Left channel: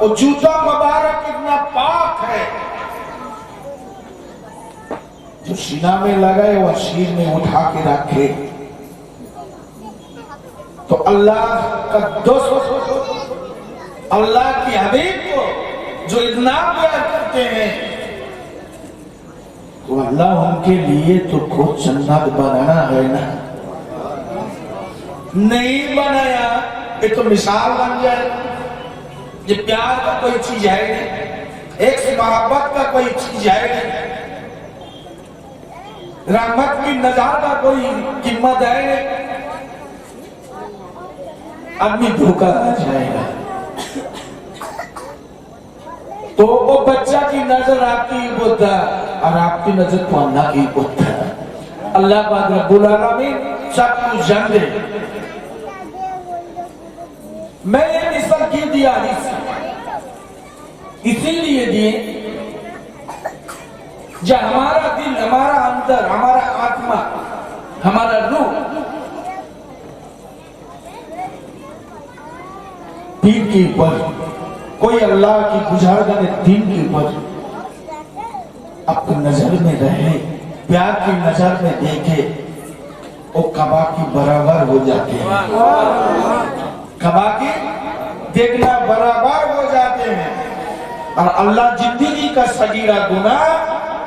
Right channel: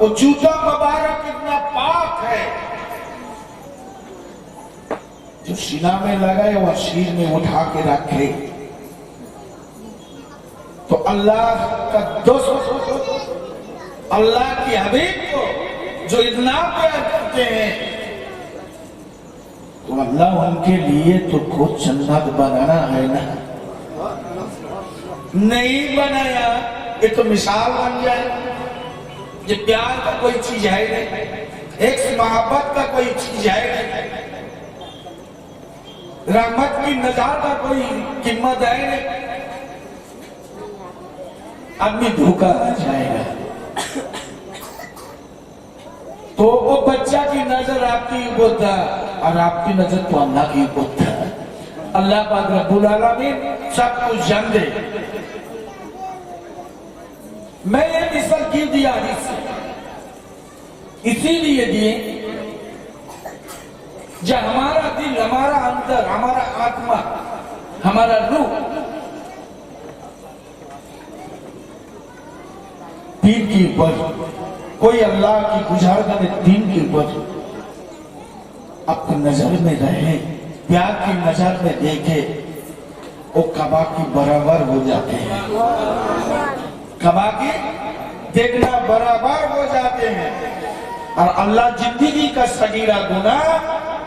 वो जूता मुबारक इतना पाक है, जो सीना में लगाए वह शीर में उठा के रखे। तो अल्लाह का दोस्त, अल्लाह की हबीब को जो इतना प्यार करते हैं, तो अल्लाह उनके लिए तो खुद जन्नत बनाना है ना, नहीं बनाया ये तो मिसाल बन जाए। ये प्यार का कोई चीज है नहीं, एक से मोहब्बत का कोई चीज है नहीं, रहमत की नज़ार का कोई कीमत है नहीं। आदमी धोखा आ जाएगा तो वो बच्चा की नजर आपकी होता और आपकी नजर तो अल्लाह की होता है। अल्लाह पाक रब्बुल आलमीन सब कुछ जान दे। मैं ये मिसाल क्यों दिया इसीलिए दिए जब हमारा दिल, हमारा अंदर, हमारा आत्मा, हमारा रूह दीन के ऊपर, कोई अल्लाह की गुजारगाह में दीन के ऊपर अपनी नजर में रहे, प्यार की नजर में देखे, वो कबा की बराबर हो जाते हैं। कबा की देखना बराबर हो जाते हैं। और अल्लाह जिंदगी का सगीरा गुनाह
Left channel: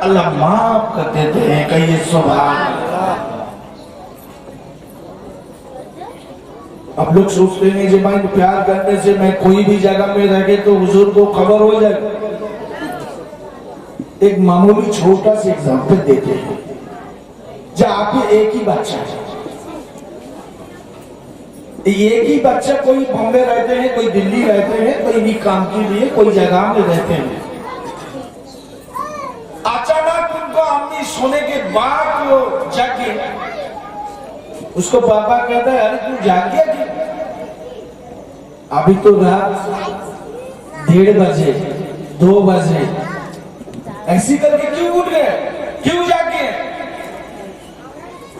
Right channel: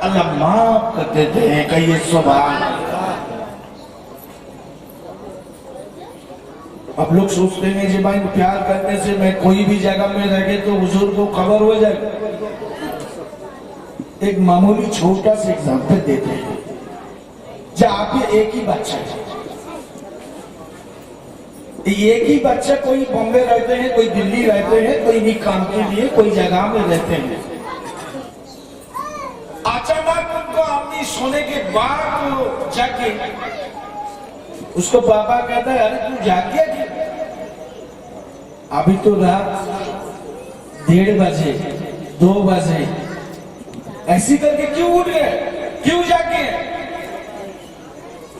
अल्लाह माफ कर देते हैं। कहिए सुभान अल्लाह। अब लोग सोचते हैं कि भाई प्यार करने से मैं कोई भी जगह में रह गए तो हुजूर को खबर हो जाए। एक मामूली छोटा सा एग्जाम्पल देते हैं। जब आप एक ही बच्चा है, एक ही बच्चा, कोई बॉम्बे रहते हैं, कोई दिल्ली रहते हैं, कोई भी काम के लिए कोई जगह में रहते हैं। अचानक उनको अम्मी सोने के बाद वो जाके उसको पापा कहता है, अरे तू जाग गया कि अभी तो रात 1:30 बजे 2 बजे ऐसी करके क्यों उठ गए, क्यों जागे?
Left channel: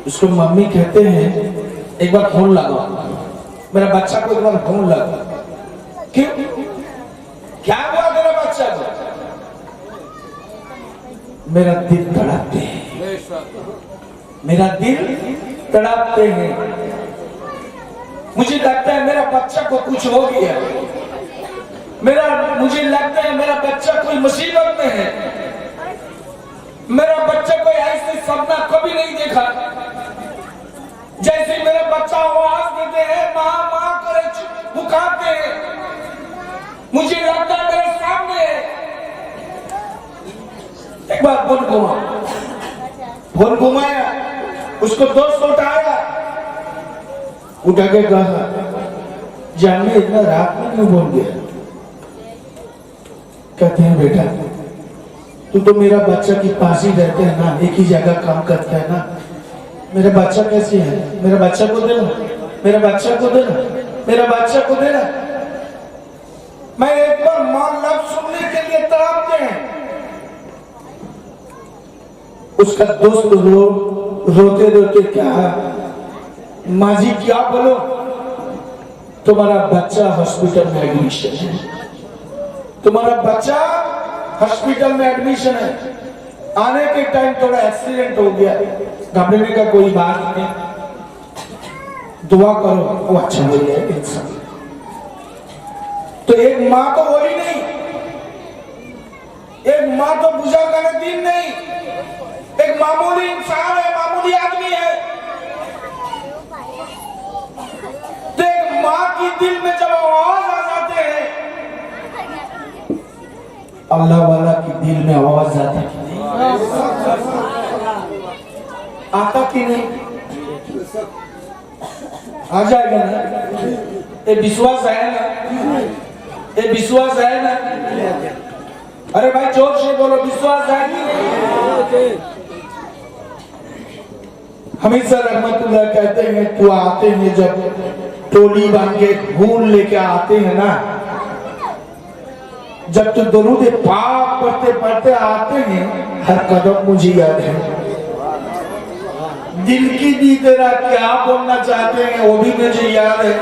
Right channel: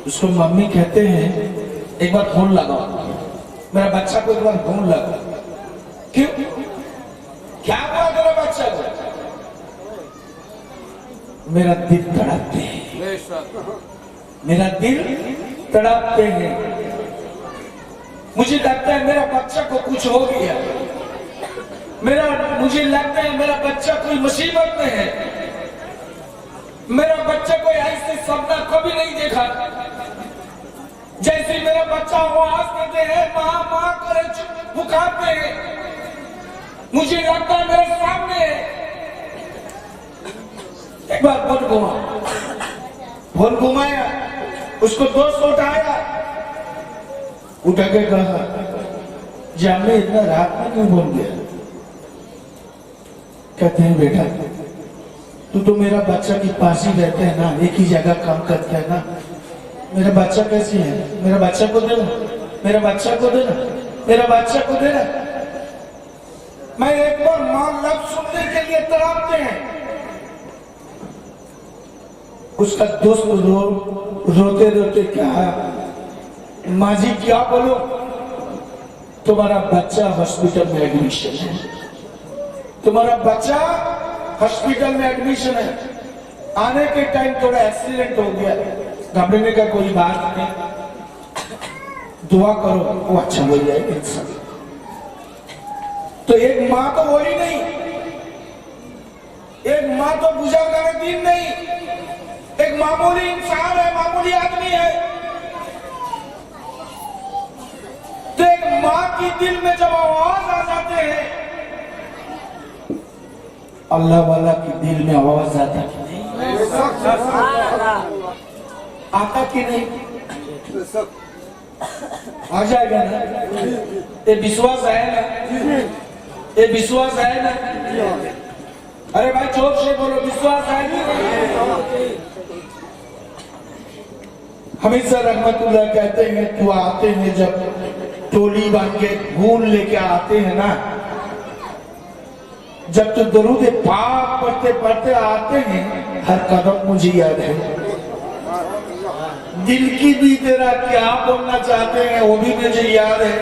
उसको मम्मी कहते हैं एक बार फोन लगाओ, मेरा बच्चा को एक बार फोन लगा। क्यों, क्या हुआ तेरा बच्चा को? मेरा दिल तड़पते हैं, मेरा दिल तड़पते हैं, मुझे लगता है मेरा बच्चा को कुछ हो गया, मुझे लगता है मेरा बच्चा कोई मुसीबत में है, मेरा बच्चा कोई ऐसे सपना कभी नहीं देखा। जैसे मेरा बच्चा आवाज देते हैं, माँ माँ करे पुकारते हैं, मुझे लगता है मेरे सामने। एक बार फोन घुमाया, उसको दोस्त उठाया, उठा के कहा, जाने इतना रात में बोल गया। कहते हैं बेटा तू तो मेरा बच्चा के पास ही रहते हैं ना, एक ही जगह काम करता है ना, मेरा बच्चा कैसे है, मेरा बच्चा को देना, मेरा बच्चा को देना, मेरा बच्चा को देना। मैं एक बार मां लफ्ज सुनने के लिए तड़पते हैं। उसका दोस्त रोते रोते क्या, माँ जी क्या बोलो, तुम्हारा बच्चा हॉस्पिटल में एडमिशन है, तुम्हारा बच्चा हॉस्पिटल में एडमिशन है, आने के टाइम थोड़ा एक्सीडेंट हो गया, घबराने का कोई बात नहीं, दुआ करो वो अच्छा हो जाएगा इंसान। तो एक माँ तो बोली नहीं, एक माँ तो पूजा करे दिन नहीं, एक मामूली इंसान है, मामूली आदमी है। तो एक माँ की दिल में जब आवाज आ जाते हैं, अल्लाह वाला की दिल में आवाज आता है, आता कि नहीं? आ जाएगा ना? ये विश्वास है ना? ये विश्वास है ना? अरे भाई जोर से बोलो, विश्वास है कि? हमेशा रहमतुल्लाह कहते हैं, तो आते हैं जब टोली बन के फूल लेके आते हैं ना, जब तो दरूद पाक पढ़ते पढ़ते आते हैं, हर कदम मुझे याद है। दिल की भी तेरा क्या बोलना चाहते हैं वो भी मुझे याद है।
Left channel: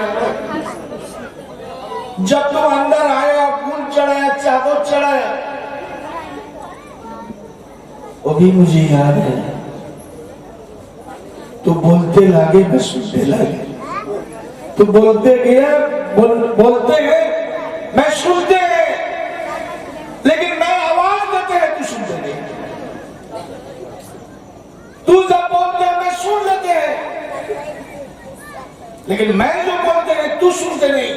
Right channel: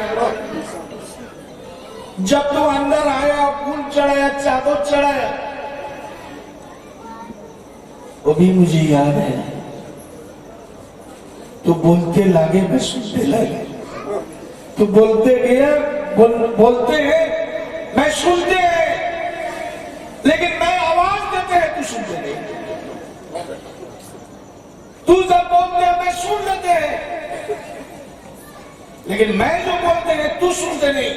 जब तो अंदर आया, फूल चढ़ा वो भी मुझे याद है। तो बोलते लागे मैं सुनते लागे, तो बोलते गया बोलते हैं मैं सुनते हैं, लेकिन मैं आवाज देते हैं तू सुनते नहीं। तू जब बोलते हैं मैं सुन लेते हैं, लेकिन मैं जो बोलते हैं तू सुनते नहीं।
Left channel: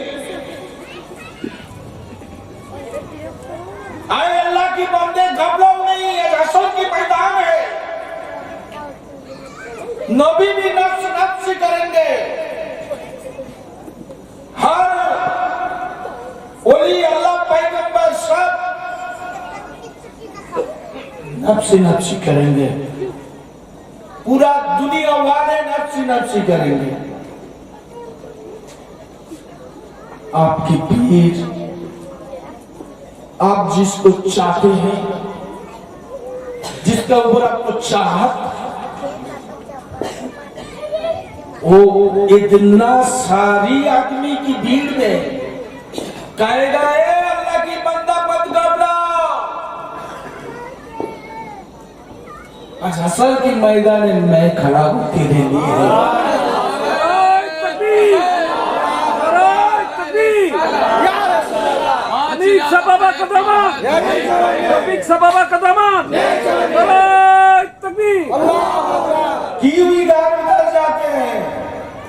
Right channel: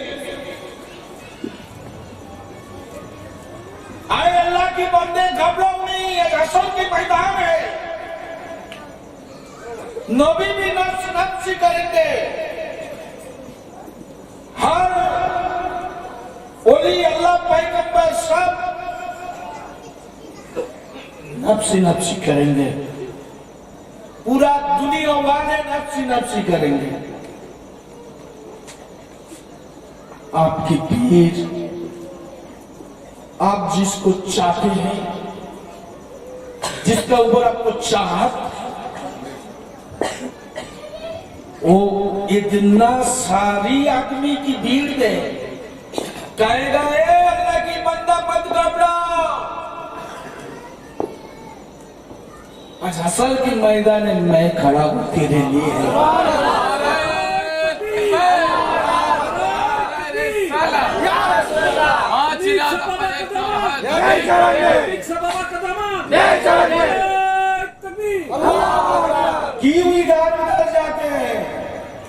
आए अल्लाह की बंदे घबराओ नहीं, ये असल की मैदान है। नबी भी नफ्स नफ्स करेंगे, हर ओली अल्लाह पैगंबर सब नफ्सी नफ्सी करेंगे, पूरा दुनिया वाले नफ्सी नफ्सी करेंगे। आपकी पीर, आप जिसको चाहते हैं, जिसका ऊपर आपको चाहत, वो इतना सारी आदमी की भीड़ में कहेगा अल्लाह की बंदा मत घबराओ। आज असल की मैदान में मैं खड़ा हूं तेरे लिए। क्यों इधर उधर जाते हैं,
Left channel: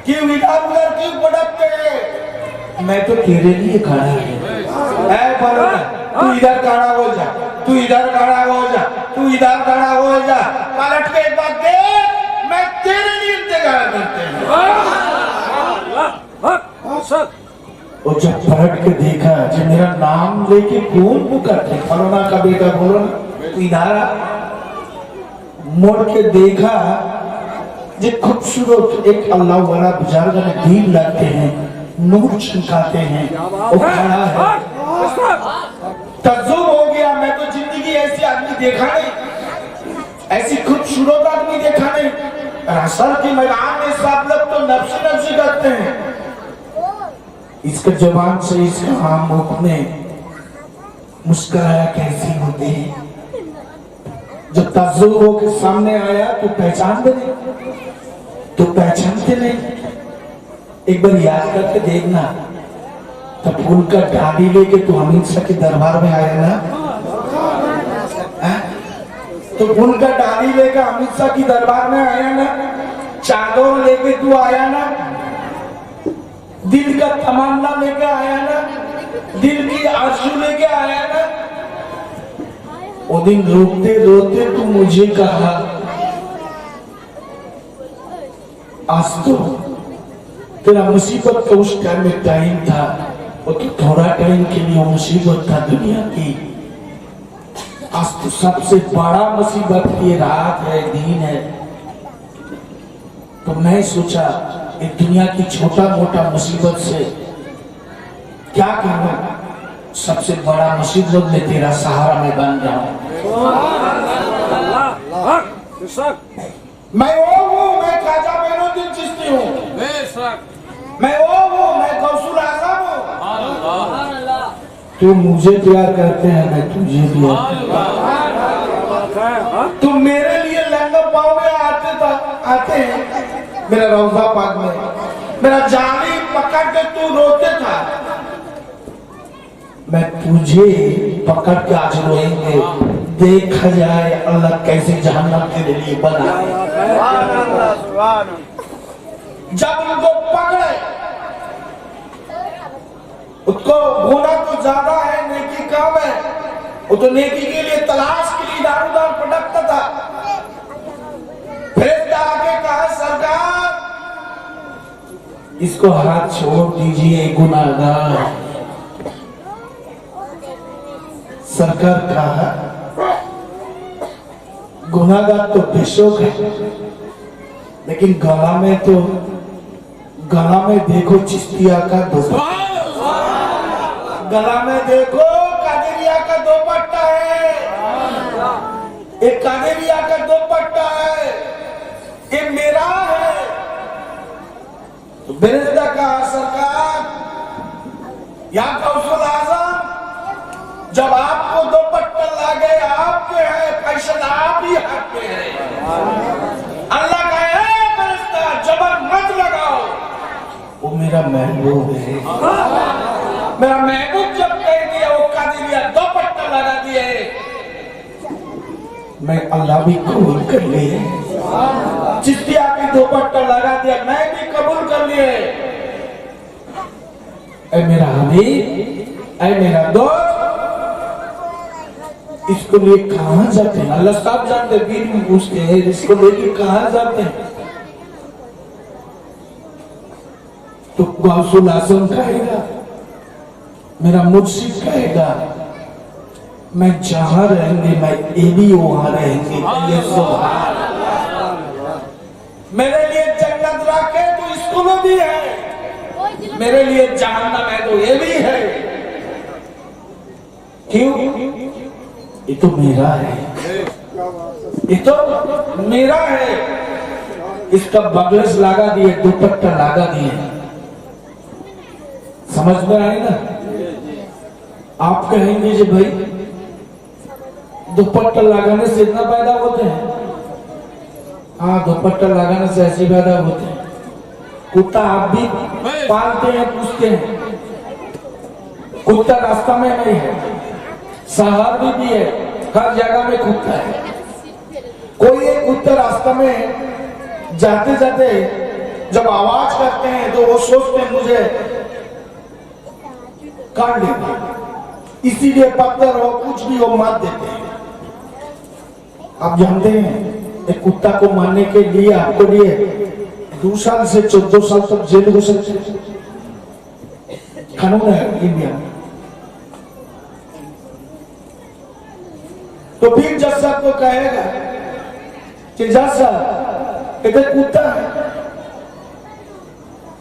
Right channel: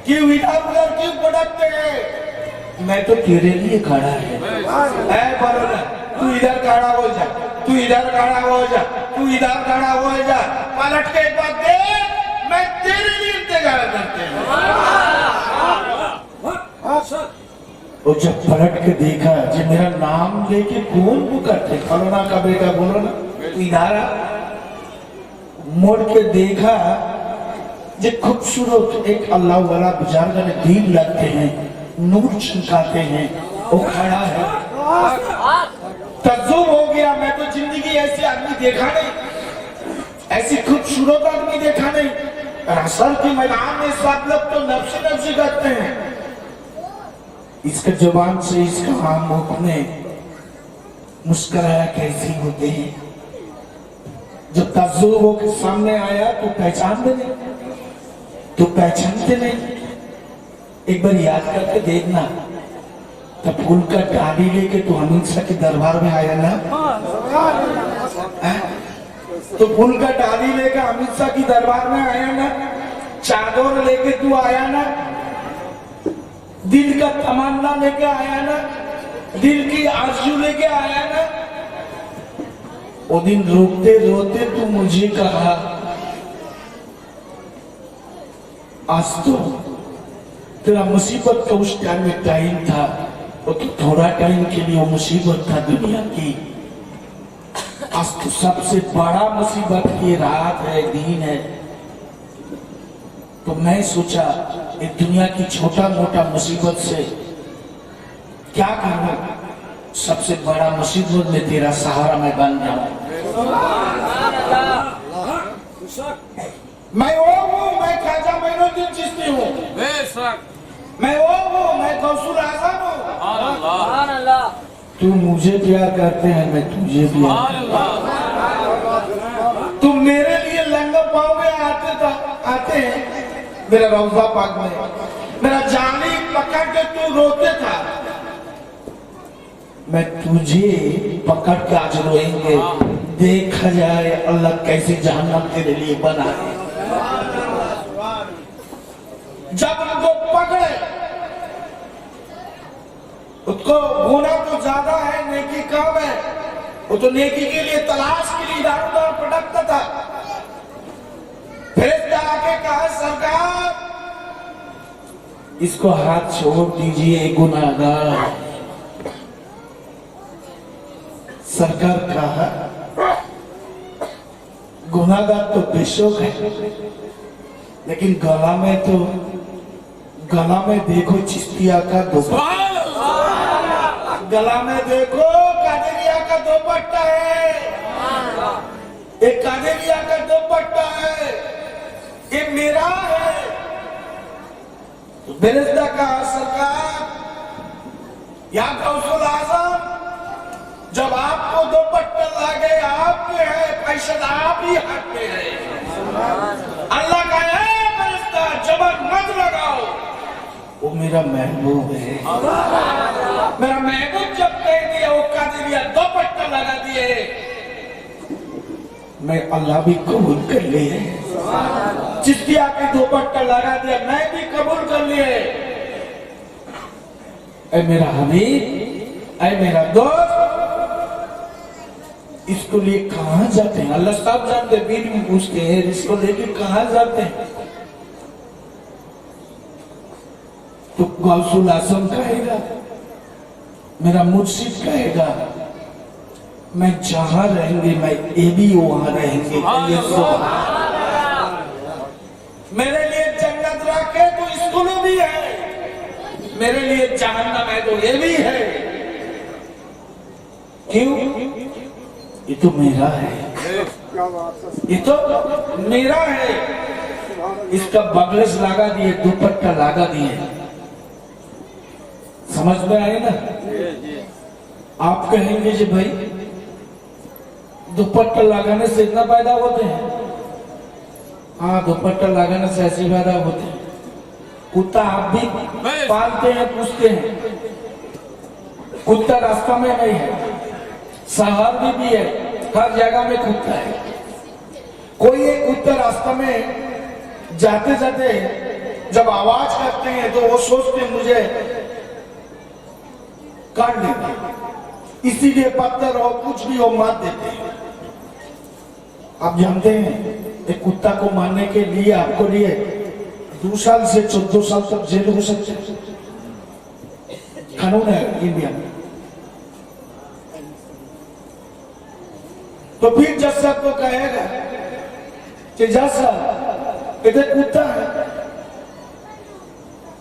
क्यों इधर उधर क्यों भटकते हैं? मैं तो तेरे लिए खड़ा है। तू इधर खड़ा हो जा, तू इधर खड़ा हो जा, तू इधर खड़ा हो जा, पलट के एक बार देख, मैं तेरे लिए इंतजार करते हैं। और जब पलट के देखा, जब मेरा नाम लेके कौन पुकारते, करुणा का बेटा बोलो ना, इधर मोड़ के देखा, जो खूबसूरत एक अल्लाह वाला बुजुर्ग ने भीड़ लगते हैं, नूर छिड़काते हैं, वो खड़ा है। तज्जुब हो गया, मैं तो जिंदगी ऐसी आदमी देखा नहीं, ऐसी खूबसूरत आदमी देखा नहीं। असल के मैदान में सब लोग तो नफ्सी नफ्सी करते हैं। इसके जबान से, इसका आम मुख में मुस्कुराया कैसी होते हैं। जब तज्जुब होकर सामने आया तो पहचानते नहीं, तो पहचानते नहीं। एक बार याद करके देखना, तब फूल का डाली लेके तो अमित शाह के दरबार में आया ना, तो फूल का डाली लेके अमित शाह की दरबार में आया ना, चादर लेके तू आया ना, दिल का तमन्ना लेके आया ना, दिल की आरज़ू लेके आया ना। वो दिन रोते रोते तू मुझे कहा, आज तो तेरा मुसीबत का उस टाइम में टाइम था, और तो थोड़ा टाइम के लिए मुसीबत था दुनिया की। आज तो सबसे बड़ा मुसीबत ये रात है, दिन है। तो मैं सोचा ये दुनिया की छोटा मोटा मुसीबत से क्या करूं, सबसे बड़ा मुसीबत में तेरा सहारा मैं बन जाऊं। मैं वो हूँ, मैं ख्वाजा मोइनुद्दीन चिश्ती हूँ, मैं वो हूँ, मैं गौसुल आज़म हूँ। तू मुझे प्यार करते हैं, मैं तुझे प्यार। तू मेरे लिए लंगा पाँव में आते हैं मेरा रौज़ा पाक में, मेरा जानी पकड़ के तू रोते था, मैं तुझे पकड़ के आज रोएंगे। देखा जाए अल्लाह कैसे जहन्नम के लिए बना। जब उनको पकड़े, उसको गुनाह तो ज्यादा है, नेकी कम है, वो तो नेकी के लिए तलाश के लिए इधर उधर भटकता था। फिर आके कहा सरकार इसको हाथ छोड़ दीजिए, गुनाहगार। सरकार कहा गुनाहगार तो बेशक है, लेकिन गला में देखो चिश्तिया का दुपट्टा, गला में देखो कादरिया का दुपट्टा है, एक कादरिया का दुपट्टा है, ये मेरा है। तो बेरदा का सरकार या गौसुल आज़म, जब आपको दुपट्टा लगे आपके हैं, फैसद आप ही हाथ में है। अल्लाह का है फरिश्ता जबर मत लगाओ, वो मेरा महबूब है। मेरा महबूब जब कह दिया वो कादिरिया दुपट्टा लगा दिए, मैं अल्लाह भी कबूल कर लिए। चिश्तिया की दुपट्टा लगा दिया, मैं भी कबूल कर लिए। ऐ मेरा हबीब, ऐ मेरा दोस्त, इसको लिए कहां जाते हैं? अल्लाह साहब जानते, बीच में पूछते हैं इसको लेके कहां जाते हैं? तो गौसुल आजम कहेगा, मेरा मुर्शिद कहेगा, मैं जहां रहेंगे मैं ये भी वहां रहेंगे। मेरे लिए जन्नत रखे तो इसको में भी है, मेरे लिए जहन्नम है तो ये भी है। क्यों? ये तो मेरा है, ये तो मेरा है। इसका बगलेस लगा दिए, दुपट्टा लगा दिए, समझ में आए ना? आप कहेंगे जी भाई दुपट्टा लगाने से इतना पैदा होते हैं? हाँ, दुपट्टा लगाने से ऐसे पैदा होते हैं। कुत्ता आप भी पालते हैं, पूछते हैं, कुत्ता रास्ता में नहीं है, शहर में भी है, हर जगह में कुत्ता है। कोई एक कुत्ता रास्ता में जाते जाते जब आवाज करते हैं तो वो सोचते हैं मुझे काट देंगे, इसीलिए पत्थर हो कुछ भी हो मार देते हैं। आप जानते हैं एक कुत्ता को मारने के लिए आपको लिए 2 साल से 14 साल तक जेल हो सकते, कानून है इंडिया में। तो फिर जज साहब को कहेगा कि जज साहब इधर कुत्ता है,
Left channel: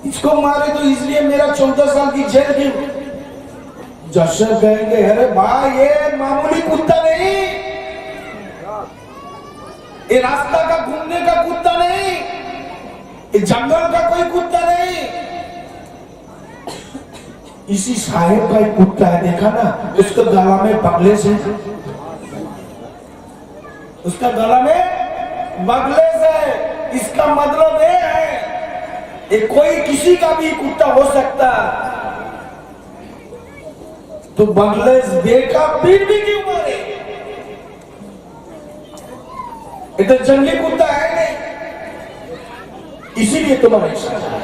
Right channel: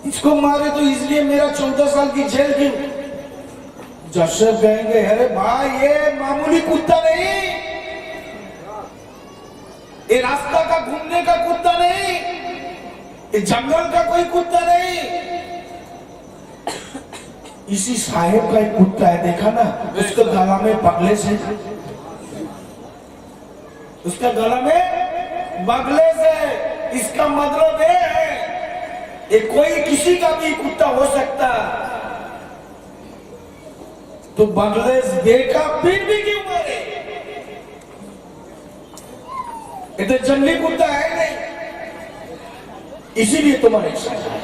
इसको मारे तो इसलिए मेरा 14 साल की जेल क्यों? जज साहब कहेंगे अरे भाई ये मामूली कुत्ता नहीं, ये रास्ता का घूमने का कुत्ता नहीं, ये जंगल का कोई कुत्ता नहीं, इसी साहेब का एक कुत्ता है, देखा ना उसके गला में बगले से, उसका गला में बगले से, इसका मतलब ये है ये कोई किसी का भी कुत्ता हो सकता। तो बगले देखा फिर भी क्यों मारे? ये तो जंगली कुत्ता है नहीं, इसीलिए तुम्हारे साथ है।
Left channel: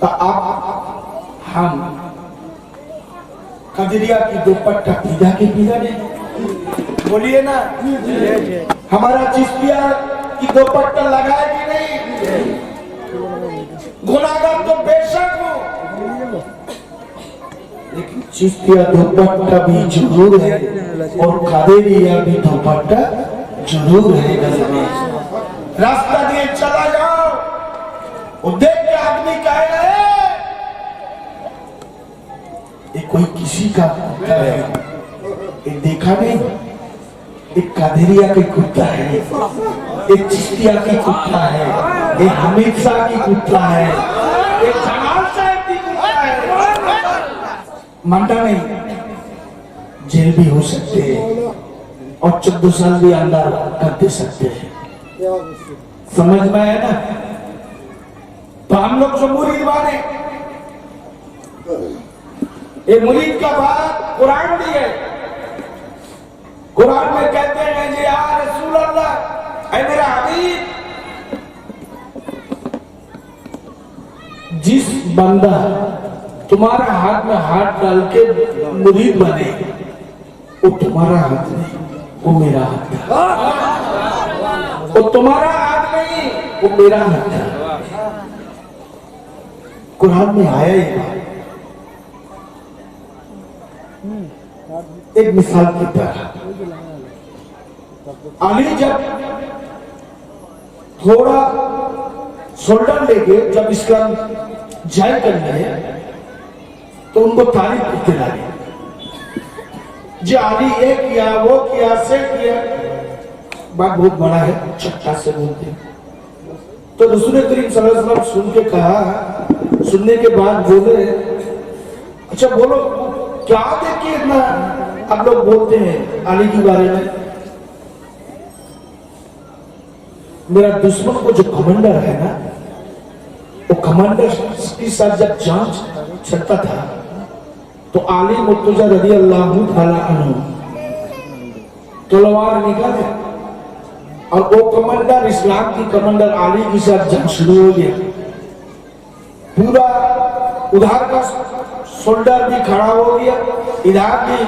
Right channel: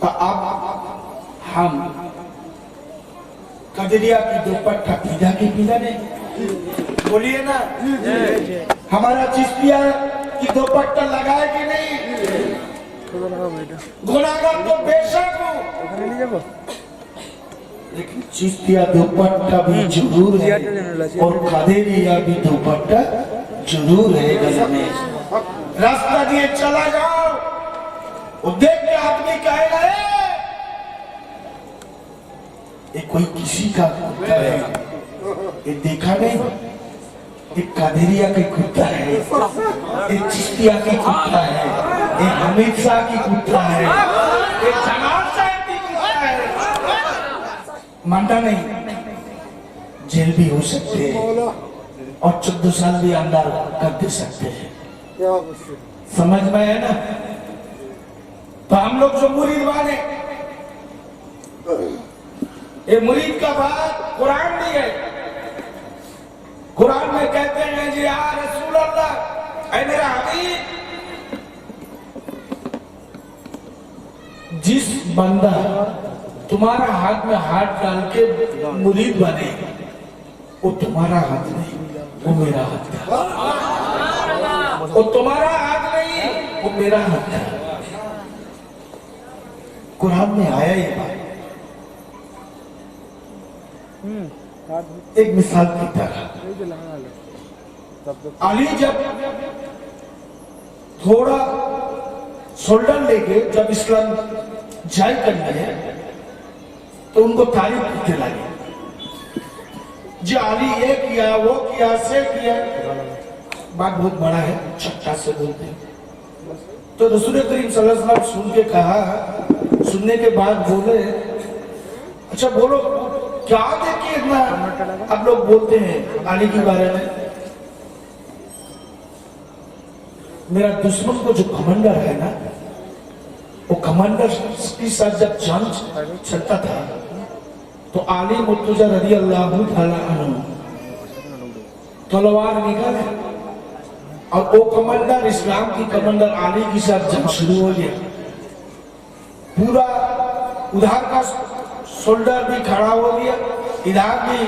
तो आप हम कादिरिया की दुपट्टा पीदा की पीदा नहीं, बोलिए ना। हमारा चिश्तिया की दुपट्टा लगाए कि नहीं? गुनाहगार तो बेशक हो, लेकिन चिश्तिया दुपट्टा भी जरूर है और कादिरिया भी दुपट्टा जरूर है। गले में रास्ता दिए चला जाओ, वो देख के आदमी कहेगा ये कोई किसी का कुत्ता है, ये देखा नहीं, एक कादिरिया की कुत्ता है, एक चिश्तिया की कुत्ता है, एक हमीद शाह की कुत्ता है, एक जमाल साहब की कुत्ता है। मानता नहीं, जेल भी हो सकते हैं और 14 साल भी अंदर कर दे सकते हैं। समझ में है ना? तो हम लोग जो मुरीद वाले, ये मुरीद का बात कुरान भी है। कुरान में कहते हैं जी या रसूल अल्लाह, ऐ मेरा हबीब, जिस बंदा तुम्हारा हाथ में हाथ डाल के मुरीद बने, वो तुम्हारा हाथ नहीं, वो मेरा हाथ है। वो तुम्हारा हाथ नहीं, वो मेरा हाथ है। कुरान में आया ये बात। एक मिसाल की तरह अली जब थोड़ा शोल्डर लेके जब इस्लाम जाहिर करने तो उनको तारीफ करते लगे, जो अली ये किया वो किया से किया, बात बहुत बड़ा है, छक्का से बोलते हैं। तो रसूल करीम सल्लल्लाहु अलैहि वसल्लम सुन के कहा, सुनने के बाद बोले अच्छा बोलो क्या देखिए इतना आप लोग बोलते हैं अली के बारे में, मेरा दुश्मन को जो कमांडर है ना, वो कमांडर के साथ जब जंग चलता था तो अली मुर्तजा रज़ी अल्लाह ताला अन्हु तलवार निकाले और वो कमांडर, इस्लाम की कमांडर अली के साथ जंग शुरू हो गया। पूरा उधर का सोल्डर भी खड़ा हो गया, इधर भी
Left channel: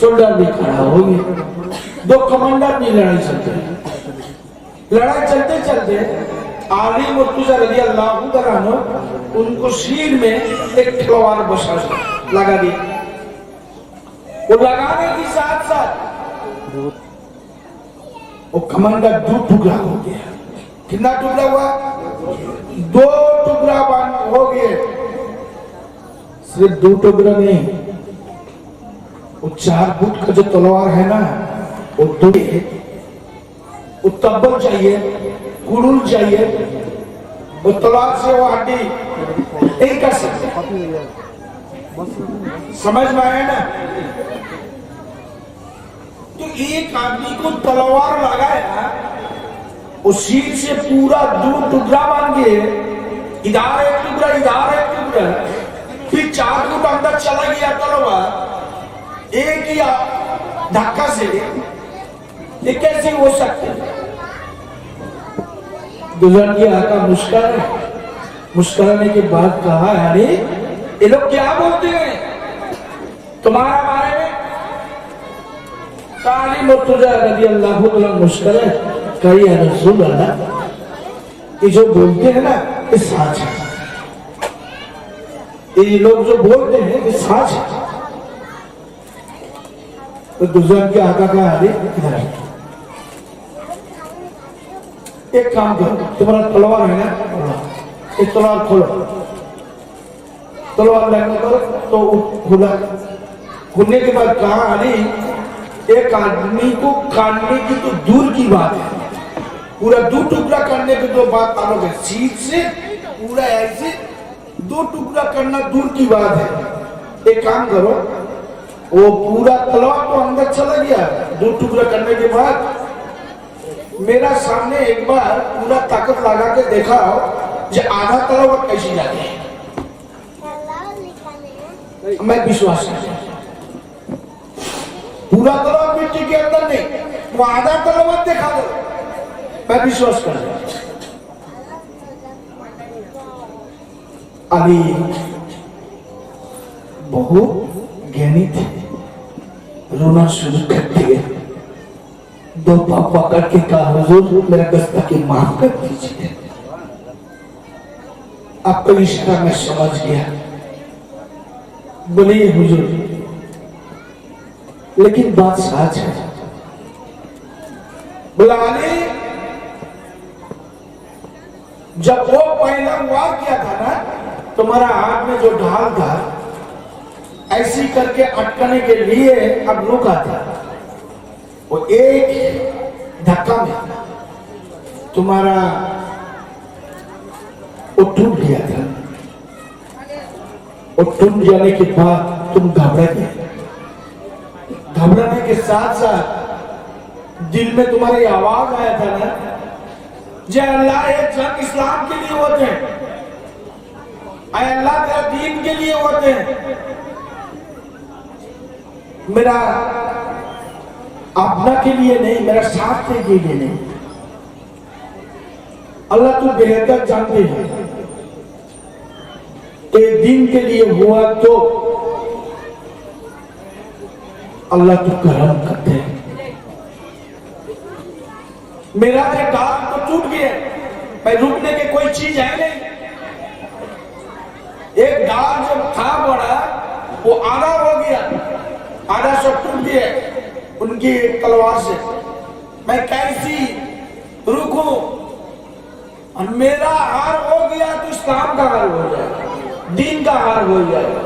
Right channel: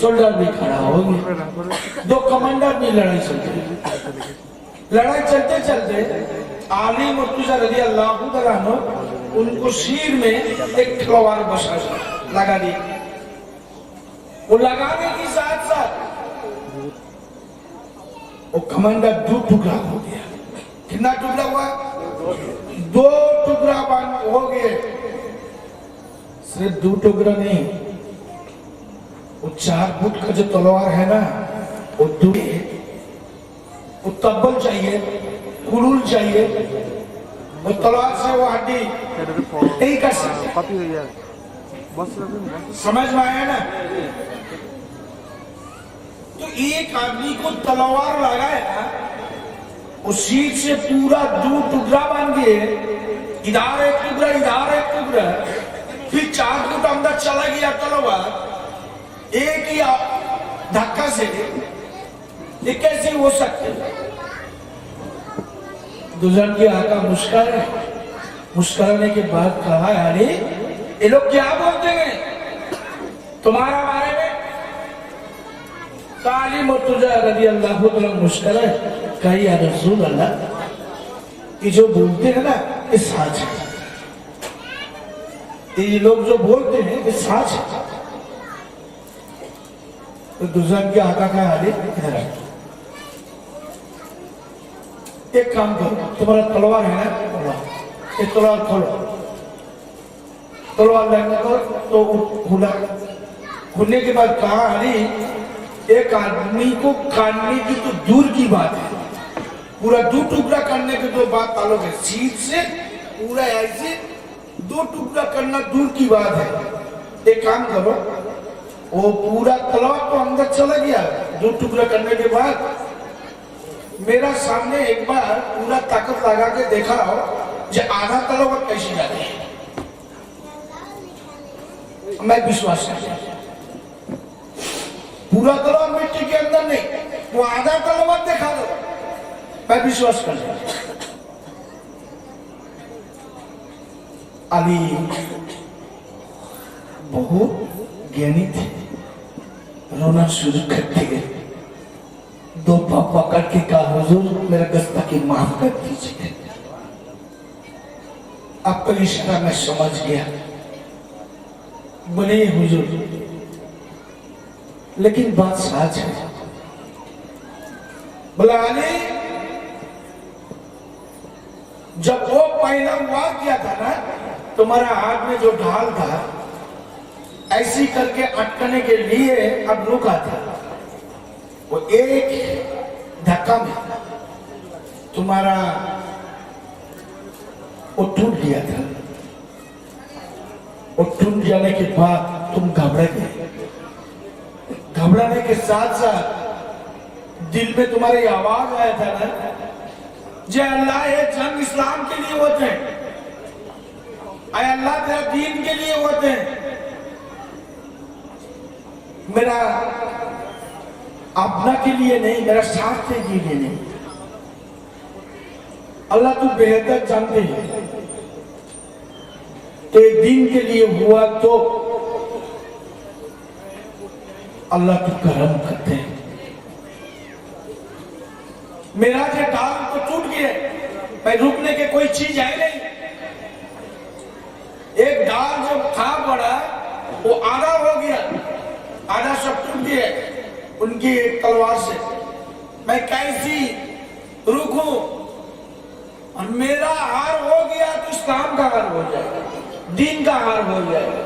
सोल्डर भी खड़ा हो गया। दो कमांडर भी लड़ाई चलते, लड़ाई चलते चलते अली मुर्तजा रज़ी अल्लाह ताला अन्हु उनको शीर में एक तलवार बसा लगा दी। वो लगाने के साथ साथ वो कमांडर दो टुकड़ा हो गया। कितना टुकड़ा हुआ? दो टुकड़ा हो गए। सिर्फ दो टुकड़ा नहीं, वो 4 फुट का जो तलवार है ना, वो दो, वो तब्बल चाहिए, कुड़ुल चाहिए, वो तलवार से वो हड्डी नहीं कर सकते। समझ में आया ना? तो एक आदमी को तलवार लगाया, उस शीट से पूरा 2 टुकड़ा बन गए, इधर एक टुकड़ा, इधर एक टुकड़ा, फिर 4 फुट अंदर चला गया तलवार एक ही धक्का से। ये कैसे हो सकते? दुल्हन की आका मुस्कुराने के बाद कहा, अरे ये लोग क्या बोलते हैं तुम्हारा बारे में? अली मुर्तजा रज़ी अल्लाह ताला मुस्कुराए, कही या रसूल अल्लाह, ये जो बोलते हैं ना ये सच है, ये लोग जो बोलते हैं ये सच है। तो दुल्हन के आका कहा, अरे एक काम करो, तुम्हारा तलवार है ना, एक तलवार खोलो, तलवार लेने को तो खुला। खुलने के बाद कहा, अरे एक आदमी को काटने की तो दूर की बात है, पूरा 2 टुकड़ा करने की तो बात तालों है, सीट से पूरा ऐसे 2 टुकड़ा करना दूर की बात है। एक काम करो, वो पूरा तलवार तो अंदर चला गया, 2 टुकड़ा करने के बाद मेरा सामने एक बार पूरा ताकत लगा के देखा जो आधा तलवार कैसी जाती है। मैं विश्वास नहीं, पूरा तलवार मिट्टी के अंदर नहीं, वो आधा तलवार देखा दो, मैं विश्वास कर। अभी बहुत ज्ञानी थे, रोना शुरू कर दिए। 2 पाँव पकड़ के कहा, हुजूर मेरा गुस्ताखी माफ कर दीजिए। आपका इशारा मैं समझ गया। बोलिए हुजूर, लेकिन बात सच है। बोला, अली जब वो पहला वार किया था ना, तुम्हारा हाथ में जो ढाल था ऐसी करके अटकने के लिए अब रुका था, वो एक धक्का में तुम्हारा वो टूट गया था। वो टूट जाने के बाद तुम घबरा गए। घबराने के साथ साथ दिल में तुम्हारी आवाज आया था ना, जय अल्लाह, ये जंग इस्लाम के लिए होते हैं, अल्लाह तेरा दीन के लिए होते हैं, मेरा अपना के लिए नहीं, मेरा स्वार्थ के लिए नहीं। अल्लाह तू बेहतर जानते हैं, तो एक दिन के लिए हुआ तो अल्लाह तू करम करते हैं। मेरा जो डाल तो टूट गया, मैं रुकने के कोई चीज है नहीं। एक डाल जब था बड़ा, वो आधा हो गया, आधा सब टूट गया उनकी तलवार से। मैं कैसी रुकूं? और मेरा हार हो गया तो इस्लाम का हार हो जाएगा, दीन का हार हो जाएगा।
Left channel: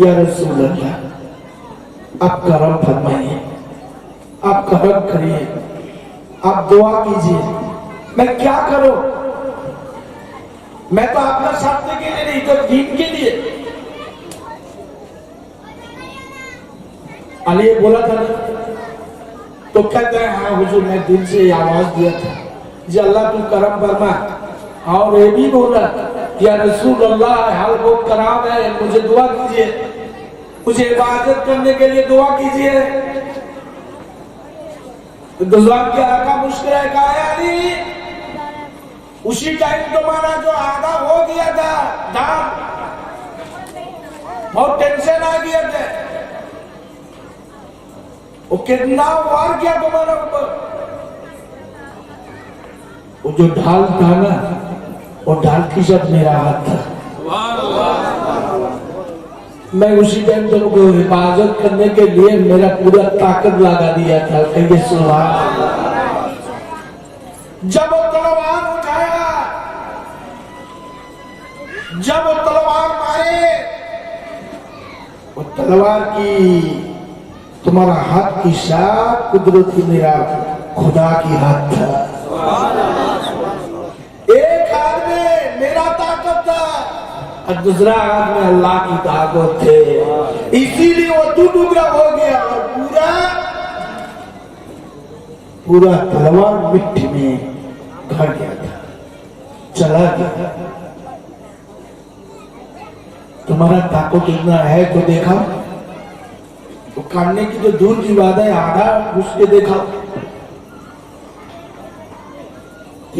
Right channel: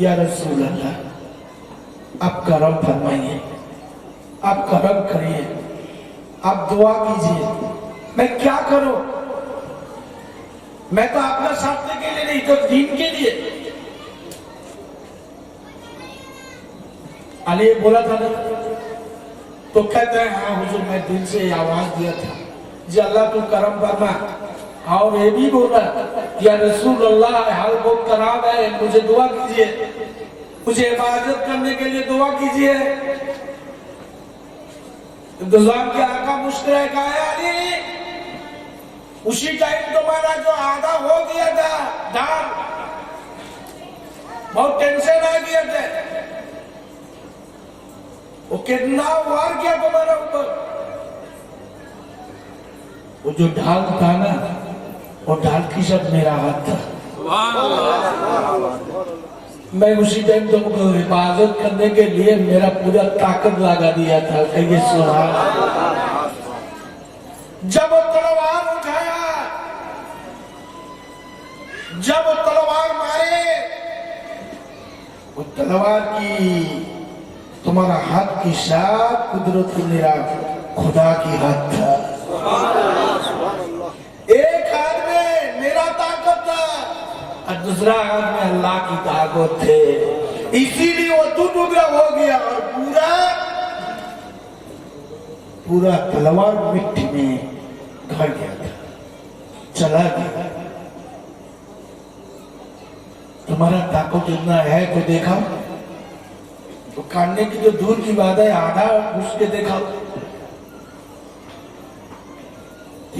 या रसूल अल्लाह, आप करम फरमाइए, आप करम करिए, आप दुआ कीजिए। मैं क्या करूं? मैं तो अपना स्वार्थ के लिए नहीं, तो दीन के लिए। अली बोला था ना, तो कहते हैं हाँ हुजूर मैं दिल से आवाज दिया था जी अल्लाह तू करम फरमा, और ये भी बोला या रसूल अल्लाह हाल को खराब है, मुझे दुआ कीजिए, मुझे इबादत करने के लिए दुआ कीजिए। दुआ के आका मुस्कुराए कहा अली उसी टाइम तुम्हारा जो आधा हो गया था डांट, बहुत टेंशन आ गया था, वो कितना वार किया तुम्हारे ऊपर, वो जो ढाल था ना वो ढाल की जब मेरा हाथ था, मैं उसी टाइम तुमको हिफाजत करने के लिए मेरा पूरा ताकत लगा दिया था। कहिए सुभान। जब वो तलवार उठाया, जब वो तलवार मारे, वो तलवार की तुम्हारा हाथ की साथ कुदरत की मेरा खुदा की हाथ था। एक हाथ में मेरा ताकत था और दूसरा हाथ में अल्लाह की ताकत थे, इसीलिए वो टुकड़ा हो गया और पूरा तलवार मिट्टी में घड़ गया था, चला गया। तुम्हारा ताकत इतना है तो देखा, वो काटने की जो दूर की बात है आधा घुस के देखा,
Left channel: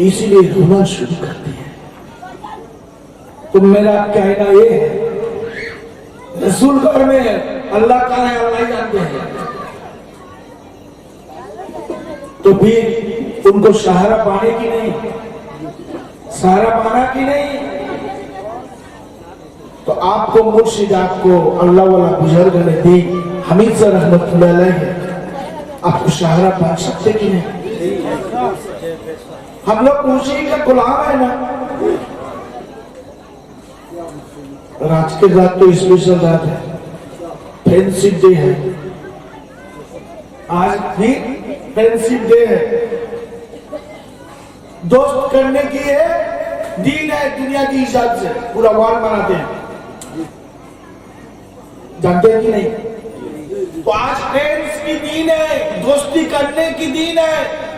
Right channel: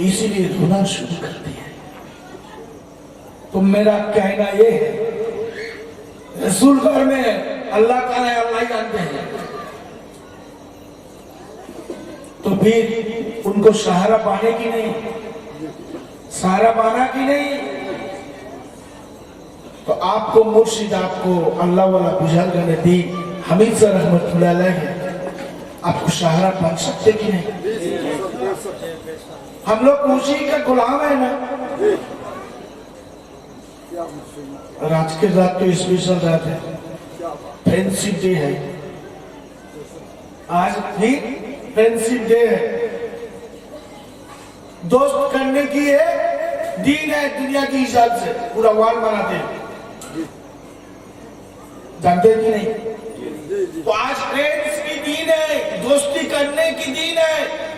इसीलिए रोना शुरू करती है। तो मेरा कहना ये है रसूल घर में अल्लाह का है, अल्लाह ही जानते हैं, तो फिर उनको सहारा पाने की नहीं, सहारा पाना की नहीं, तो आपको मुर्शिद आपको अल्लाह वाला बुजुर्ग ने दी, हमीद सर रहमतुल्लाह अलैह, आपको सहारा पा सकते कि नहीं? हम लोग उसी का गुलाम है ना। और आज के रात तो स्पेशल रात है, फ्रेंडशिप डे है, आज भी फ्रेंडशिप डे है, दोस्त करने की है दीन है, दुनिया की हिसाब से पूरा वर्ल्ड मनाते हैं, जानते हैं कि नहीं? तो आज फ्रेंड्स की दीन है, दोस्ती करने की दीन है,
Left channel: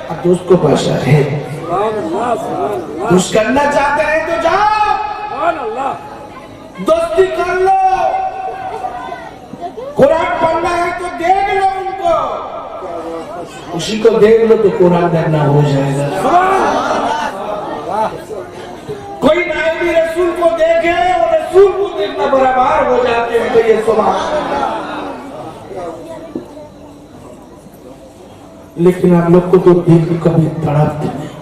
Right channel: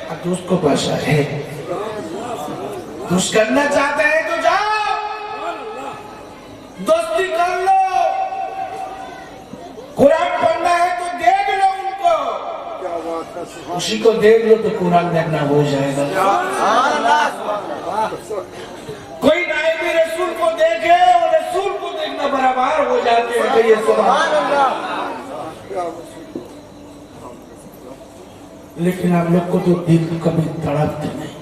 और दोस्त को भाषा है, दोस्त करना चाहते हैं तो जाओ दोस्ती कर लो, कुरान पढ़ना है तो देख लो उनको, उसी को देख लो तो कुरान देखना हो जाएगा। कोई नायबी रसूल को देखे और रसूल को देखना बराबर हो जाते हैं। तो ये लेकिन आप लोग को तो दिल कभी तड़पते नहीं।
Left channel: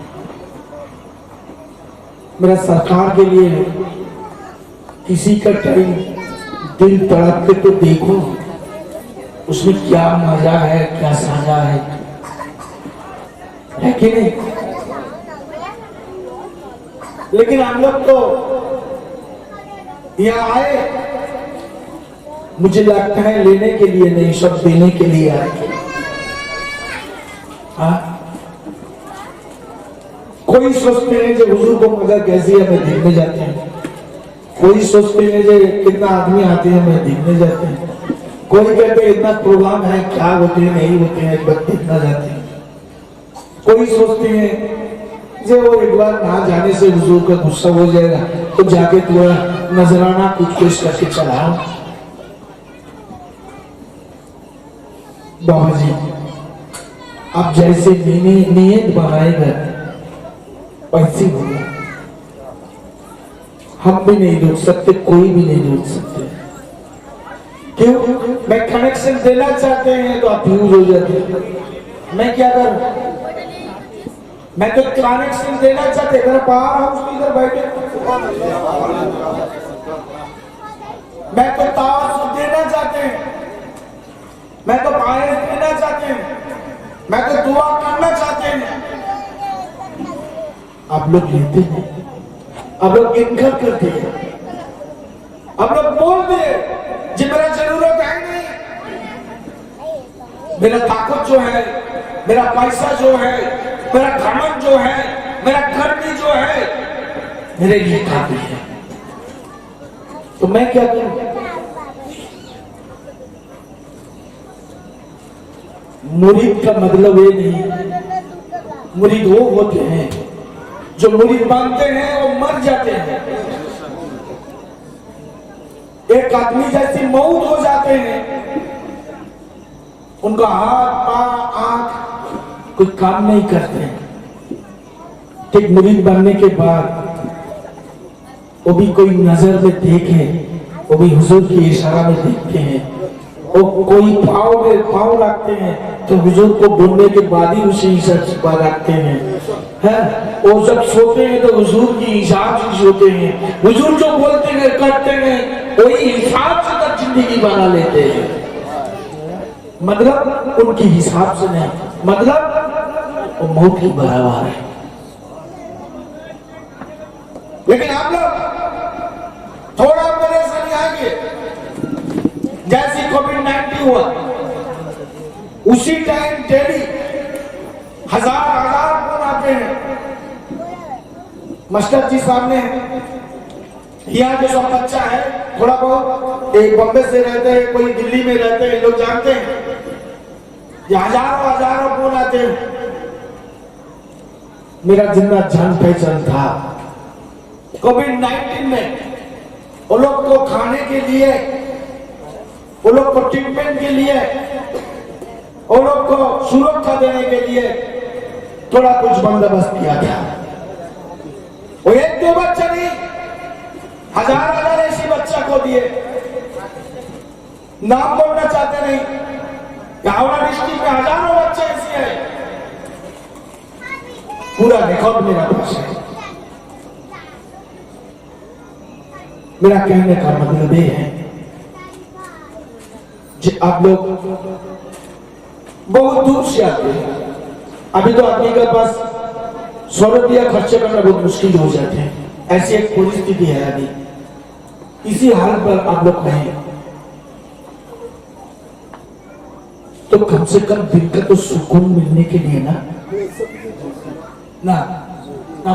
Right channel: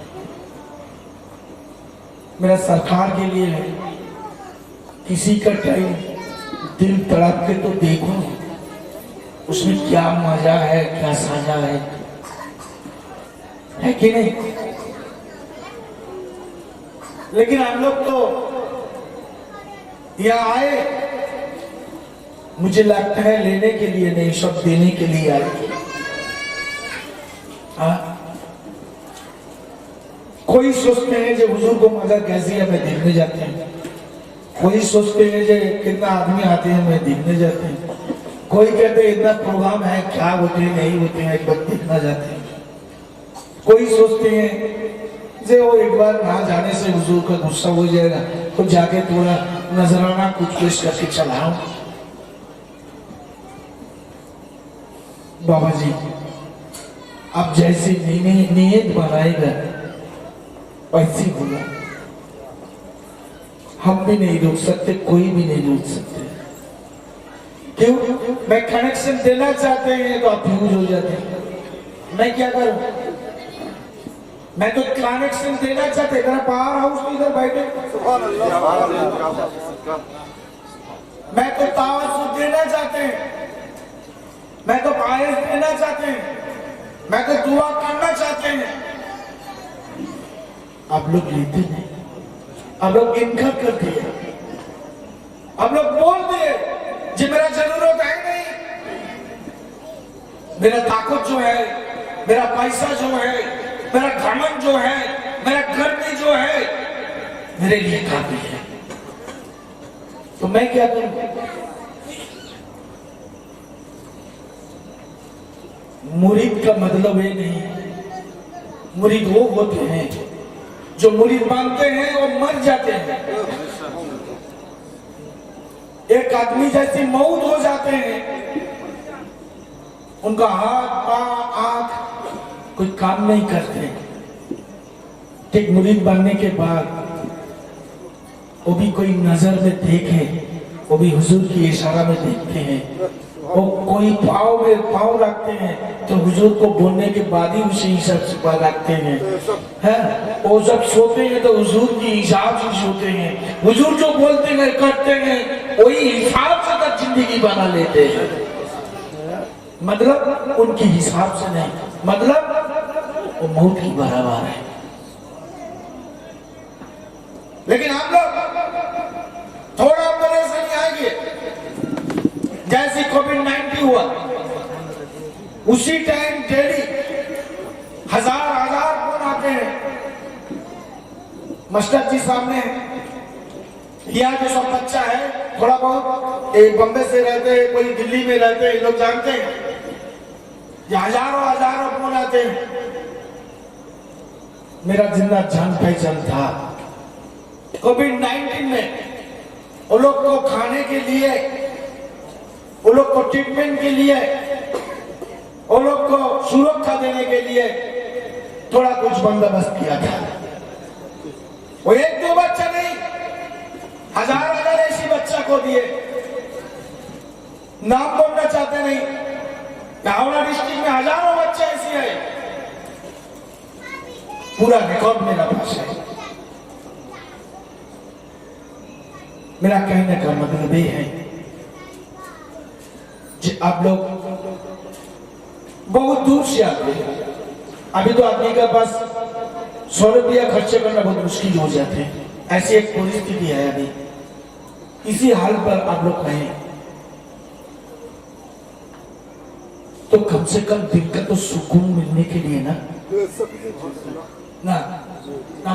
मेरा सरकार के लिए है, किसी का टाइम दिल तड़प के तो देखो, उसमें क्या मजा है, क्या साजा है कि नहीं? लेकिन हम लोग तो यहाँ आए, मुझे लगता है लेने के लिए नहीं, सब देने के लिए आए। कोई सोचते हैं जो हुजूर को मजा कैसी है, मैं देखने जाते हैं। कोई सोचते हैं जो कितना आदमी आते हैं, मैं देखने जाते हैं। कोई कहते हैं इतना प्रोग्राम है, क्या होते हैं नहीं होते हैं, एक बार देखना जाते हैं। कोई सोचते हैं जो वो एक बार वहां जाने से हुजूर का गुस्सा हो जाएगा, तो जाके थोड़ा नजराना कुछ पेश करके चलाओ। बाबा जी आप जैसे नीयत बनाएगा वैसी होगा, हम भी नहीं रोक सकते, कोई भी नहीं रोक सकते। क्यों? मैं कनेक्शन देना चाहते हैं तो आप यूज हो जाते हैं। मैं क्या करूं? मैं तो कनेक्शन देना चाहते, मेरा पावर हाउस इधर बैठे, मैं तो तावाज़ुन देना चाहते हैं, मैं तो बायस देना चाहते हैं, मैं तो दुआ करना चाहते हैं। आप लोग लेते नहीं, आप लोग इनकार करते हैं, आप लोग बोलते हैं जी मेरा जरूरत है नहीं, मेरा ताकत जो है, मेरा पैसा जो है, मेरा घमंड जो है, मेरा गर्मी जो है, मेरे लिए काफी है। तो मैं क्या करूं? मुरीद का मतलब ये नहीं, मुरीद वो होते हैं जो मुरीद मानते हैं और मर जाते हैं। एक आदमी जैसी मौत हो जाते हैं, उनका हाथ पांव आंख कोई काम नहीं करते। ठीक मुरीद बनने के बाद वो भी कोई नजर में देखे, वो भी हुजूर की इशारा में देखते हैं। वो कोई पाँव में पाँव रखते हैं तो हुजूर को बोलने के बाद ही उसी हिसाब रखते हैं। वो जब सोते हैं तो हुजूर की हिसाब से सोते हैं। हुजूर जो बोलते हैं करते हैं, वही हिसाब से तक जिंदगी बना लेते हैं। मतलब उनके हिसाब से नहीं, मतलब वो मौत की बराबर है। लेकिन आप लोग थोड़ा परेशानी आएंगे। जैसे कोविड-19 हुआ, उसी टाइम डेली हजार फोन आते हैं। मास्टर जी सामने यहाँ जो सब बच्चा है, थोड़ा बहुत एक बम्बे से रहते हैं, कोई दिल्ली में रहते हैं, लोग जानते हैं। ये हजारों फोन आते हैं। मेरा जिंदा जान पहचान था। कोविड-19 में वो लोग को खाने के लिए, वो लोग को ट्रीटमेंट के लिए, वो लोग को सुरक्षा देने के लिए थोड़ा कुछ बंदोबस्त किया गया। वो एक दो बच्चा नहीं, हजार ऐसी बच्चा को दिए। नाम बोलना चाहते नहीं, हावड़ा डिस्ट्रिक्ट में हजारों बच्चे ऐसे हैं। पूरा रिकॉर्ड मेरा पास है। मेरा कहने का मतलब ये है कि आप लोग बहुत दूर से आते हैं। अभी तो आदमी के पास 100 रुपया खर्चे करना बहुत मुश्किल हो जाते हैं। ऐसी एक परिस्थिति है अभी। इसी हाल पर आप लोग कहें तो कम से कम दिन का तो सुकून मिलने के लिए ना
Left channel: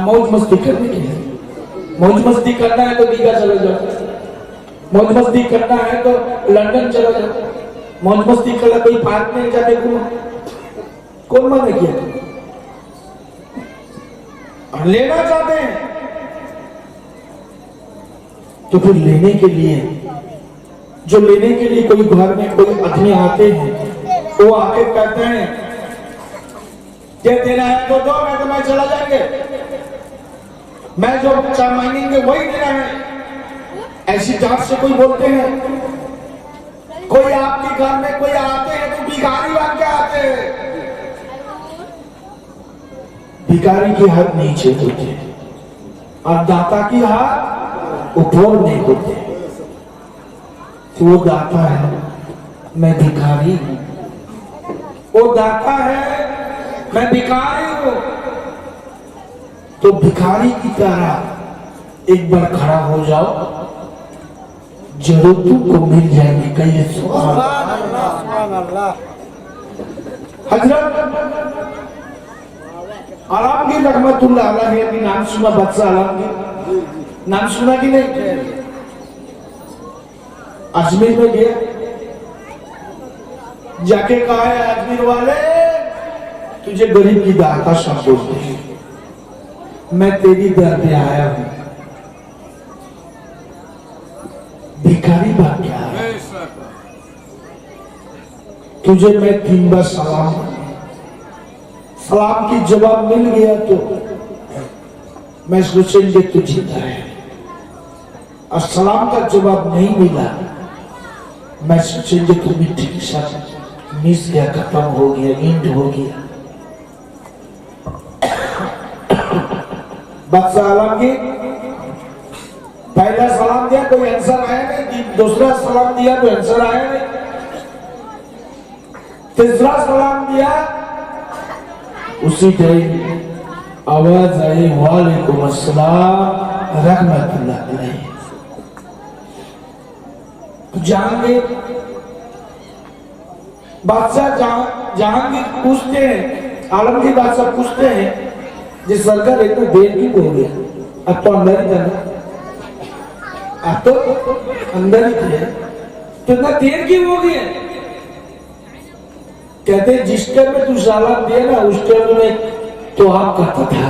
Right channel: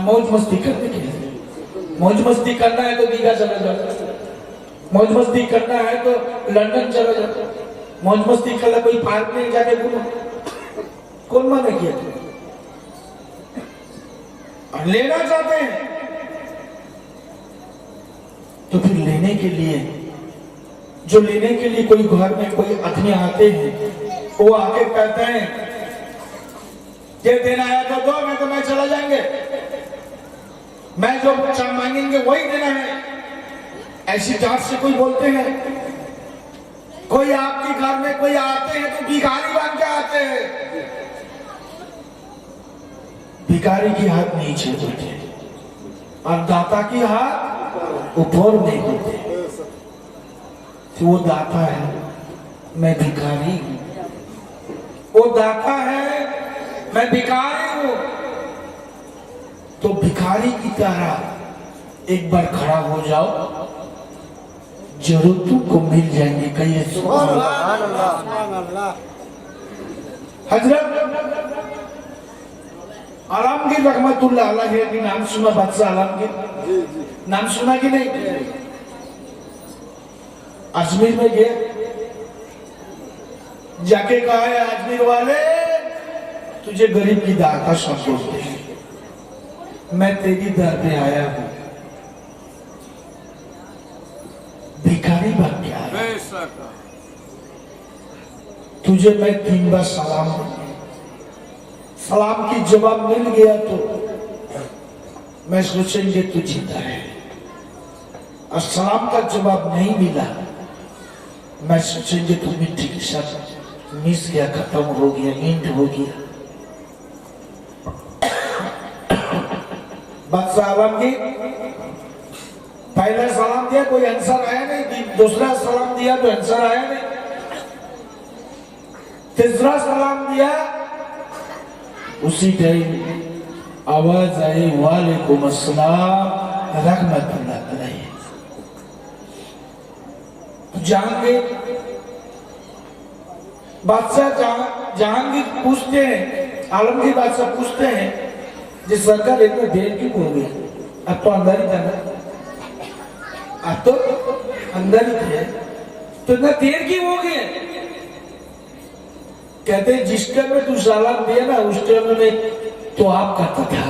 मौज मस्ती करने के लिए। मौज मस्ती करना है तो दीघा चले जाओ, मौज मस्ती करना है तो लंदन चले जाओ, मौज मस्ती करना कोई पार्क में जाके घूमो। कौन माने किया? लेना चाहते हैं तो फिर लेने के लिए, जो लेने के लिए कोई घर में कोई आदमी आते हैं, वो आके कहते हैं ये देना है तो दो, मैं तो मैं चला जाएंगे, मैं जो मांगेंगे वही देना है। ऐसी जात से कोई बोलते हैं। कोई आपके घर में कोई आते हैं तो भिखारी बन के आते हैं। भिखारी की हाथ नीचे होते और दाता की हाथ ऊपर नहीं होते। तो वो दाता है, मैं भिखारी हूं। वो दाता है, मैं भिखारी हूं। तो भिखारी की तरह एक बार खड़ा हो जाओ, जरूरतों को मिल जाएंगे। कहिए हजरत आलमगीर रहमतुल्लाह अलैह की नाम सुना? बादशाह आलमगीर नाम सुना कि नहीं? अजमेर में गया, जाके कहा है अजमेर वाले तुझे गरीब की दाता समझते हैं, मैं तेरी दर पे आया हूं। भिखारी बन गया, तुझे मैं 3 बार सलाम की जवाब मिल गया तो मैं सोचेंगे तू जीता है, और सलाम का जवाब नहीं मिला मैं सोचेंगे तू मिट्टी के साथ मिस गया, खत्म हो गया, नींद हो गया। बादशाह आलमगीर पहला सलाम दिया, कोई आंसर आया नहीं। दूसरा सलाम दिया तो आंसर आया नहीं। तीसरा सलाम दिया, उसी टाइम आवाज आई, वालेकुम अस्सलाम रहमतुल्लाह अलैह। जहांगीर बादशाह जहांगीर पूछते हैं, आलमगीर बादशाह पूछते हैं जिस सरकार इतनी देर क्यों हो गया? अब तो अंदर ही था, अब तो अंदर ही थे, तो इतना देर क्यों हो गया? कहते जिस टाइम में तू सलाम दिया ना उस टाइम में तो आप करता था।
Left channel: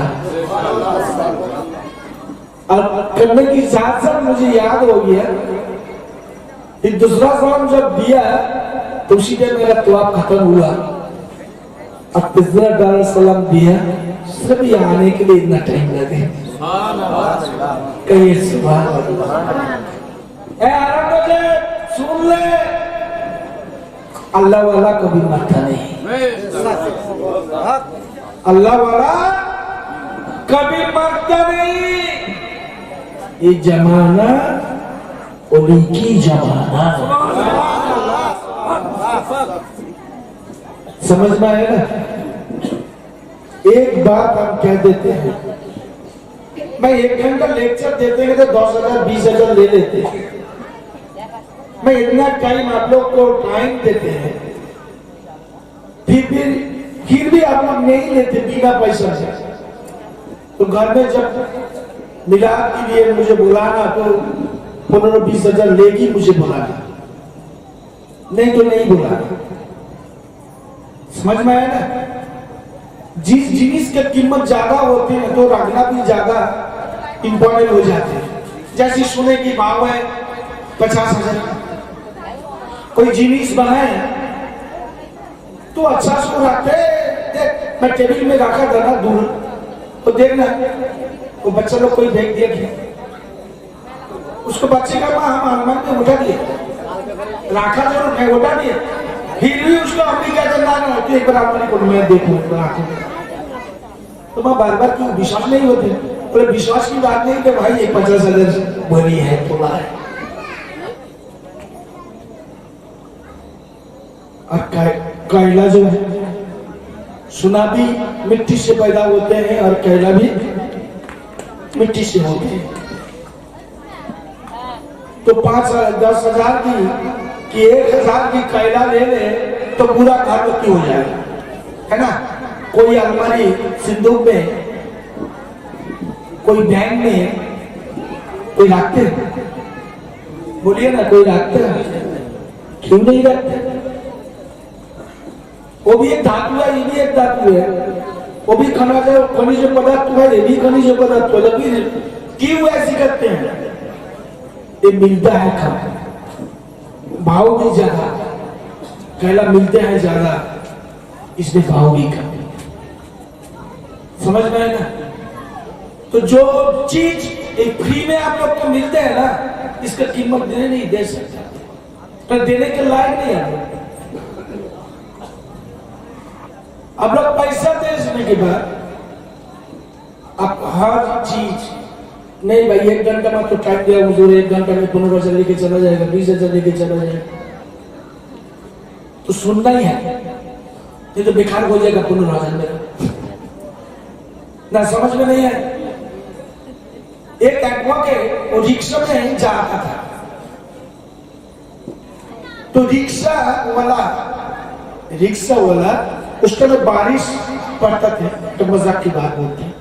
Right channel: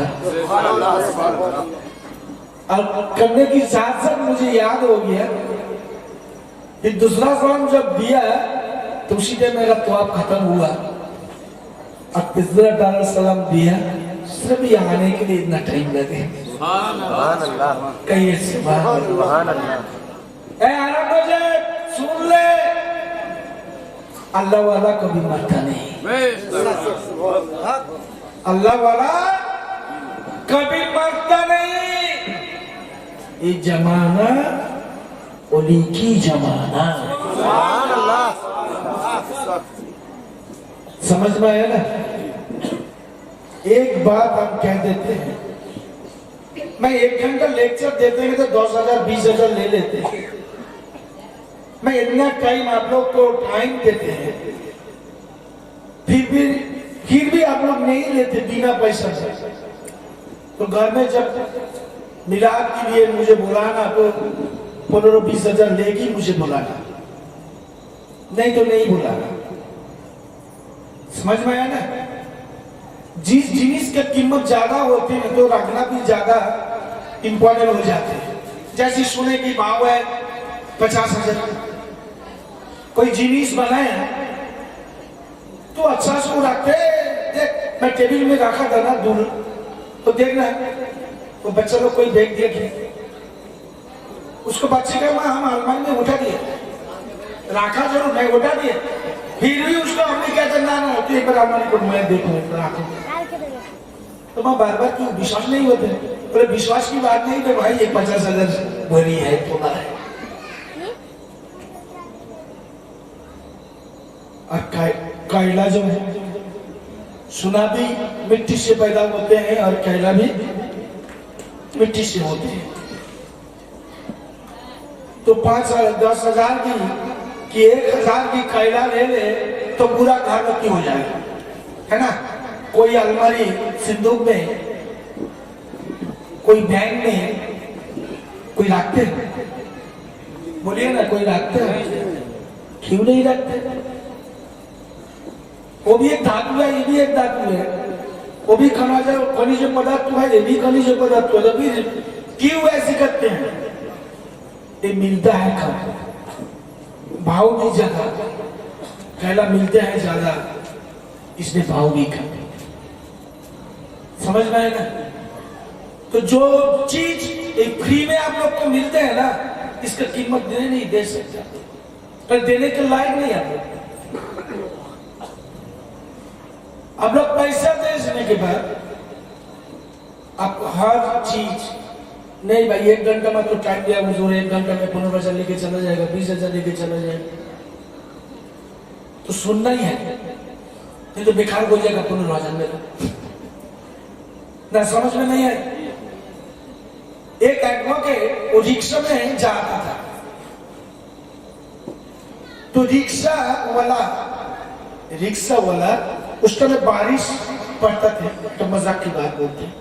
और करने की साथ साथ मुझे याद हो गया कि दूसरा सलाम जब दिया तो उसी टाइम मेरा तो आप खत्म हुआ और तीसरा डाला सलाम दिया, सिर्फ यहाँ आने के लिए इतना टाइम लगे। कहिए सुभान अल्लाह। सुन ले, अल्लाह वाला कभी मरता नहीं, अल्लाह वाला कभी मरता नहीं। ये जमाना उन्हीं की जमाना, समझ में आया ना। एक बात हम कह देते हैं, मैं 1 घंटा लेक्चर देते हैं तो 10,000 20,000 ले लेते हैं। मैं इतना टाइम आप लोग को टाइम देते हैं, फिर भी आप लोग नहीं लेते बिना पैसा से। तो घर में जब मिलाद के लिए मुझे बुलाना तो 15-20,000 लेगी मुझे बुलाना, नहीं तो नहीं बुलाना। समझ में आया ना। जिस जिनिस की कीमत ज्यादा होती है तो रखना भी ज्यादा इंपॉर्टेंट हो जाते हैं। जैसे सोने की भाव है 50,000, कोई जिनिस बनाए तो अच्छा सो रखते। देख मैं टेबल में रखा था ना दूर, तो देखना वो बच्चा लोग कोई देख दिया कि उसको बच्चे का माँ हम आलमान में उठा दिया, रखा जरूर नहीं उठा दिया, फिर भी उसको हमने क्या करना ना तो एक बार आपने को मैं देखूं तो मैं बार बार क्यों विश्वास नहीं होते। बोले विश्वास की बात नहीं तो भाई ये 50,000 बड़ी है थोड़ा है। और कैला जो है सुना भी मिट्टी से पैदा होते हैं और कैला भी मिट्टी से होते हैं। तो 5-10,000 की 1,000 की कैला ले ले तो पूरा घर बत्ती हो जाएगा, है ना। कोई अलमारी सिंदूक में, कोई बैंक में कोई रखते हैं, बोलिए ना कोई रखते हैं, क्यों नहीं रखते। वो भी एक धातु है, ये भी एक धातु है, वो भी खनिज पदार्थ है, ये भी खनिज पदार्थ है। क्यों ऐसे करते हैं, ये मिलता है कम, भाव भी ज्यादा, कैला मिलता है ज्यादा इसलिए भाव भी कम। समझ में आए ना। तो जो चीज एक फ्री में आप लोग को मिलते हैं ना, इसका कीमत देने नहीं दे सकते, तो देने के लायक नहीं है। अब लोग पैसा देने के बाद आप हर चीज नहीं भाई 1 घंटा में तो टाइम दिया मुझे, 1 घंटा में 15,000 लेके चला जाएगा, 20,000 लेके चला जाएगा, तो सुनना ही है, नहीं तो बेकार हो जाएगा 15,000 में ना। समझ में नहीं है। एक एडवोकेट वो रिक्शा में जा रहा था, तो रिक्शा वाला उस समय बारिश पड़ता था, तो मजाक की बात होती है,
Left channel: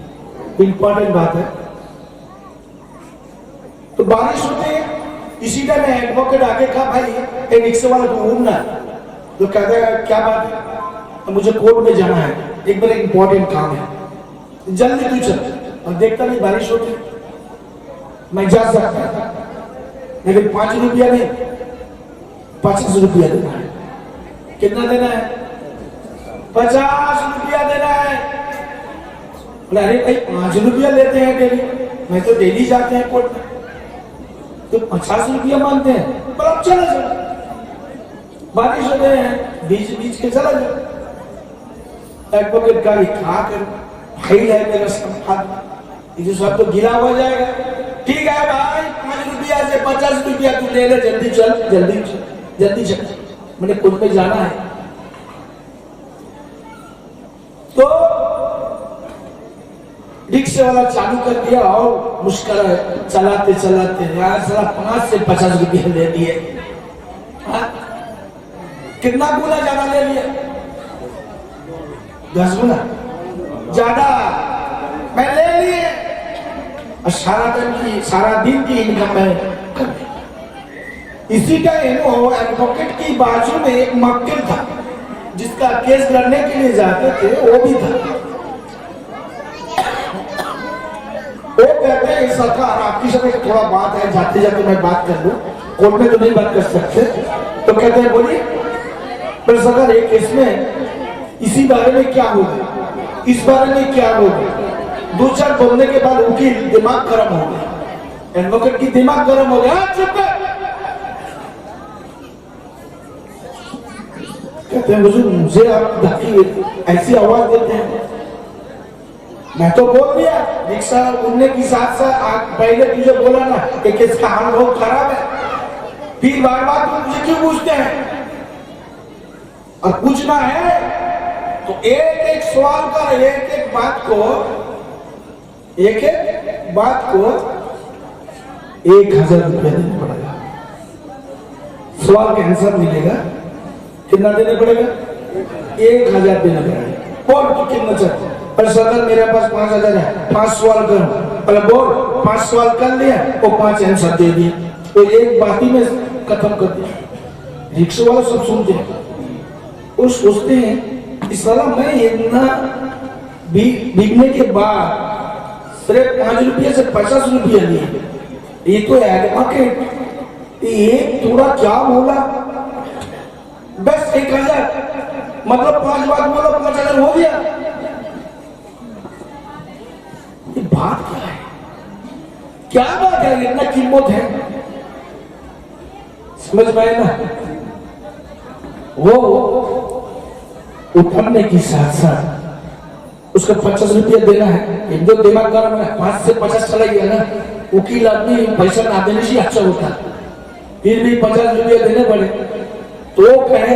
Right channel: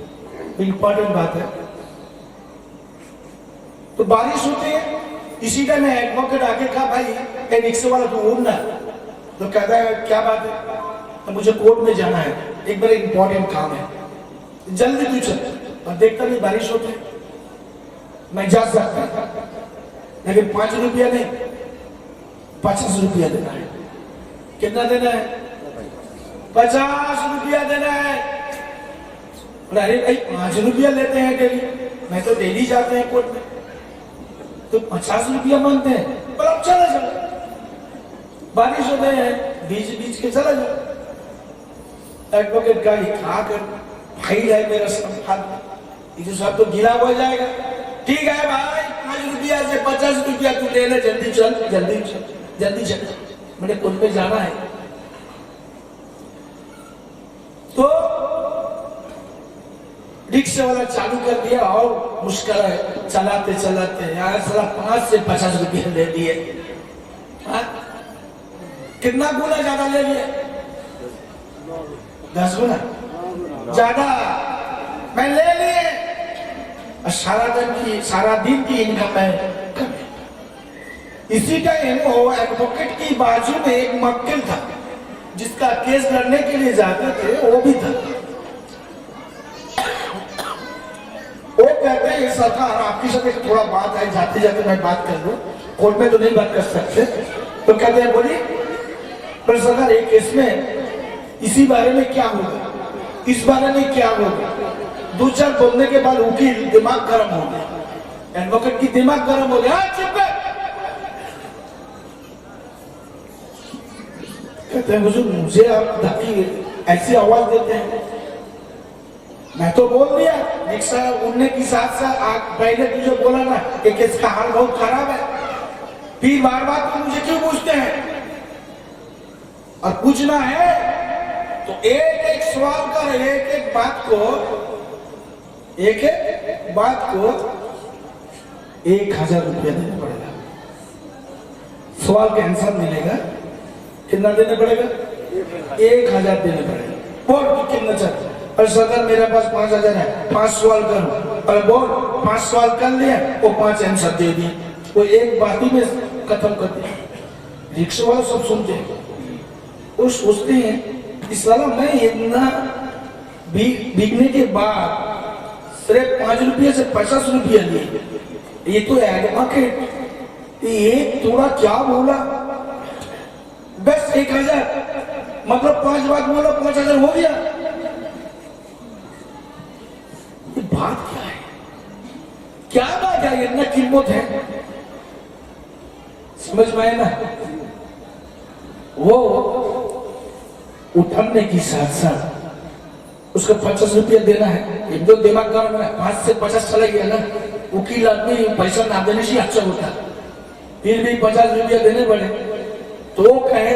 इंपॉर्टेंट बात है। तो बारिश होती है, इसी टाइम एडवोकेट आगे कहा भाई ए रिक्शा वाला तुम घूमना, तो कहता है क्या बात है, तो मुझे कोर्ट में जाना है, एक बार इंपॉर्टेंट काम है, जल्दी तू चल। और देखता नहीं बारिश होती, मैं जा सकता लेकिन 5 रुपया नहीं 25 रुपया देना है। कितना देना है? 50 रुपया देना है। अरे भाई 5 रुपया लेते हैं डेली, मैं तो डेली जाते हैं कोर्ट में, तो 50 रुपया मांगते हैं। पर अब चला जाओ, बारिश होते हैं बीच के चला जाओ। एडवोकेट का खा कर भाई है मेरा संस्थान, ये सब तो गिला हो जाएगा। ठीक है भाई 5 रुपया से 50 रुपया तू ले ले, जल्दी चल जल्दी चल, मैंने कोर्ट में जाना है। तो रिक्शे वाला चालू कर दिया और मुश्किल चलाते यार सारा 5 से 50 रुपया ले लिए। कितना गुना ज्यादा ले लिया? 10 गुना ज्यादा मैं ले लिए। सारा दिन की इनकम है। इसी टाइम वो एडवोकेट की बाजू में एक मक्खन था, जिसका केस लड़ने के लिए जाते थे वो भी था। वो कहते हैं सरकार आपकी सब एक थोड़ा बात है, जाते जाते मैं बात कर लूं, कोर्ट में तो नहीं बात कर सकते। तो कहते हैं बोलिए, पर सरकार एक केस में इसी बारे में क्या होगा, इस बारे में क्या होगा। दो चार बोलने के बाद वकील दिमाग गर्म हो गया, एडवोकेट की दिमाग गर्म हो गया, चुप कर। कहते हैं मुझे आप धक्की ऐसी आवाज देते हैं, मैं तो बोल दिया रिक्शा उड़ने की साथ साथ पहले तुझे बोला ना कि किसका हाल बहुत खराब है, फिर बार बार तो मुझे क्यों पूछते हैं। और पूछना है तो एक एक सवाल का एक एक बात को 1000 रुपया देना पड़ेगा। सवाल का आंसर मिलेगा, कितना देना पड़ेगा? 1000 देना पड़ेगा। और तो कितना चाहिए? पर सर मेरा पास 5000 है, 5 सवाल करूं। पर बोल 5 सवाल कर लिया वो 5 आंसर दे दिए, तो एक बात ही में खत्म कर दिया। रिक्शा वाले सब सुनते हैं, वो सोचते हैं इस साल मैं इतना बिकने के बाद सिर्फ 5 रुपये से 50 रुपये लिए, ये तो एडवोकेट ये थोड़ा क्या बोला, बस 1000 मतलब 5 बात बोला 5000 हो गया। ये बात क्या है, क्या बात है, इतना कीमत है, समझ में आए ना। वो उठने की साथ साथ उसका 50 रुपया देना है, एक दो दिमाग गर्म है, 5 से 50 चला गया ना, वकील आदमी पैसा ना देने से अच्छा होता, फिर भी 50 रुपया देने पड़े। तो कहे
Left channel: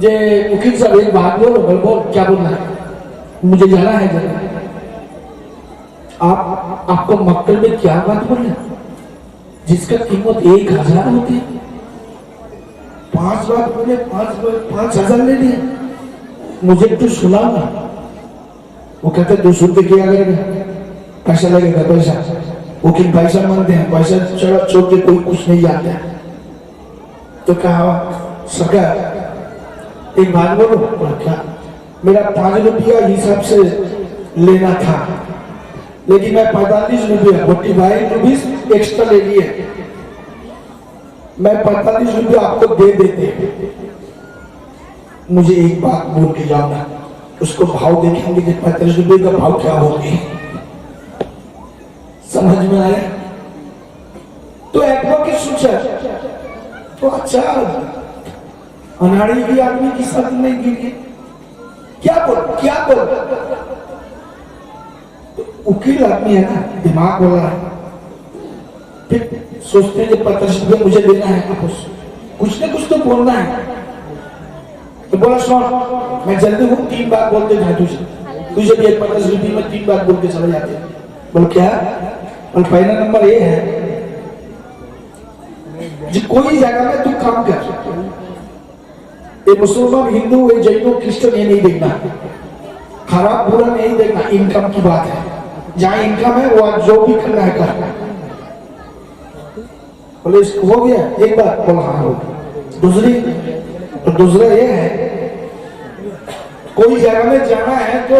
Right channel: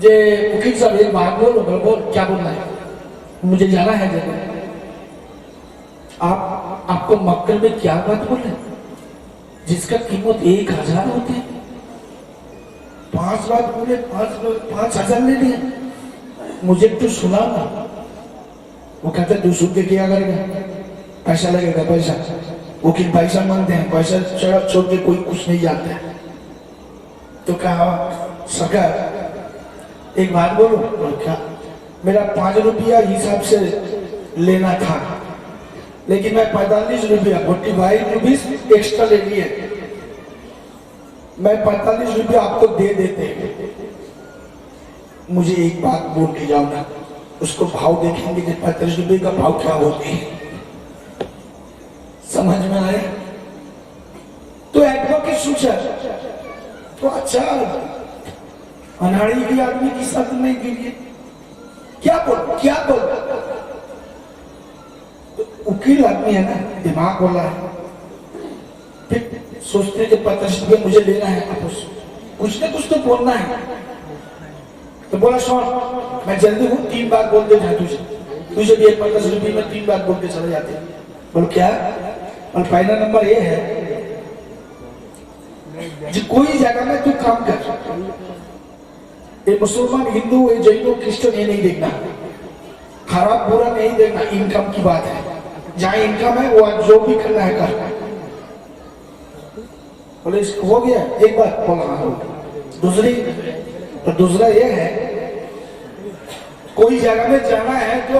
जे वकील साहब एक बात बोलो, क्या बोलना है, मुझे जाना है। आपको मक्कल में क्या बात बोले जिसका कीमत 1000 होती है, 5 बात बोले 5000 ले लिए, मुझे तो सुनाओ ना। वो कहते 200 रुपये क्या करेगा, पैसा लगेगा पैसा, वकील पैसा मांगते हैं, पैसा छोड़ के कोई कुछ नहीं जानता है। तो कहा सरकार एक बात बोलो, और क्या, मेरा 5 रुपया हिसाब से लेना था, लेकिन मैं 45 रुपया 45 रुपीज एक्स्ट्रा ले लिए, मैं 45 रुपया आपको दे देते, मुझे एक बात बोल के जाना, उसको भाव देखेंगे कि 45 रुपये का भाव क्या होगी, समझ में आया। तो एडवोकेट सोचा तो अच्छा अनाड़ी भी आदमी की साथ नहीं गिरी, क्या बोल वकील आदमी है ना, दिमाग वाला है, फिर सोचते कि 50 रुपये मुझे देना है, आपस कुछ ना कुछ तो बोलना है। तो बोला सुन मैं जल्दी हूँ, 3 बार बोल के जाए तुझे भी 50 रुपये में 3 बार बोल के चले जाते। बोल क्या, और पहला नंबर ये है जो कोई जगह में तू काम कर, ये मुसलमान हिंदू ये जैनो क्रिश्चियन ये नहीं देखना, खराब बुरा नहीं देखना, इनकम की बात है, जहां इनकम है वो जो भी करना है करना। बोले इसको हो गया एक बार, बोला हाँ हो। दूसरा ये है कोई जगह में जाना है तो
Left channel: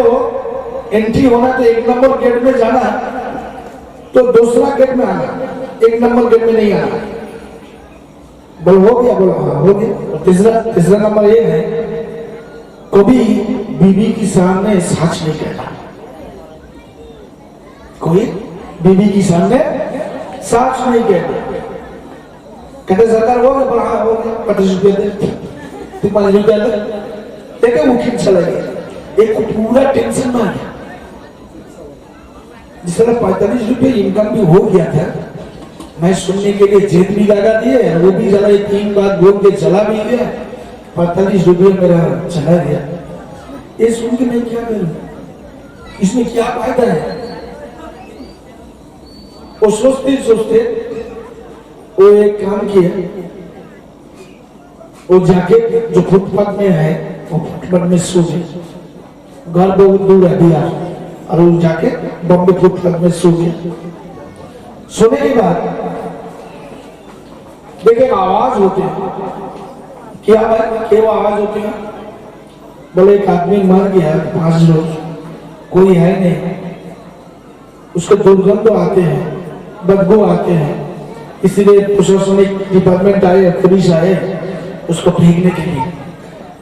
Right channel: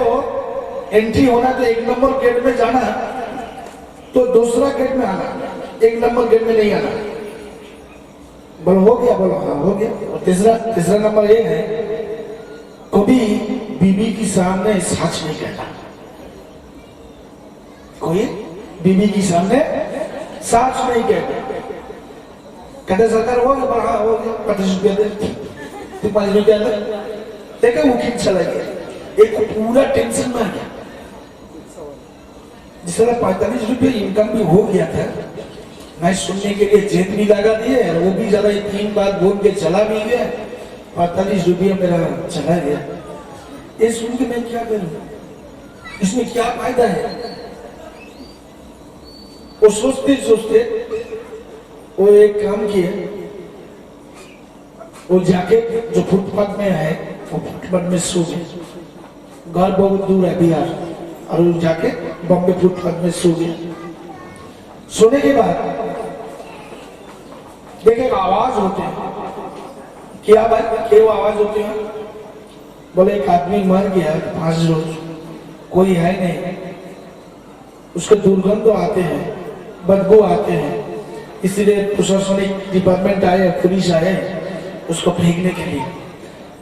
एंट्री होना तो 1 नंबर गेट में जाना, तो दूसरा गेट में आना, 1 नंबर गेट में नहीं आना। बोल हो गया, बोलो हाँ हो गया। तीसरा नंबर ये है कभी बीबी के सामने सच नहीं कहना, कोई बीबी के सामने सच नहीं कहना। कहते सरकार वो हाँ हो गया, 50 रुपया दे, 5 रुपया देखा वकील चला गया, एक पूरा टेंशन में आ गया। जिस तरह 45 रुपये इनकम भी हो गया था, मैं सुनने के लिए जेब भी लगा दिए, वो भी जरा 3 बार बोल के चला भी गया, 45 रुपये मेरा चला गया। ये सुन के मैं क्या करूं, इसमें क्या फायदा है। वो सोचते सोचते वो एक काम किया, वो जाके जो फुटपाथ में है वो फुटपाथ में सो गए, घर बहुत दूर है बिहार, और वो जाके बॉम्बे फुटपाथ में सो गया। सोने के बाद देखे आवाज होती है, क्या वो आवाज होती है, बोले एक आदमी मर गया 5 रोज, कोई है नहीं, उसके दुर्गंध आते हैं, बदबू आते हैं, इसलिए प्रशासनिक डिपार्टमेंट आए, पुलिस आए उसको फेंकने के लिए।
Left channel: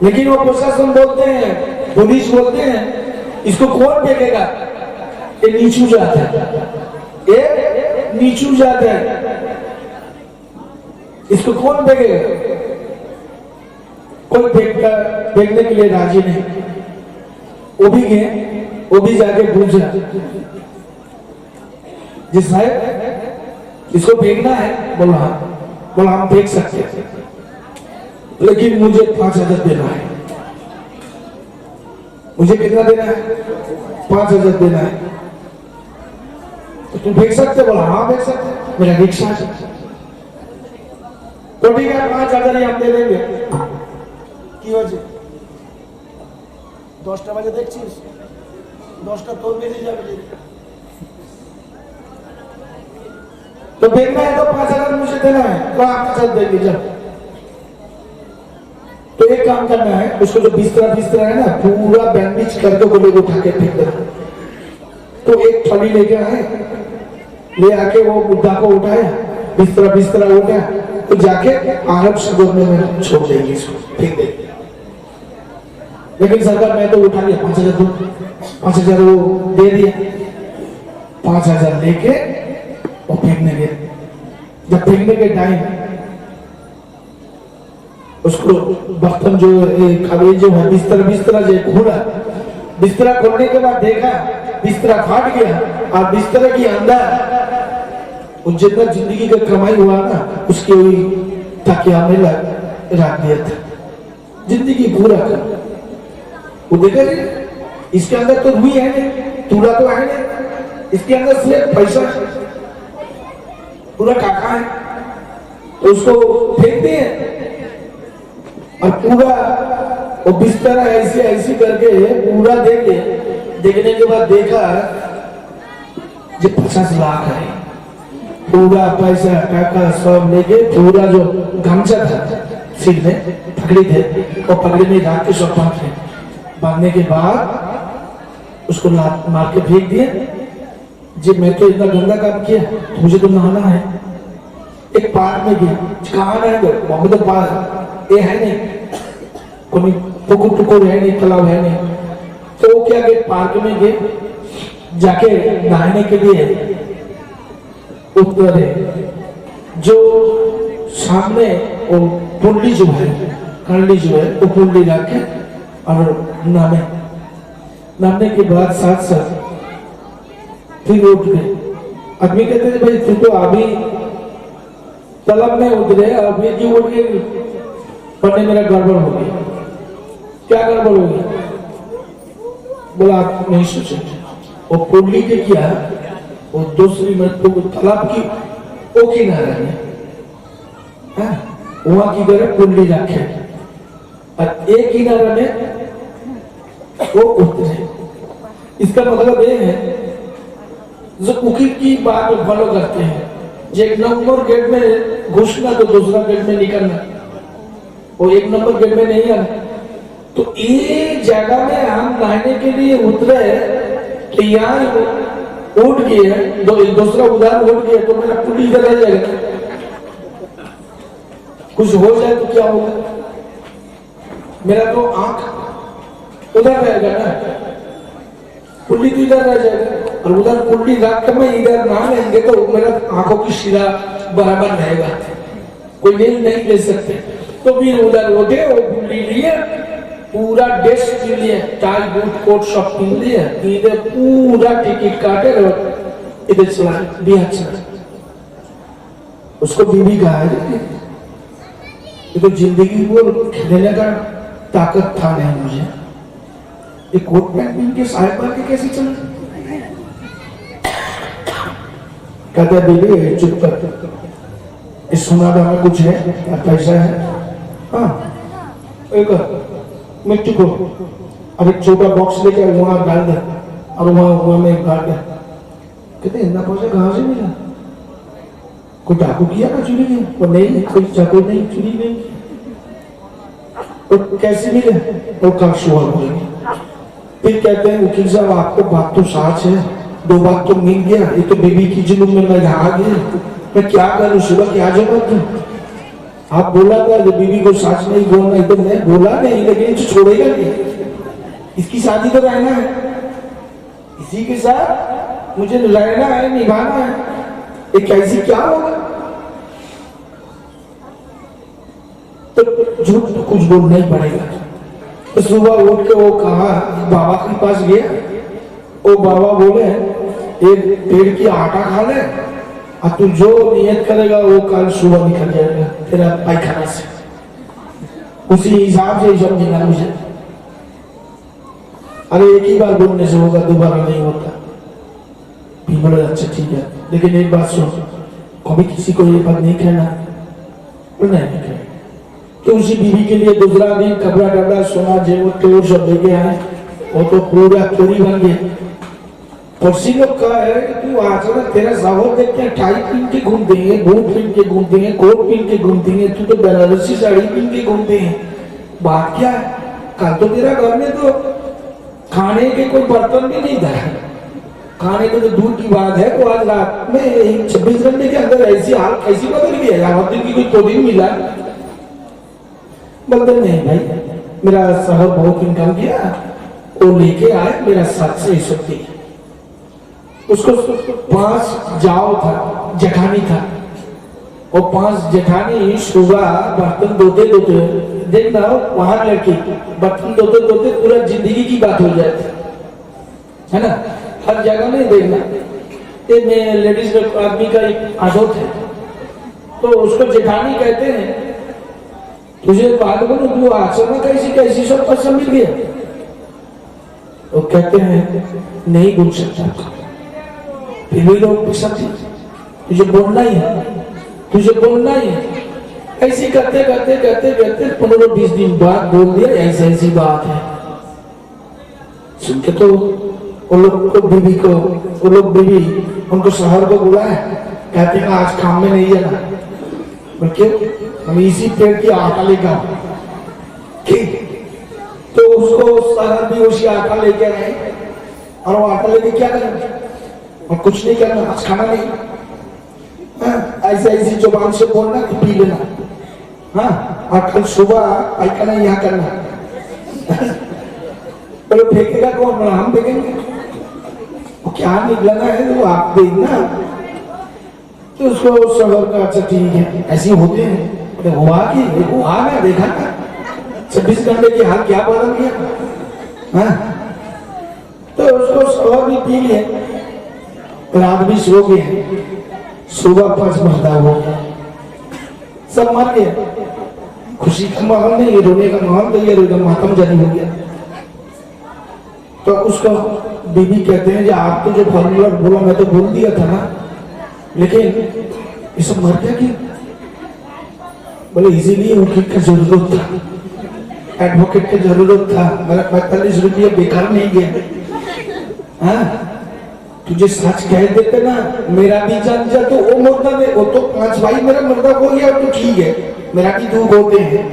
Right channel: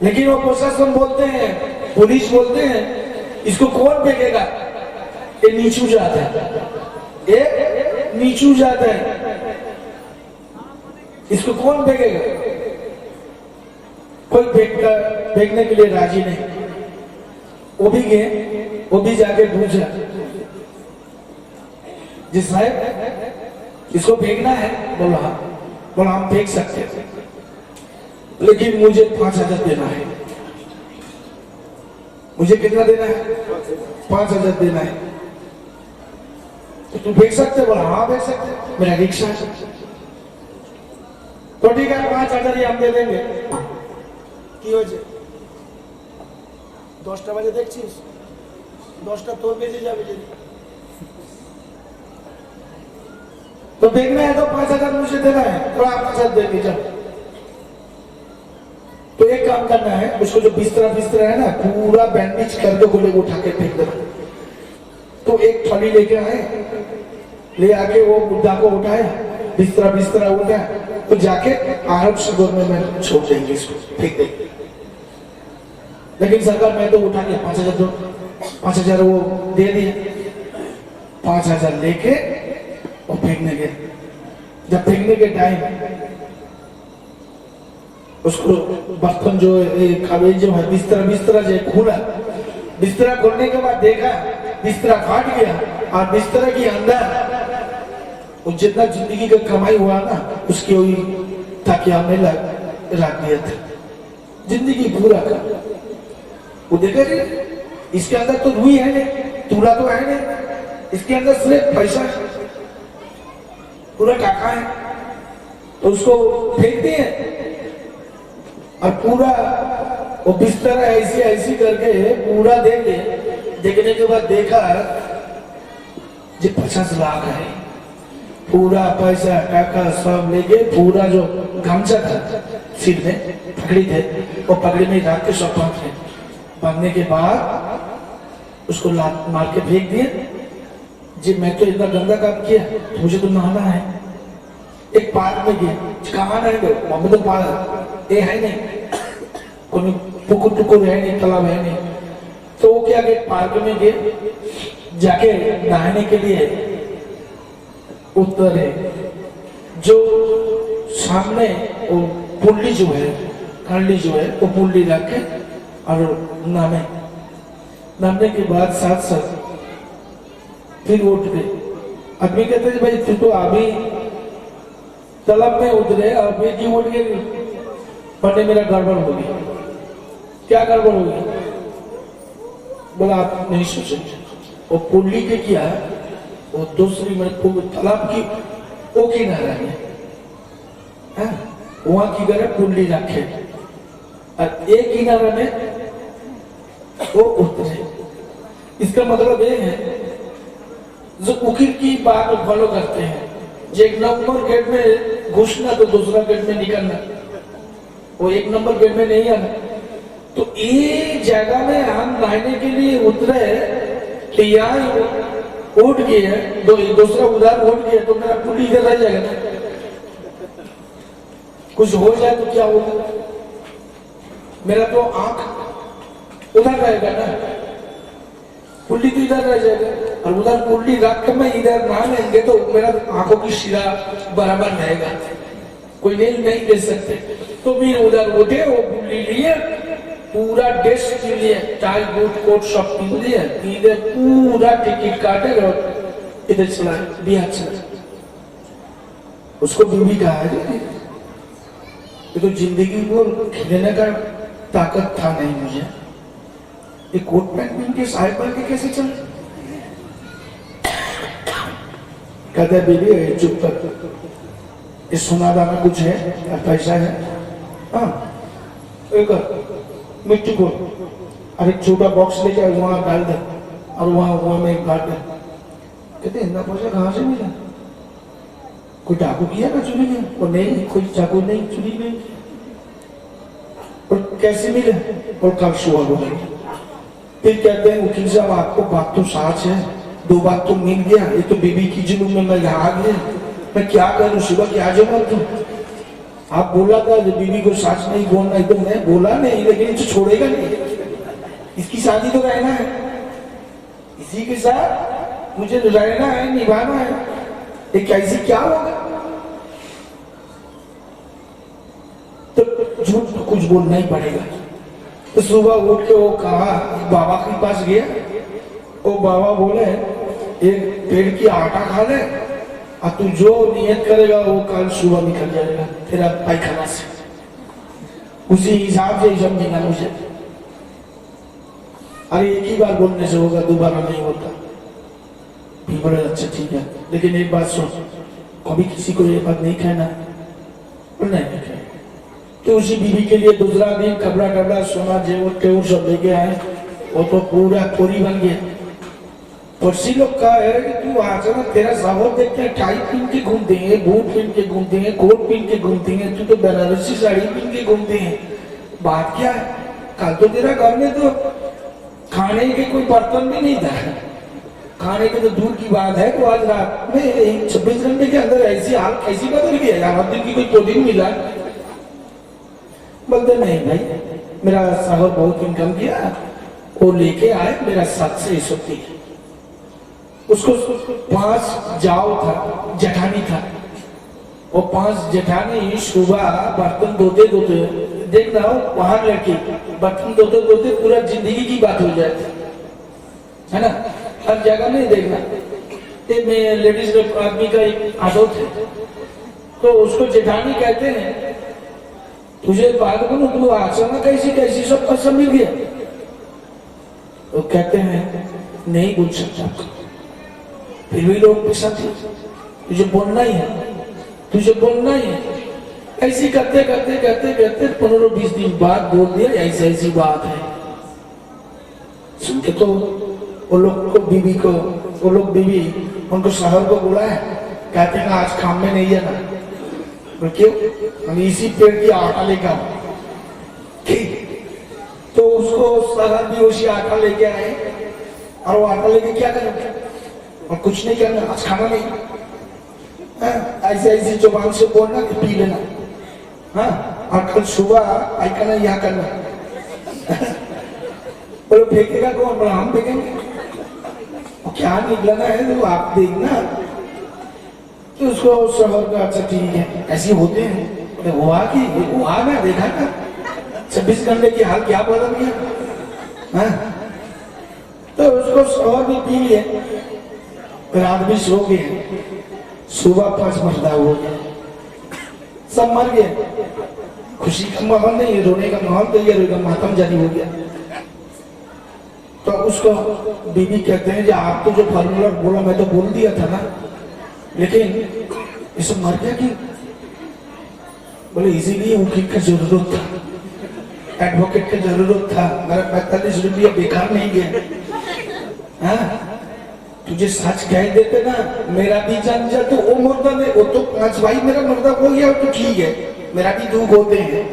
लेकिन वो प्रशासन बोलते हैं, पुलिस बोलते हैं, इसको कौन फेंकेगा, ये नीचू जाता है, ये नीचू जाता है, इसको कौन फेंकेगा? कोई फेंकने के लिए राजी नहीं। वो भी गए, वो भी जाके पूछा, जी साहब इसको फेंकना है? बोला हाँ। बोला हम फेंक सकते हैं, लेकिन मुझे 5,000 देना है। मुझे कितना देना है? 5,000 देना है। तो तुम फेंक सकते? बोला हाँ फेंक सकते, मेरा रिक्शा है। तो ठीक है 5,000 ही हम दे देंगे। কি হয়েছে? 10টা বাজে দেখছিস, 10টা তোর বেজে যাবে। तो देखना है तो 5,000 मुझे देना है, तो आप 5,000 दे दीजिए। तो एक काम करना है, उसको जो बिस्तरा है ना पूरा बैंडेज करके बोले उठा के फेंक देना। तो एक थैली लेके आए, ले आके वो मुद्दा को उठाया, बिस्तरा उठा, तो जाके अरब सागर में छोड़ देंगे, इसको फेंक देंगे। लेकिन सरकार मैं तो उठा लिया 5,000 दो, 5,000 वो दे दिया। 5,000 लेके वो फेंकने गए। जब फेंकने के टाइम उसको बर्तन जो खाली जो है बिस्तरा जो खुला, बिस्तरा खोलने के बाद देखा बिस्तरा फाट गया, और बिस्तरा के अंदर जितना जिंदगी का कमाई हुआ ना उसकी वही ताकिया में रख दिया था, जिंदगी पूरा कर। वो देखा इसके अंदर तो रुई है नहीं, तूड़ा तो है नहीं, इसके अंदर सिर्फ पैसा पूरा काका है। तो उसको फेंकते हैं और पूरा वो बिस्तर ऐसी करके पूरा देखने के बाद देखा जो 50 लाख है, पूरा पैसा टाका सब लेके पूरा जो गमछा था सिर में पकड़ी थे और पकड़ी में रख के सब बांधने के बाद उसको लात मार के फेंक दिए। जी मैं तो इतना गंदा काम किया, मुझे तो नहाना है। एक पार्क में गया, कहाँ रहेंगे वहां तो पार्क ये है नहीं, कोई पुकुर है नहीं, तालाब है नहीं। तो वो क्या गए पार्क में गए, जाके नहाने के लिए उतरे, जो सामने वो पुंडली जो है, कंडली जो है वो पुंडली रख के और नामने के बाद साथ फिर उठ गए। आदमी कहते हैं भाई तू तो अभी तालाब में उतरे और फिर क्यों उठ गए? पढ़ने मेरा गड़बड़ हो गया। क्या गड़बड़ हो गई? बोला आप नहीं सोचे, वो पुंडली के किया वो दूसरी तालाब की वो किनारा में वहां की करे पुंडली रखे और एक किनारे में वो उतरे। इसका मतलब ये है जो उकी की बात फॉलो करते हैं, जो 1 नंबर गेट में घुसना तो दूसरा गेट में निकलना, वो 1 नंबर गेट में नहीं आना। तो एक जगह में हम नहाने के लिए उतरे तो यहाँ उठ गए, दूसरा उधर उठ गया तो मेरा पुल इधर रह जाएगा, कुछ हो जाए तो क्या होगा? मेरा तो आंख उधर रहेगा ना, पुल्ली तो इधर रह जाएगा, और उधर पुल्ली रख कर मैं इधर ना लेंगे तो मेरा आंखों की शिरा बराबर रहेगा, कोई नहीं ले सकते। तो फिर उधर उठे, वो पुल्ली लिए, पूरा ड्रेस के लिए टाई बूट कोट सब पहन लिए, इधर पूरा टिकट काटे और इधर चला दिया। उसको बीवी कहा है ये तो जिंदगी को खेलने का ताकत था नहीं मुझे, ये कोट पैंट पहन के साहेब बन के कैसे चल? कहता है बीवी चुप कर, इस सुनादा में कुछ है, पैसा है, हाँ एक मिट्टी को अब एक छोटा बॉक्स लेके वहां डाल दे और वहां में गाड़ दे। कहते इतना पैसा कहां से मिला? कोई डाकू किया ना चोरी में? वो नहीं, कोई चाकू नहीं, चोरी नहीं। और कैसे मिले? और कल सुबह बोलेंगे। फिर कहते हैं वकील साहब आपको बात तो साच है, 2 बात तो मिल गया, ये तो बीबी की जुल्म में मैं आ गया, मैं क्या करूं, सुबह क्या जवाब दूं? आप बोला था जो बीबी को साच नहीं बोलना, तो मैं बोला नहीं, लेकिन छोड़ेगा नहीं, इसकी शादी तो रहना है, इसी के साथ मुझे रहना है, निभाना है, ये कैसे क्या होगा? तो झूठ तो कुछ बोलना ही पड़ेगा। तो सुबह उठ के वो कहा, बाबा के पास गया, वो बाबा बोले एक पेड़ की आटा खा ले और तू जो नियत करेगा वो कल सुबह निकल जाएगा तेरा पैखाना से, उसी हिसाब से समझेगा मुझे। अरे एक ही बार बोलने से होगा, दोबारा नहीं होता। भी बड़े अच्छा ठीक है, लेकिन एक बात सुन, कभी किसी को ये बात नहीं कहना, नहीं तो उसी बीवी के लिए दूसरा दिन कपड़ा डबड़ा सोना जेवर सब लेके आए, वो तो पूरा पूरी बन गया। पड़ोसी लोग कहा है कि तू आचरण तेरा सावर देखते हैं, टाई पहन के घूमते हैं, बूट पहन के घूमते हैं, कोट पहन के घूमते हैं, तू तो बनारसी साड़ी पहन के घूमते हैं, बात क्या है? कल तो तेरा घर में तो खाने के कोई बर्तन भी नहीं था, खाने में तो दूर की बात है, तो आज रात में 26 घंटे के अंदर ऐसी हाल कैसी बदल गई? रावत की कोई तो दिन मिला? बोलते नहीं भाई, मेरा शहर बहुत इनकम किया, वो लेके आए मेरा 761। उसको 5 जाओ था, जेठानी था, और 5 जेठानी सुबह बर्तन धोते धोते, देखना वहां लड़की बर्तन धोते धोते पूरा जिंदगी की बात हो जाती है ना, हर जगह नहीं देखना। ये लेडीज आदमी का एक आदत है, तो उसको जेठानी कहते हैं, तुझे बात बोलूं तू आचरण कैसी कैसी सब पसंद मिल गया? वो कहते हैं नहीं बोल सकता, फिर भी लोग पसंद है, तुझे बोलना ही है, तुझे बोलना ही है। ऐसी करते करते करते करते 15-20 दिन बाद बोल दिया ऐसी ऐसी बात है। सुन के तो वो लोग को बीबी को, वो लोग बीबी उनको शहर को बुलाए, कहते हैं आज काम में नहीं जाना। क्यों? हम इसी पेड़ की आटा लेकर आओ, ठीक? तो उसको शहर भी उसी आटा लेके आए, और वो आटा लेके क्या करेंगे? और कुछ नहीं करना, आज खाना नहीं, ऐसे ऐसी जुबान से बोलना कि पी लेना, हाँ, और कल सुबह पैखाना यहाँ करना। बोलो फेंकेगा कौन? बोला हम फेंकेंगे, वो क्या निकलना है तो आप देखना। तो उसको शहर का अच्छा ठीक है, ऐसे होते हैं, हुआ कि हुआ ना, देखा था 26 घंटे की हाल क्या बदल गया, हाँ? तो उसको शहर भी पी लिए, रात भी सो गए, सुबह 5 मरदा हो गया, सब मर गए। खुशी का माहौल नहीं, रोने का माहौल तैयार हो, मातम जारी हो गया। तो उसको बीबी कहते हैं, आप तो जो फॉर्मूला बोला मैं तो बोल दिया था ना, लेकिन ये सब मर गया क्यों? बोले इसीलिए वकील का जरूरत था, एडवोकेट की जरूरत था, मेरा 45 रुपया बेकार नहीं गया। हाँ, तुझे सच कह देते ना, मेरा भी जान जा, तो वो मुर्दा में, वो तो 5 भाई मेरा मुर्दा हो गया, तो ठीक है, मेरा भी 2 होते हैं,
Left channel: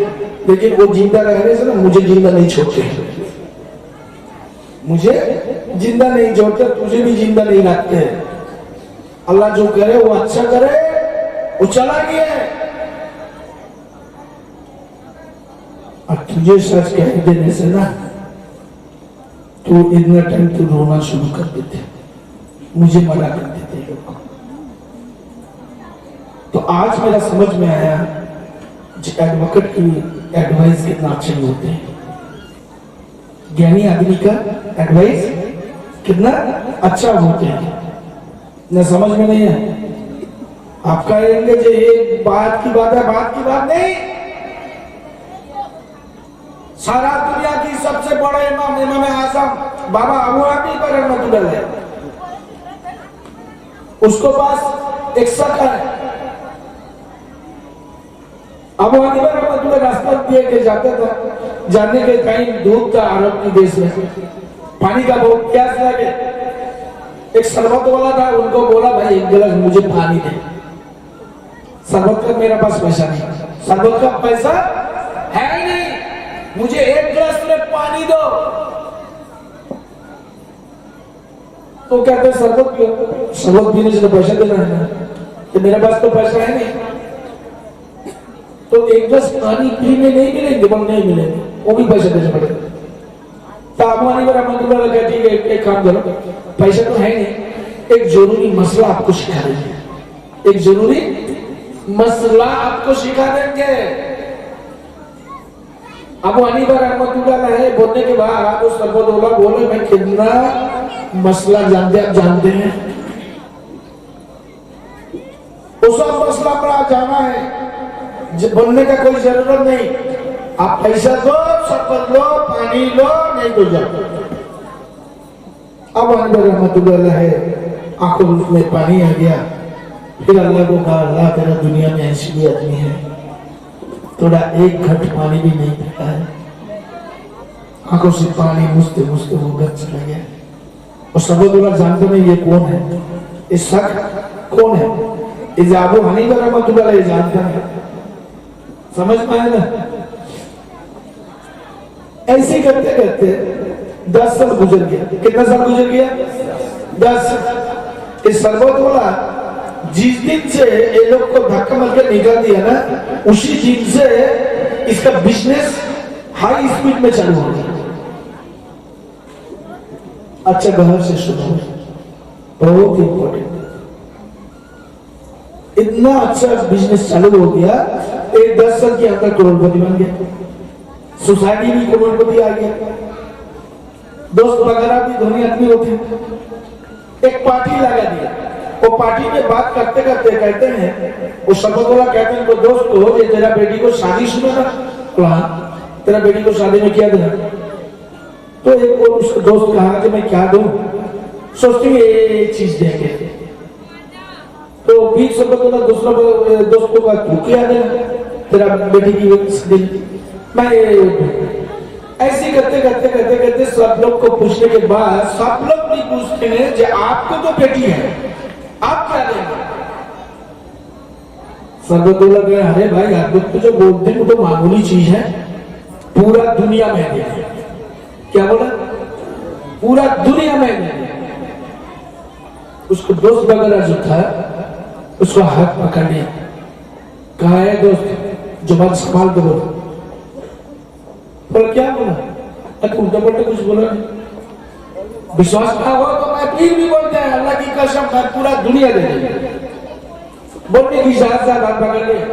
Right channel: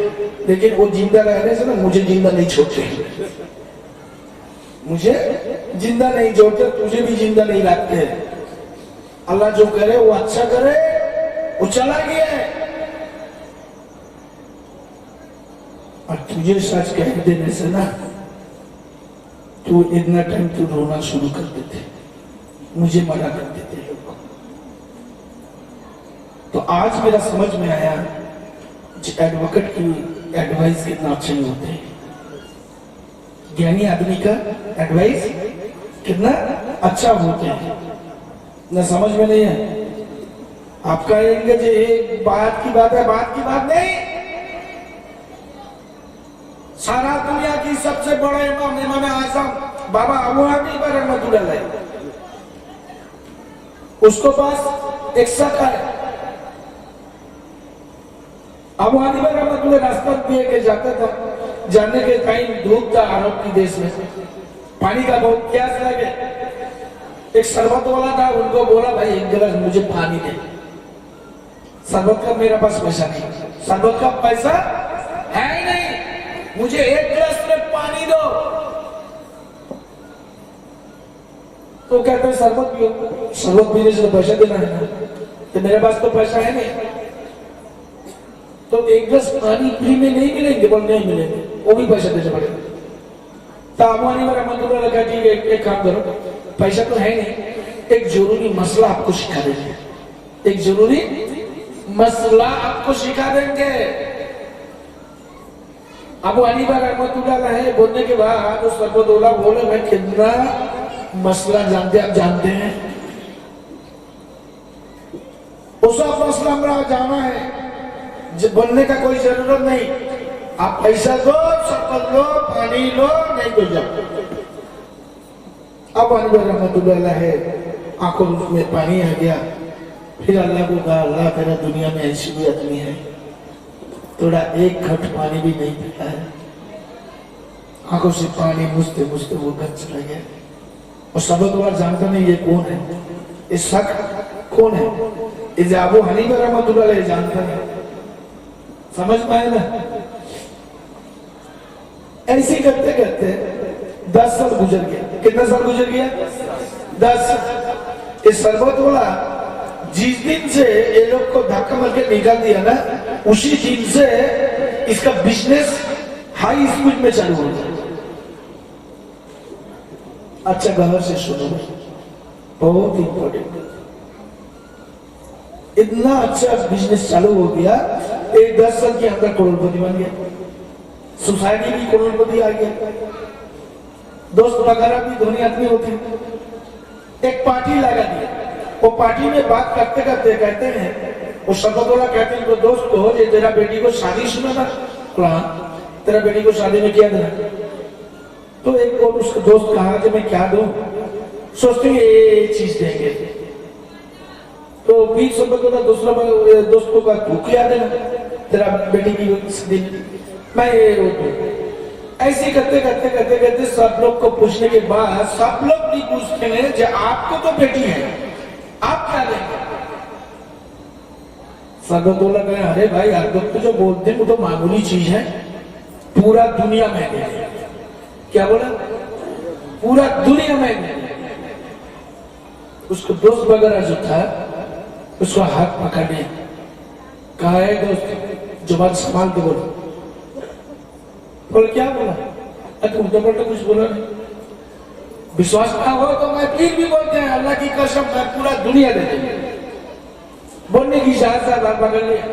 लेकिन वो जिंदा रहने से ना मुझे जिंदा नहीं छोड़ते, मुझे जिंदा नहीं छोड़ते, तुझे भी जिंदा नहीं रखते। अल्लाह जो करे वो अच्छा करे, वो चला गया है, और तुझे सच कह देने से ना तो इतना टाइम तो रोना शुरू कर देते, मुझे मना कर देते लोग। तो आज मेरा समझ में आया एडवोकेट की एडवाइस कितना अच्छे होते हैं, ज्ञानी आदमी का एडवाइस कितना अच्छा होते हैं ना। समझ में नहीं है आप कहेंगे जो एक बात की बात है, बात की बात नहीं, सारा दुनिया की सबसे बड़े इमाम, इमाम आजम बाबा अबू हनीफा रहमतुल्लाह अलैह, उसको पास एक शक है। अबू हनीफा रहमतुल्लाह रास्ता दिए के जाते थे, जाने के टाइम धूप था अरब के देश में, पानी का बहुत प्यास लगे, एक शरबत वाला था, उनको बोला भाई एक गिलास मुझे पानी दे। शरबत का मेरा पास पैसा नहीं, शरबत का पैसा है ही नहीं, मुझे एक गिलास में पानी दो। तो कहते हैं शरबत पियो। शरबत पीने से तो पैसा देना है ना, कि मेरे पास तो पैसा है नहीं। तो एक गिलास पानी फ्री में नहीं मिलेंगे, बोल नहीं मिलेंगे, वो भी पैसा देना पड़ेगा। तो आबानी वाला मंत्री लगा, ठीक है एक काम करो, पैसा तो है नहीं, एक जरूरी मसला आपको सिखा देंगे। एक जरूरी मसला आपको सिखा देंगे। अबू हनीफा रहमतुल्लाह है बोलने के बाद उस सरबतौला बोले, मैं कितना मसला जानते, आप जानते हैं, वो सब मसला पर जाना है, बोलने का कोई जरूरत नहीं। आप पैसा दो, शरबत लो, पानी लो, नहीं तो जाओ। अबू हनीफा रहमतुल्लाह है आंखों में पानी आ गया। फिर अल्लाह को कहा, अल्लाह तेरा दुनिया में ऐसी भी आदमी है, थोड़ा एक घट पानी भी नहीं पीता है। आंखों से पानी मुझते मुझते वो घर चला गया। और सबूत जानते नहीं ये कौन है, ये शख्स कौन है, ये अबू हनीफा रहमतुल्लाह जानता है। समझ में आया ना? ऐसे करते करते 10 साल गुजर गया। कितना साल गुजर गया? 10 साल। इस शरबत वाला जिस दिन से ये लोग को धक्का मारकर निकाल दिया ना, उसी दिन से इसका बिजनेस हाई स्पीड में चालू हो गया। अच्छा बाहर से सुनो, बहुत इंपॉर्टेंट, इतना अच्छा बिजनेस चालू हो गया, 10 साल के अंदर करोड़पति बन गया, सोसाइटी भी करोड़पति आ गया, दोस्त वगैरह भी धनी आदमी होते। एक पार्टी लगा दिया, वो पार्टी में बात करते करते कहते हैं, वो शरबतौला कहते हैं, तो दोस्त को ये तेरा बेटी को शादी सुना ना, प्लान तेरा बेटी को शादी में क्या देना। तो एक और उसका दोस्त कहा कि मैं क्या दूं, सोचती हूँ ये चीज देंगे। तो बीच शरबतौला दूसरा दोस्त को कहा, तू क्या देना तेरा बेटी की शादी, मैं ऐसे करते करते करते करते सब लोग को पूछने के बाद सब लोग भी पूछते हैं, जो आपको तो बेटी है, आप क्या देंगे? शरबतौला कहे, अरे भाई आप लोग तो जो बोलते हैं वो तो मामूली चीज है, पूरा दुनिया में देंगे। क्या बोला? पूरा दुनिया में देंगे। उसको दोस्त वगैरह जो था उसका हाथ पकड़ लिया, कहा है दोस्त जुबान संभाल के बोलो। बोला क्या बोला? अरे उल्टा पलटा कुछ बोला नहीं। विश्वास ना हो तो मैं फिर भी बोलते हैं, अल्लाह की कसम मैं पूरा दुनिया दे देंगे। बोलने की साथ साथ हाथ पकड़ लिया,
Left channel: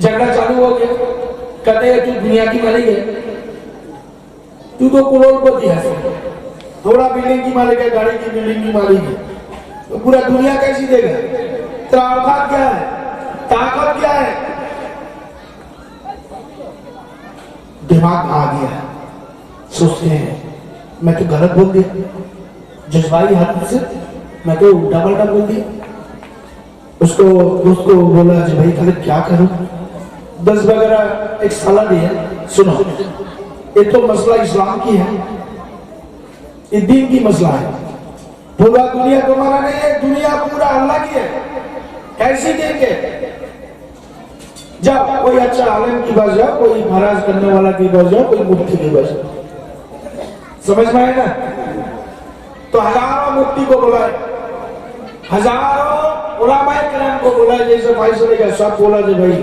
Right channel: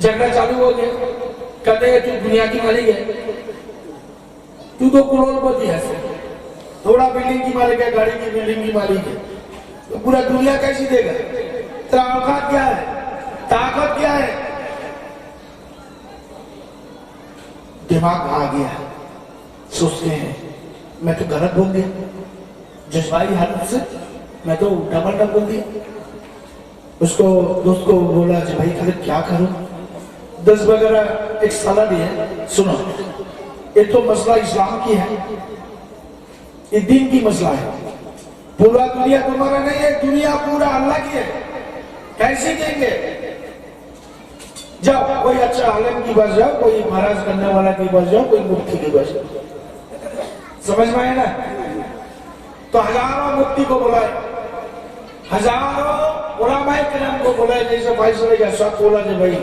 झगड़ा चालू हो गया। कहते हैं तू दुनिया की मालिक है, तू तो करोड़पति है, थोड़ा बिल्डिंग की मालिक है, गाड़ी की बिल्डिंग की मालिक है, तो पूरा दुनिया कैसी देगा? तेरा औकात क्या है, ताकत क्या है? दिमाग आ गया, सोचते हैं मैं तो गलत बोल दिया, जज्बाई हालत से मैं तो उल्टा पलटा बोल दिया। उसको दोस्त को बोला, भाई गलत क्या करूं? 10 वगैरह एक सलाह दिया, सुनो ये तो मसला इस्लाम की है, ये दीन की मसला है, पूरा दुनिया तुम्हारा नहीं है, दुनिया पूरा अल्लाह की है, कैसे देंगे? जाओ कोई अच्छा आलिम की पास जाओ, कोई महाराज करने वाला की पास जाओ, कोई मुफ्ती के पास जाओ। समझ में आए ना? तो हजारों मुफ्ती को बुलाए, हजारों उलमाए किराम को बुलाए, जैसे भाई सुने का सब बोला जो भाई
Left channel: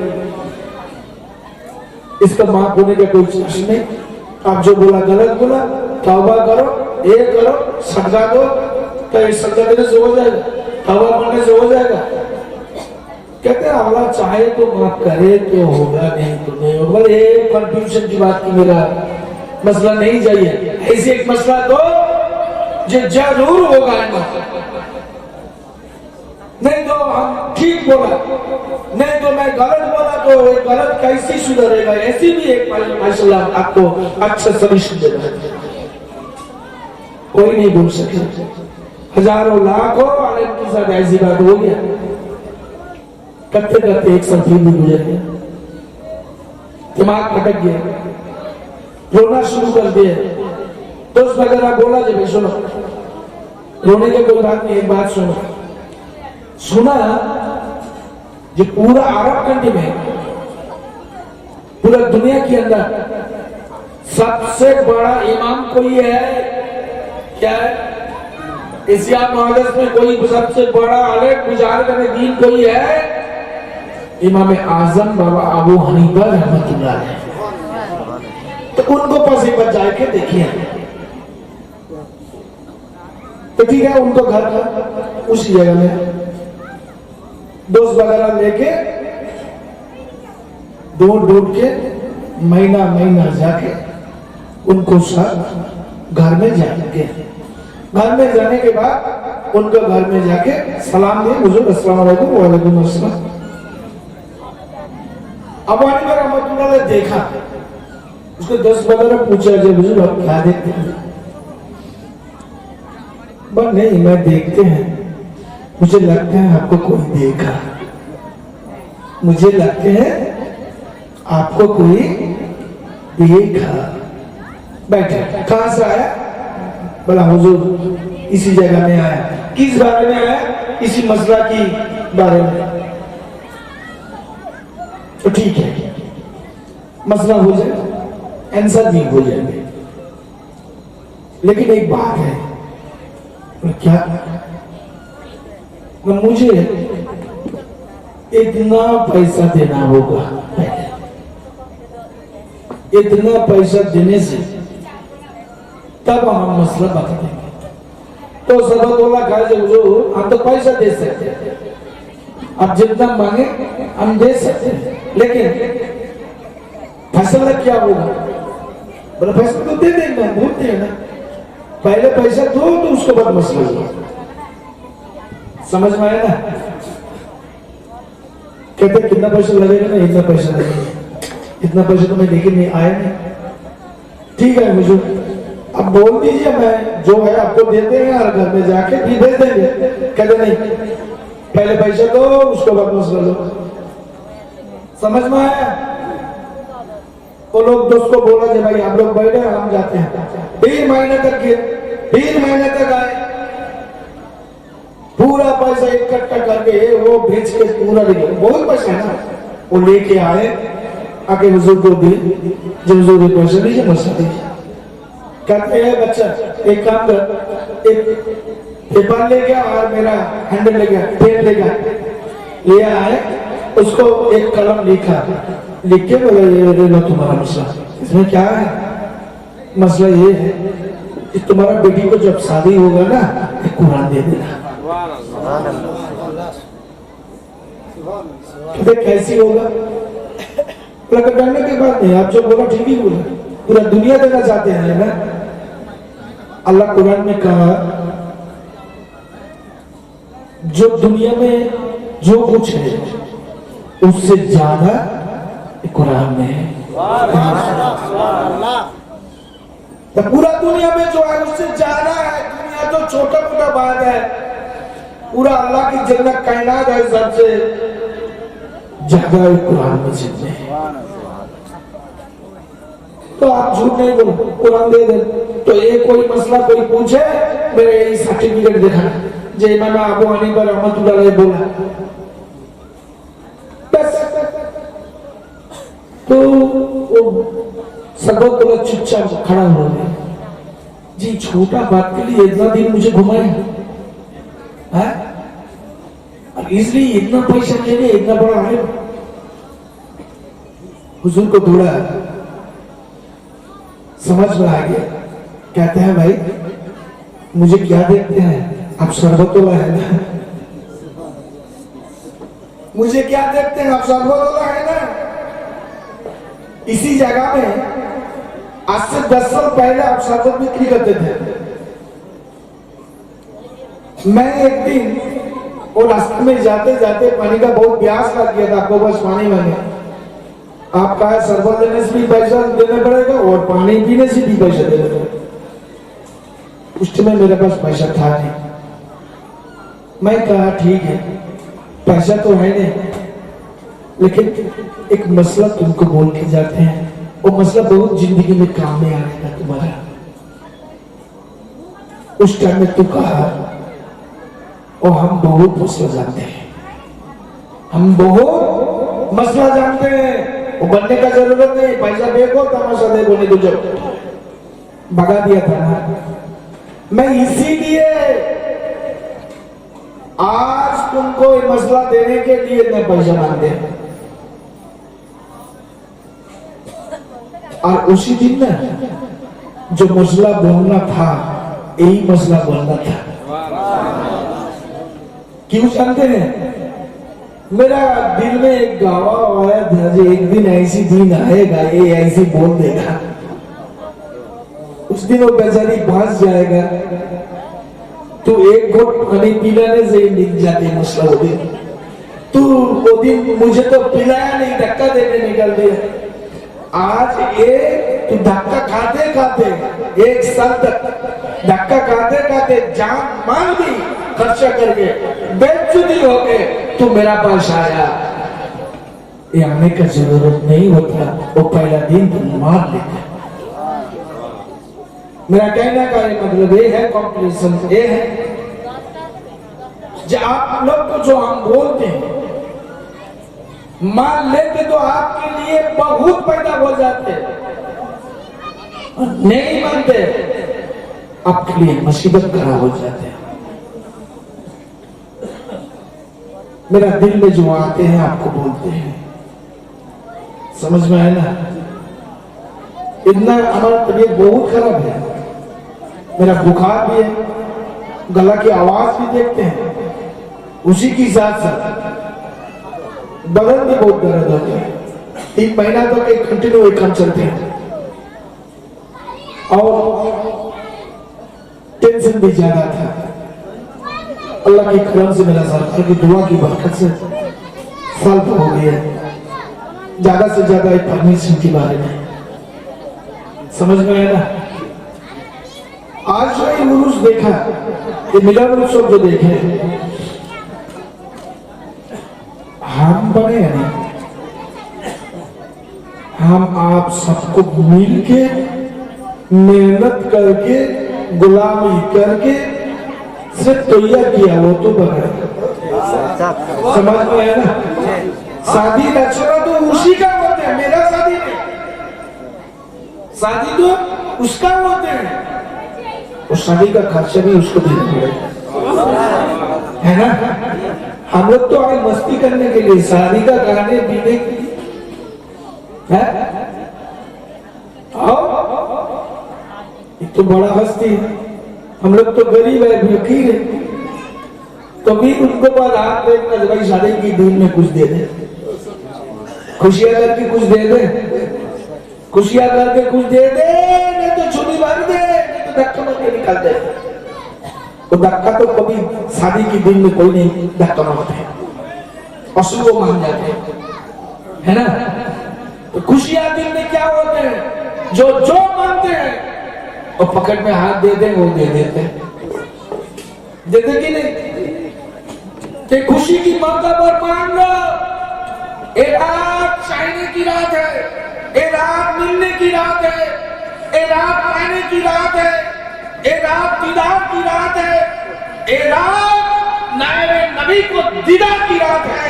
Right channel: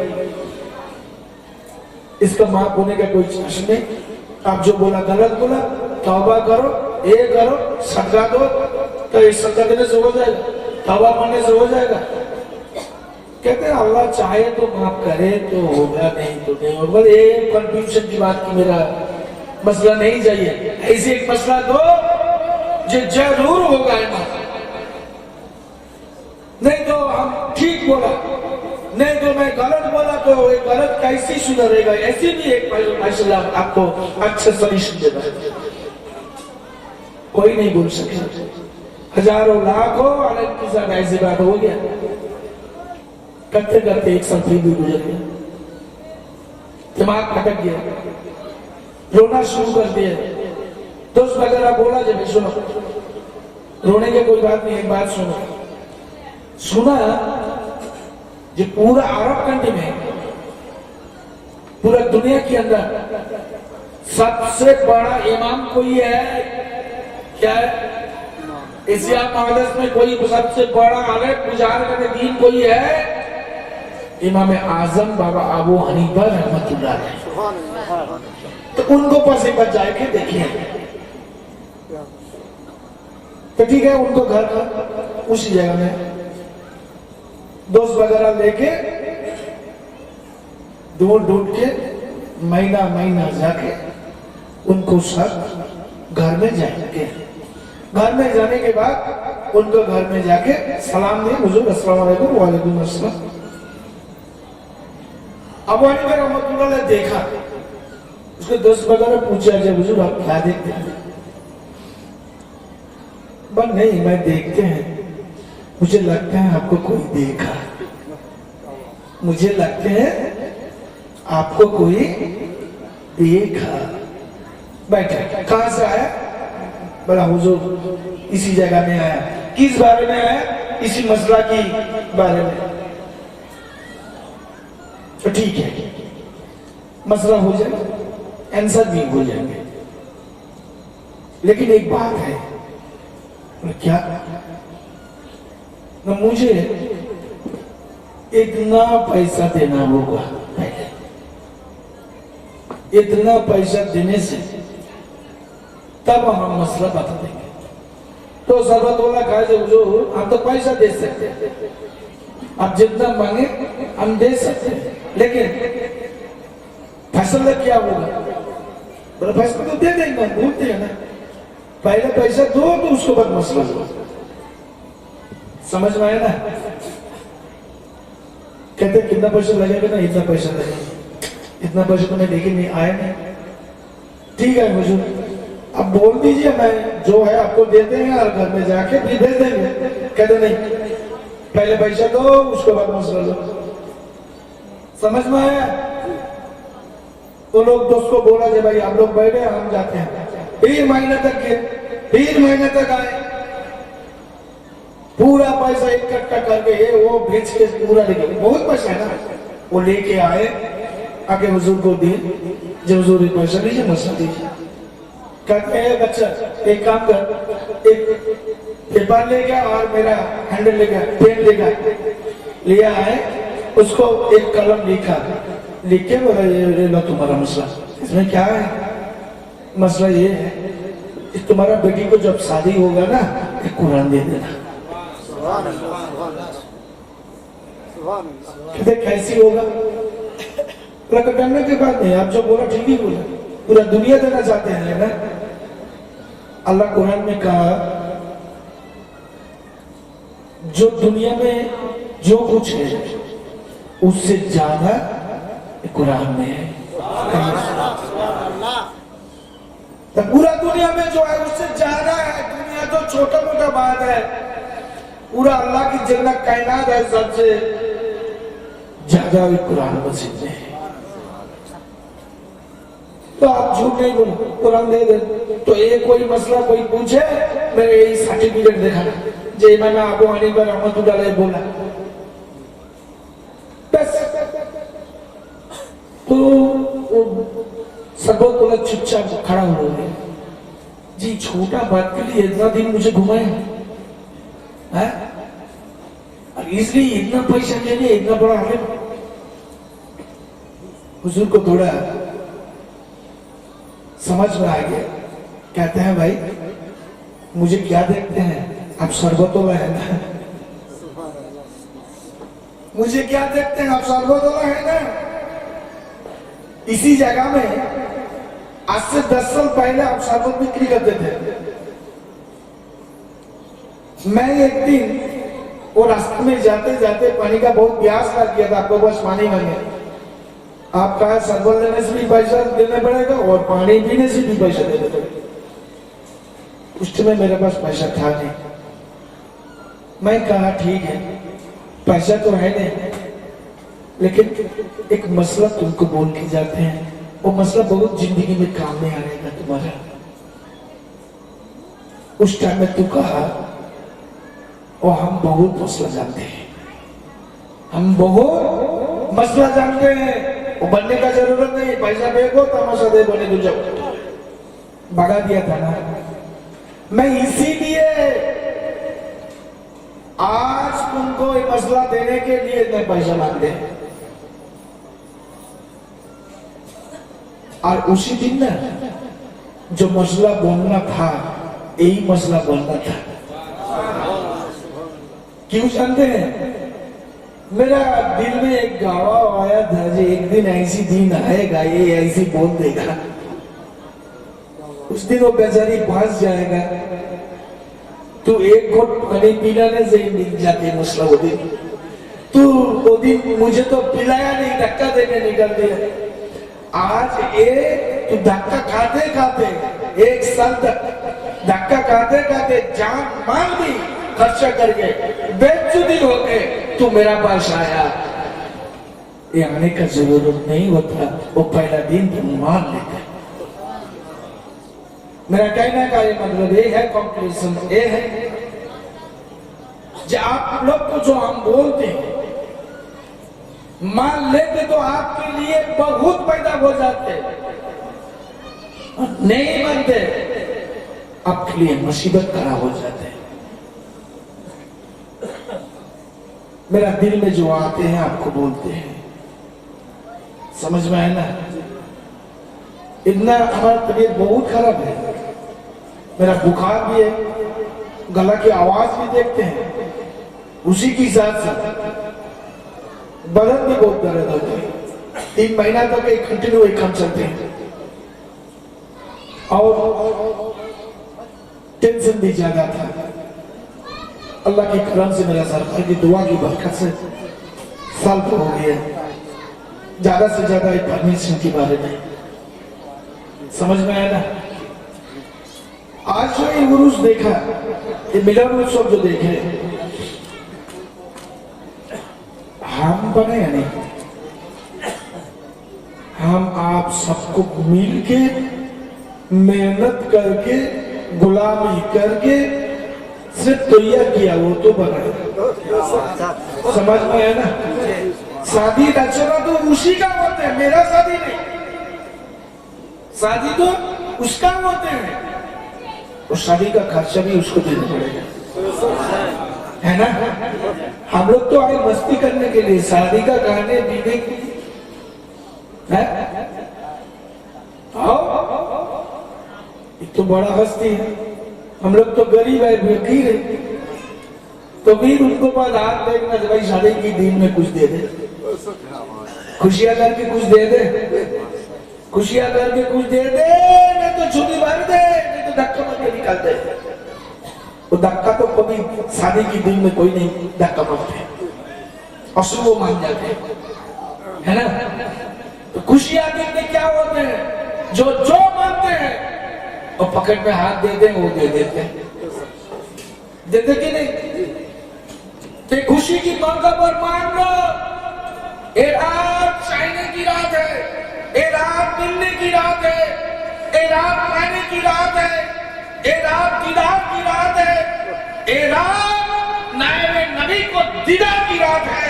इसका माफ होने का कोई चांस नहीं, आप जो बोला गलत बोला, तौबा करो, ये करो, सदका दो, तो इस सदका देने से हो जाएगा, तौबा करने से हो जाएगा। कहते हैं अल्लाह चाहे तो माफ करे तो होगा, नहीं तो नहीं होगा। एक कंफ्यूजन की बात की, मेरा मसला नहीं चाहिए, ऐसे एक मसला दो जो जरूर होगा ना, नहीं तो हम ठीक बोला, नहीं तो मैं गलत बोला, तो ये गलत कैसे सुधरेगा? ऐसी भी एक मसला आपको अच्छा सॉल्यूशन देना, कोई नहीं बोल सकता। हजारों लाखों आलिम के साथ ऐसी बात हो गया, करते करते एक साल भी गुजर गया, दिमाग भटक गया, रोना शुरू कर दिया। दोस्त वगैरह बोला, जब सुनो रोने की कोई बात नहीं, एक बात सुनो। सुना जो पूरा अरब कंट्री में, पूरा दुनिया के अंदर सबसे बड़ा इमाम कोई है? क्या है? एशिया महादेश में कोई सबसे बड़ा आलिम बुजुर्ग दीन कोई है? इमाम आजम बाबा अबू हनीफा रहमतुल्लाह अलैह। तो उनको पास एक बार जाके देखिए। तो ठीक है, उनको घर उसी जगह में दोस्त वगैरह लेके ढूंढ के महीना महीना जाके उनको साथ घर में जाके, घर में जाने के बाद उनको घर में जाके सलाम दिए, हुजूर अस्सलाम वालेकुम। वालेकुम अस्सलाम। अब वाली बार रहमतुल्लाह ने देखा, उसके दोस्त वगैरह पूछा, जब हुजूर आप क्या देखते हैं? बस नहीं, मैं देखते हैं, मुझे लगता है आपको कोई देखा, मुझे लगते हैं आपको कोई देखा। बैठे, कहां से आया? बोला हुजूर इसी जगह में आया। किस बारे में आया? इसी मसला की बारे में। तो ठीक है, मसला हो जाए, आंसर भी हो जाएंगे, लेकिन एक बात है। क्या? मुझे इतना पैसा देना होगा, इतना पैसा देने से तब हम मसला बता देंगे। तो सरबतुल्लाह कहा, जब हम तो पैसा दे सकते, आप जितना मांगे हम दे सकते, लेकिन फैसला क्या होगा? बोला फैसला तो दे देंगे, हम बोलते हैं ना, पहले पैसा दो तो उसके बाद मसला दो। समझ में आया ना? कहते कितना पैसा लगेगा? ना इतना पैसा लगेगा। इतना पैसा तो मैं देखे नहीं, आया नहीं। ठीक है मुझे अब बोल दीजिए, मैं जो है आपको दे देंगे और घर में जाके भी दे देंगे। कहते नहीं, पहले पैसा दो उसके बाद मसला दो। समझ में आया? वो लोग दोस्त को बोला कि भाई आप लोग बैठे, हम जाते हैं। 3 महीने तक गए, 3 महीने तक आए, पूरा पैसा इकट्ठा करके वो बेच के पूरा लेके, बहुत पैसा है ना, वो लेके आए, आके हुजूर को दिए। जब हुजूर पैसा दीजिए, मसला दीजिए। कहते हैं बच्चा एक काम कर, एक पेपर ले गया और मेरा हैंडल ले गया, पेन ले गया, ले आए, उसको एक कलम लिखा, लिख के बोला ये तुम्हारा मसला। इसमें क्या है? मसला ये है कि तुम्हारा बेटी को जब शादी होगा ना, एक कुरान दे देना। कैसी होगा? प्रकटने के बाद नहीं, आप जो बोला ठीक ही बोला, पूरा दुनिया देना चाहते हैं ना। अल्लाह कुरान में कहा, जो दुनिया में जो कुछ है उससे ज्यादा कुरान में है। तो पूरा दुनिया में जो है उससे ज्यादा है। दुनिया तो छोटा मोटा बात है, पूरा अल्लाह की जन्नत कायनात है, सबसे ज्यादा कुरान मजीद में है। तो आप झूठ नहीं बोलो, कुरान दे दे। तो ये कोई मसला कोई पूछे, मेरे यही सर्टिफिकेट दिखा, जो इमाम अबू हनीफा रहमतुल्लाह अलैह बोला, बस। तो सरबतुल्लाह चुपचाप खड़ा हो गए। जी छोटा बात के लिए इतना दिन मुझे घुमाए है, और इसलिए इतना पैसा ले लिया, इतना बड़ा है। हुजूर को थोड़ा समझ में आ गया। कहते हैं भाई मुझे क्या देखते हैं, आप सरबतुल्लाह है ना, मुझे क्या देखते हैं, आप सरबतुल्लाह है ना। इसी जगह में आज से 10 साल पहले आप शरबत बिक्री करते थे। मैं एक दिन और रास्ते में जाते जाते पानी का बहुत प्यास लग गया था, आपको बस पानी मांगे। आप कहा शरबत लेने से भी पैसा देना पड़ेगा और पानी पीने से भी पैसा देना पड़ेगा। उस समय मेरे पास पैसा था नहीं। मैं कहा ठीक है, पैसा तो है नहीं, लेकिन एक मसला तुमको बोल के जाते हैं, वो मसला बहुत जिंदगी में काम में आएगा तुम्हारा। उस टाइम में तू कहा, और हम बहुत मसला जानते हैं, हम बहुत मसला जानते हैं, वो बनने का जरूरत नहीं, पैसा देखो तमाशा देखो नहीं तुझे। भगा दिया था ना। मैं इसीलिए आज तुमको ये मसला देने के लिए मैं पैसा मांगते हैं। और उसी दिन ना जो मसला बोलना था, यही मसला बोलना था। क्यों जानते हैं? मेरा दिल में एक गावा आया था, जो एक दिन ऐसी दिन आएगा, ये ऐसी बोल देगा, उस दिन वो बेचारी फंस जाएगा। तू एक घोट पानी पिलाने से निकल जाते मसला वो दिन। तू वो दिन मुझे तो पिलाया नहीं, धक्का देके निकल दिया। आज एक धक्का खाते खाते 1 साल तक धक्का खाते खाते जान माल भी खर्चा करके बेइज्जती हो गए, तू मेरा पास आया। ये आने का जरूरत नहीं होता, वो पहला दिन तुम मार लेते। मेरा कहने का ये मतलब ये है, कॉम्प्लीसन ये है, जो आप लोग को जो हम बोलते हैं मान लेते तो आपके लिए बहुत पैदा हो जाते, नहीं मानते आपके लिए मुसीबत खड़ा हो जाते। मेरा दिल में जो आते हैं आपको बोलते हैं, समझ में आया ना? इतना हमारा तबीयत बहुत खराब है, मेरा बुखार भी है, गला की आवाज भी देखते हैं, उसी के साथ साथ बदन भी बहुत दर्द होते हैं। 3 महीना तक एक कंटिन्यू काम चलते हैं और टेंशन भी ज्यादा था। अल्लाह की करम से, मेरा सरकार की दुआ की बरकत से साल तो हो गया। ज्यादा से ज्यादा एक परमेश्वर के बारे में समझ में आया ना? आज जो ये उर्स देखा, ये मिलाद उत्सव जो देखे, हम बने हैं नहीं, हम आप सबको मिलके मेहनत करके गुलामी करके सिर्फ तैयार किया, वो तो बना। समझ में है ना? शादी रचना तो उसी का होते हैं, मेरा शादी नहीं, शादी तो उसका होते हैं, उस शादी का खर्चा भी उसको देना पड़ेगा, है ना? हम लोग तो आए मस्ती करने के लिए, शादी का खाने पीने के लिए है। तो बड़ा हस्ती, हम लोग तो गरीब है, फकीर है, तो भी उनको बाद हाथ देखना, भाई शादी की दिन में कुछ दे दे, खुशियां करके कुछ दे दे, खुशियां करके कुछ दे दे, नहीं तो छुट्टी भर दे, नहीं तो धक्का मार के निकाल दे। तो धक्का तो कभी शादी के दिन में कोई नहीं धक्का मारते, असल वो मान जाते है ना? तो खुशियां दिन में क्या होते हैं, जो मानते हैं और पकड़ में हाथ देते हैं, वो दे देते कि नहीं? कि खुशी की मौका पर मान लो, ये रात चाहने की रात है, ये रात मिलने की रात है, ये रात पाने की रात है, ये रात दीदार की रात है, ये रात नायरे नबी को दीदार की रात है,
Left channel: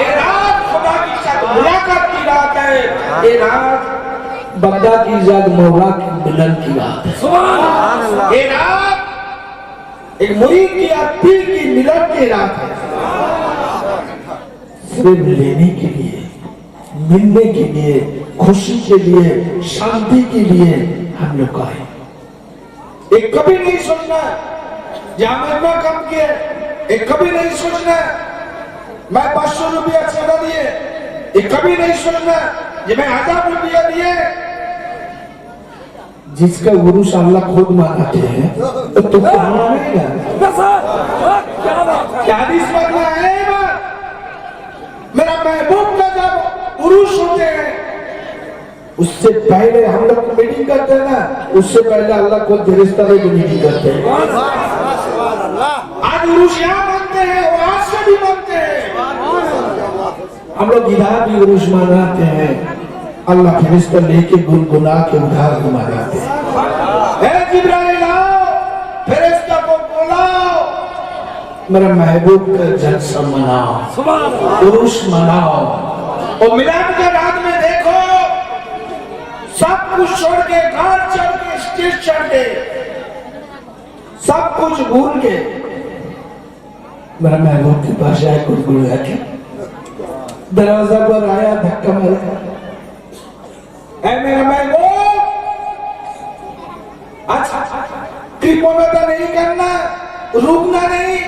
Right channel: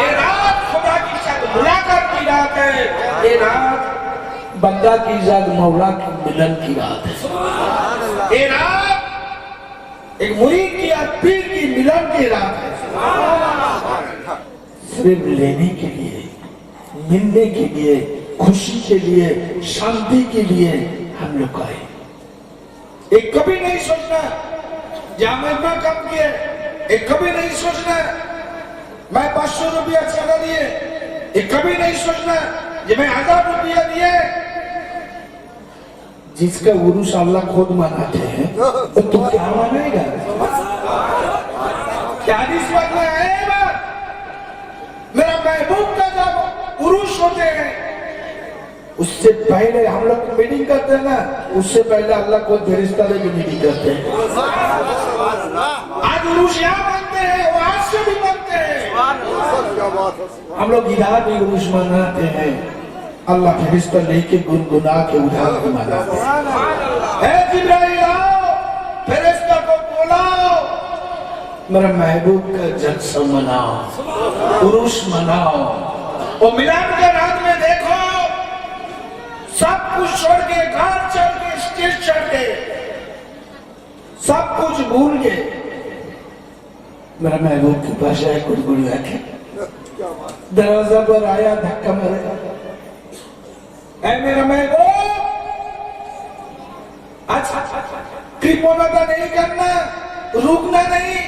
ये रात खुदा की साथ मुलाकात की रात है, ये रात बंदा की साथ मौला की मिलन की रात है, ये रात एक मुरीद की और पीर की मिलन की रात है। सिर्फ लेने के लिए, मिलने के लिए, खुशी के लिए, शांति के लिए हम लोग आए। एक कभी नहीं सोचना जहां मैं इतना कम किए, एक कभी नहीं सोचना मैं 500 रुपया चला दिए, एक कभी नहीं सोचना कि मैं 1000 रुपया दिए। जिसका गुरु अल्लाह खुद मानते हैं तो तू क्या मानेगा? क्या हदीस में है? मेरा महबूब का जब उरूस होते हैं, उससे पहले हम लोग मीटिंग करते हैं ना, उससे पहले अल्लाह को फरिश्ता की मीटिंग करते हैं। आज उरूस यहाँ बनते हैं और आज से भी बनते हैं। हम लोग इधर भी उरूस मनाते हैं, अल्लाह फरिश्ता लेके गुनगुना के उधार को मनाते हैं। जिब्राइल आओ, फरिश्ता को बुलाओ, मेरा महबूब का जलसा मनाओ, उरूस मनाओ। और मिलाद के रात में देखो सब कुछ छोड़ के, घाट छोड़ के, स्टेज छोड़ के, सब कुछ भूल के मेरा महबूब के पास आया, गुड़गुड़ा के दरवाजा पर आया, धक्का मारा, ऐ मेरा महबूब, अच्छा कृपणता नहीं करना, रुकना नहीं।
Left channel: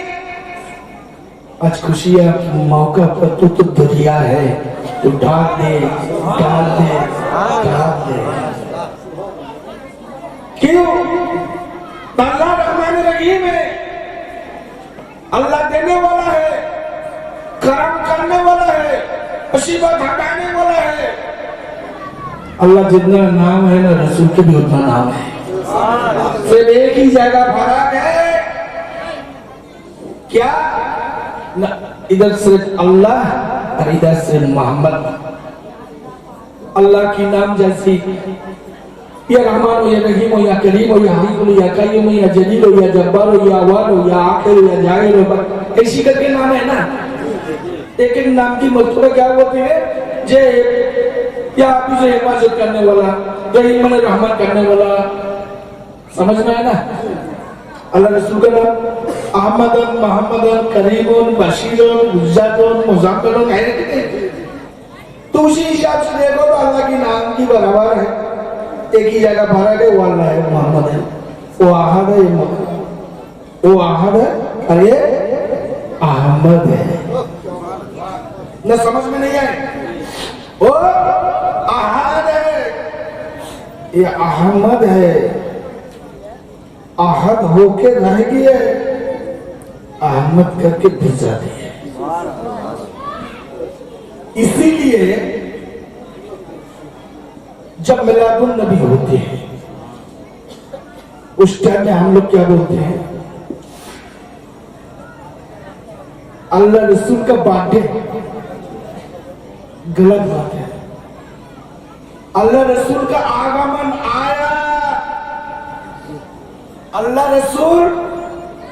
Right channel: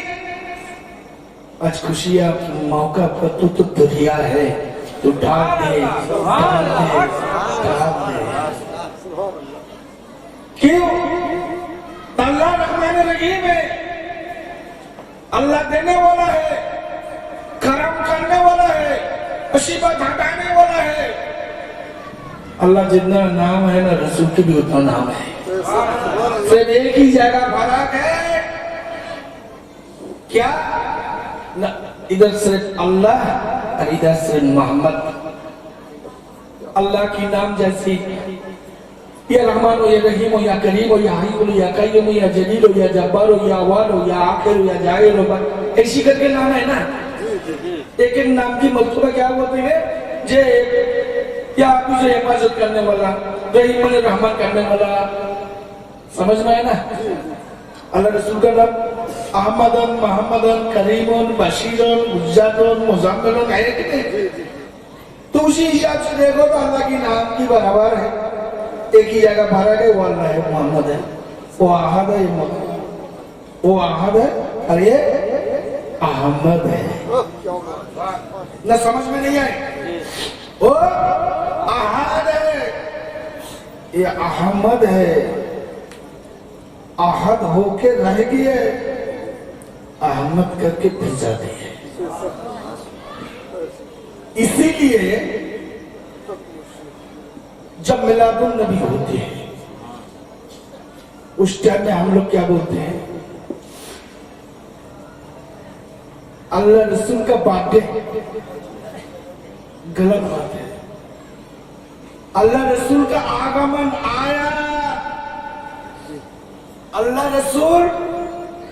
आज खुशी है मौका पर, तू तो दरिया है, तू ढाल दे, ढाल दे, ढाल दे। क्यों? अल्लाह रहमान रहीम है, अल्लाह देने वाला है, करम करने वाला है, मुसीबत हटाने वाला है। अल्लाह जितना नाम है ना, रसूल के भी उतना नाम है। सिर्फ एक ही जगह फर्क है, क्या? इधर से अल्लाह और इधर से मोहम्मद। अल्लाह की नाम जैसी या रहमान हो, या रहीम हो, या करीम हो, या हमीद हो, या कय्यूम हो, या जलील हो, या जब्बार हो, या अव्वल हो, या आखिर हो, या जाहिर हो, ऐसी करके नाम है ना। एक एक नाम की मर्तबा क्या होती है? जे या आप जो हिफाजत करने वाला, रहीम ने रहमत करने वाला, समझ में है ना। अल्लाह रसूल का नाम अहमदन, मोहम्मदन, करीमन, बशीरन, मुज्जादन, मुज़म्मिलन है कितने? तो उसी हिसाब से देखो तो अल्लाह की नाम की बराबर है। एक ही जगह फर्क है, वो अल्लाह है, मोहम्मद है, वो आहद है, वो आहद है और ये अहमद है। न समझ में नहीं आए? वो आहद है, ये अहमद है, आहद होके रह गए, अहमद करके भेजा दिए। इसीलिए जब मिलादुन नबी होते हैं उस टाइम में हम लोग क्या बोलते हैं? अल्लाह रसूल का बर्थडे, गलत बात है। अल्लाह रसूल का आगमन आया, अल्लाह रसूल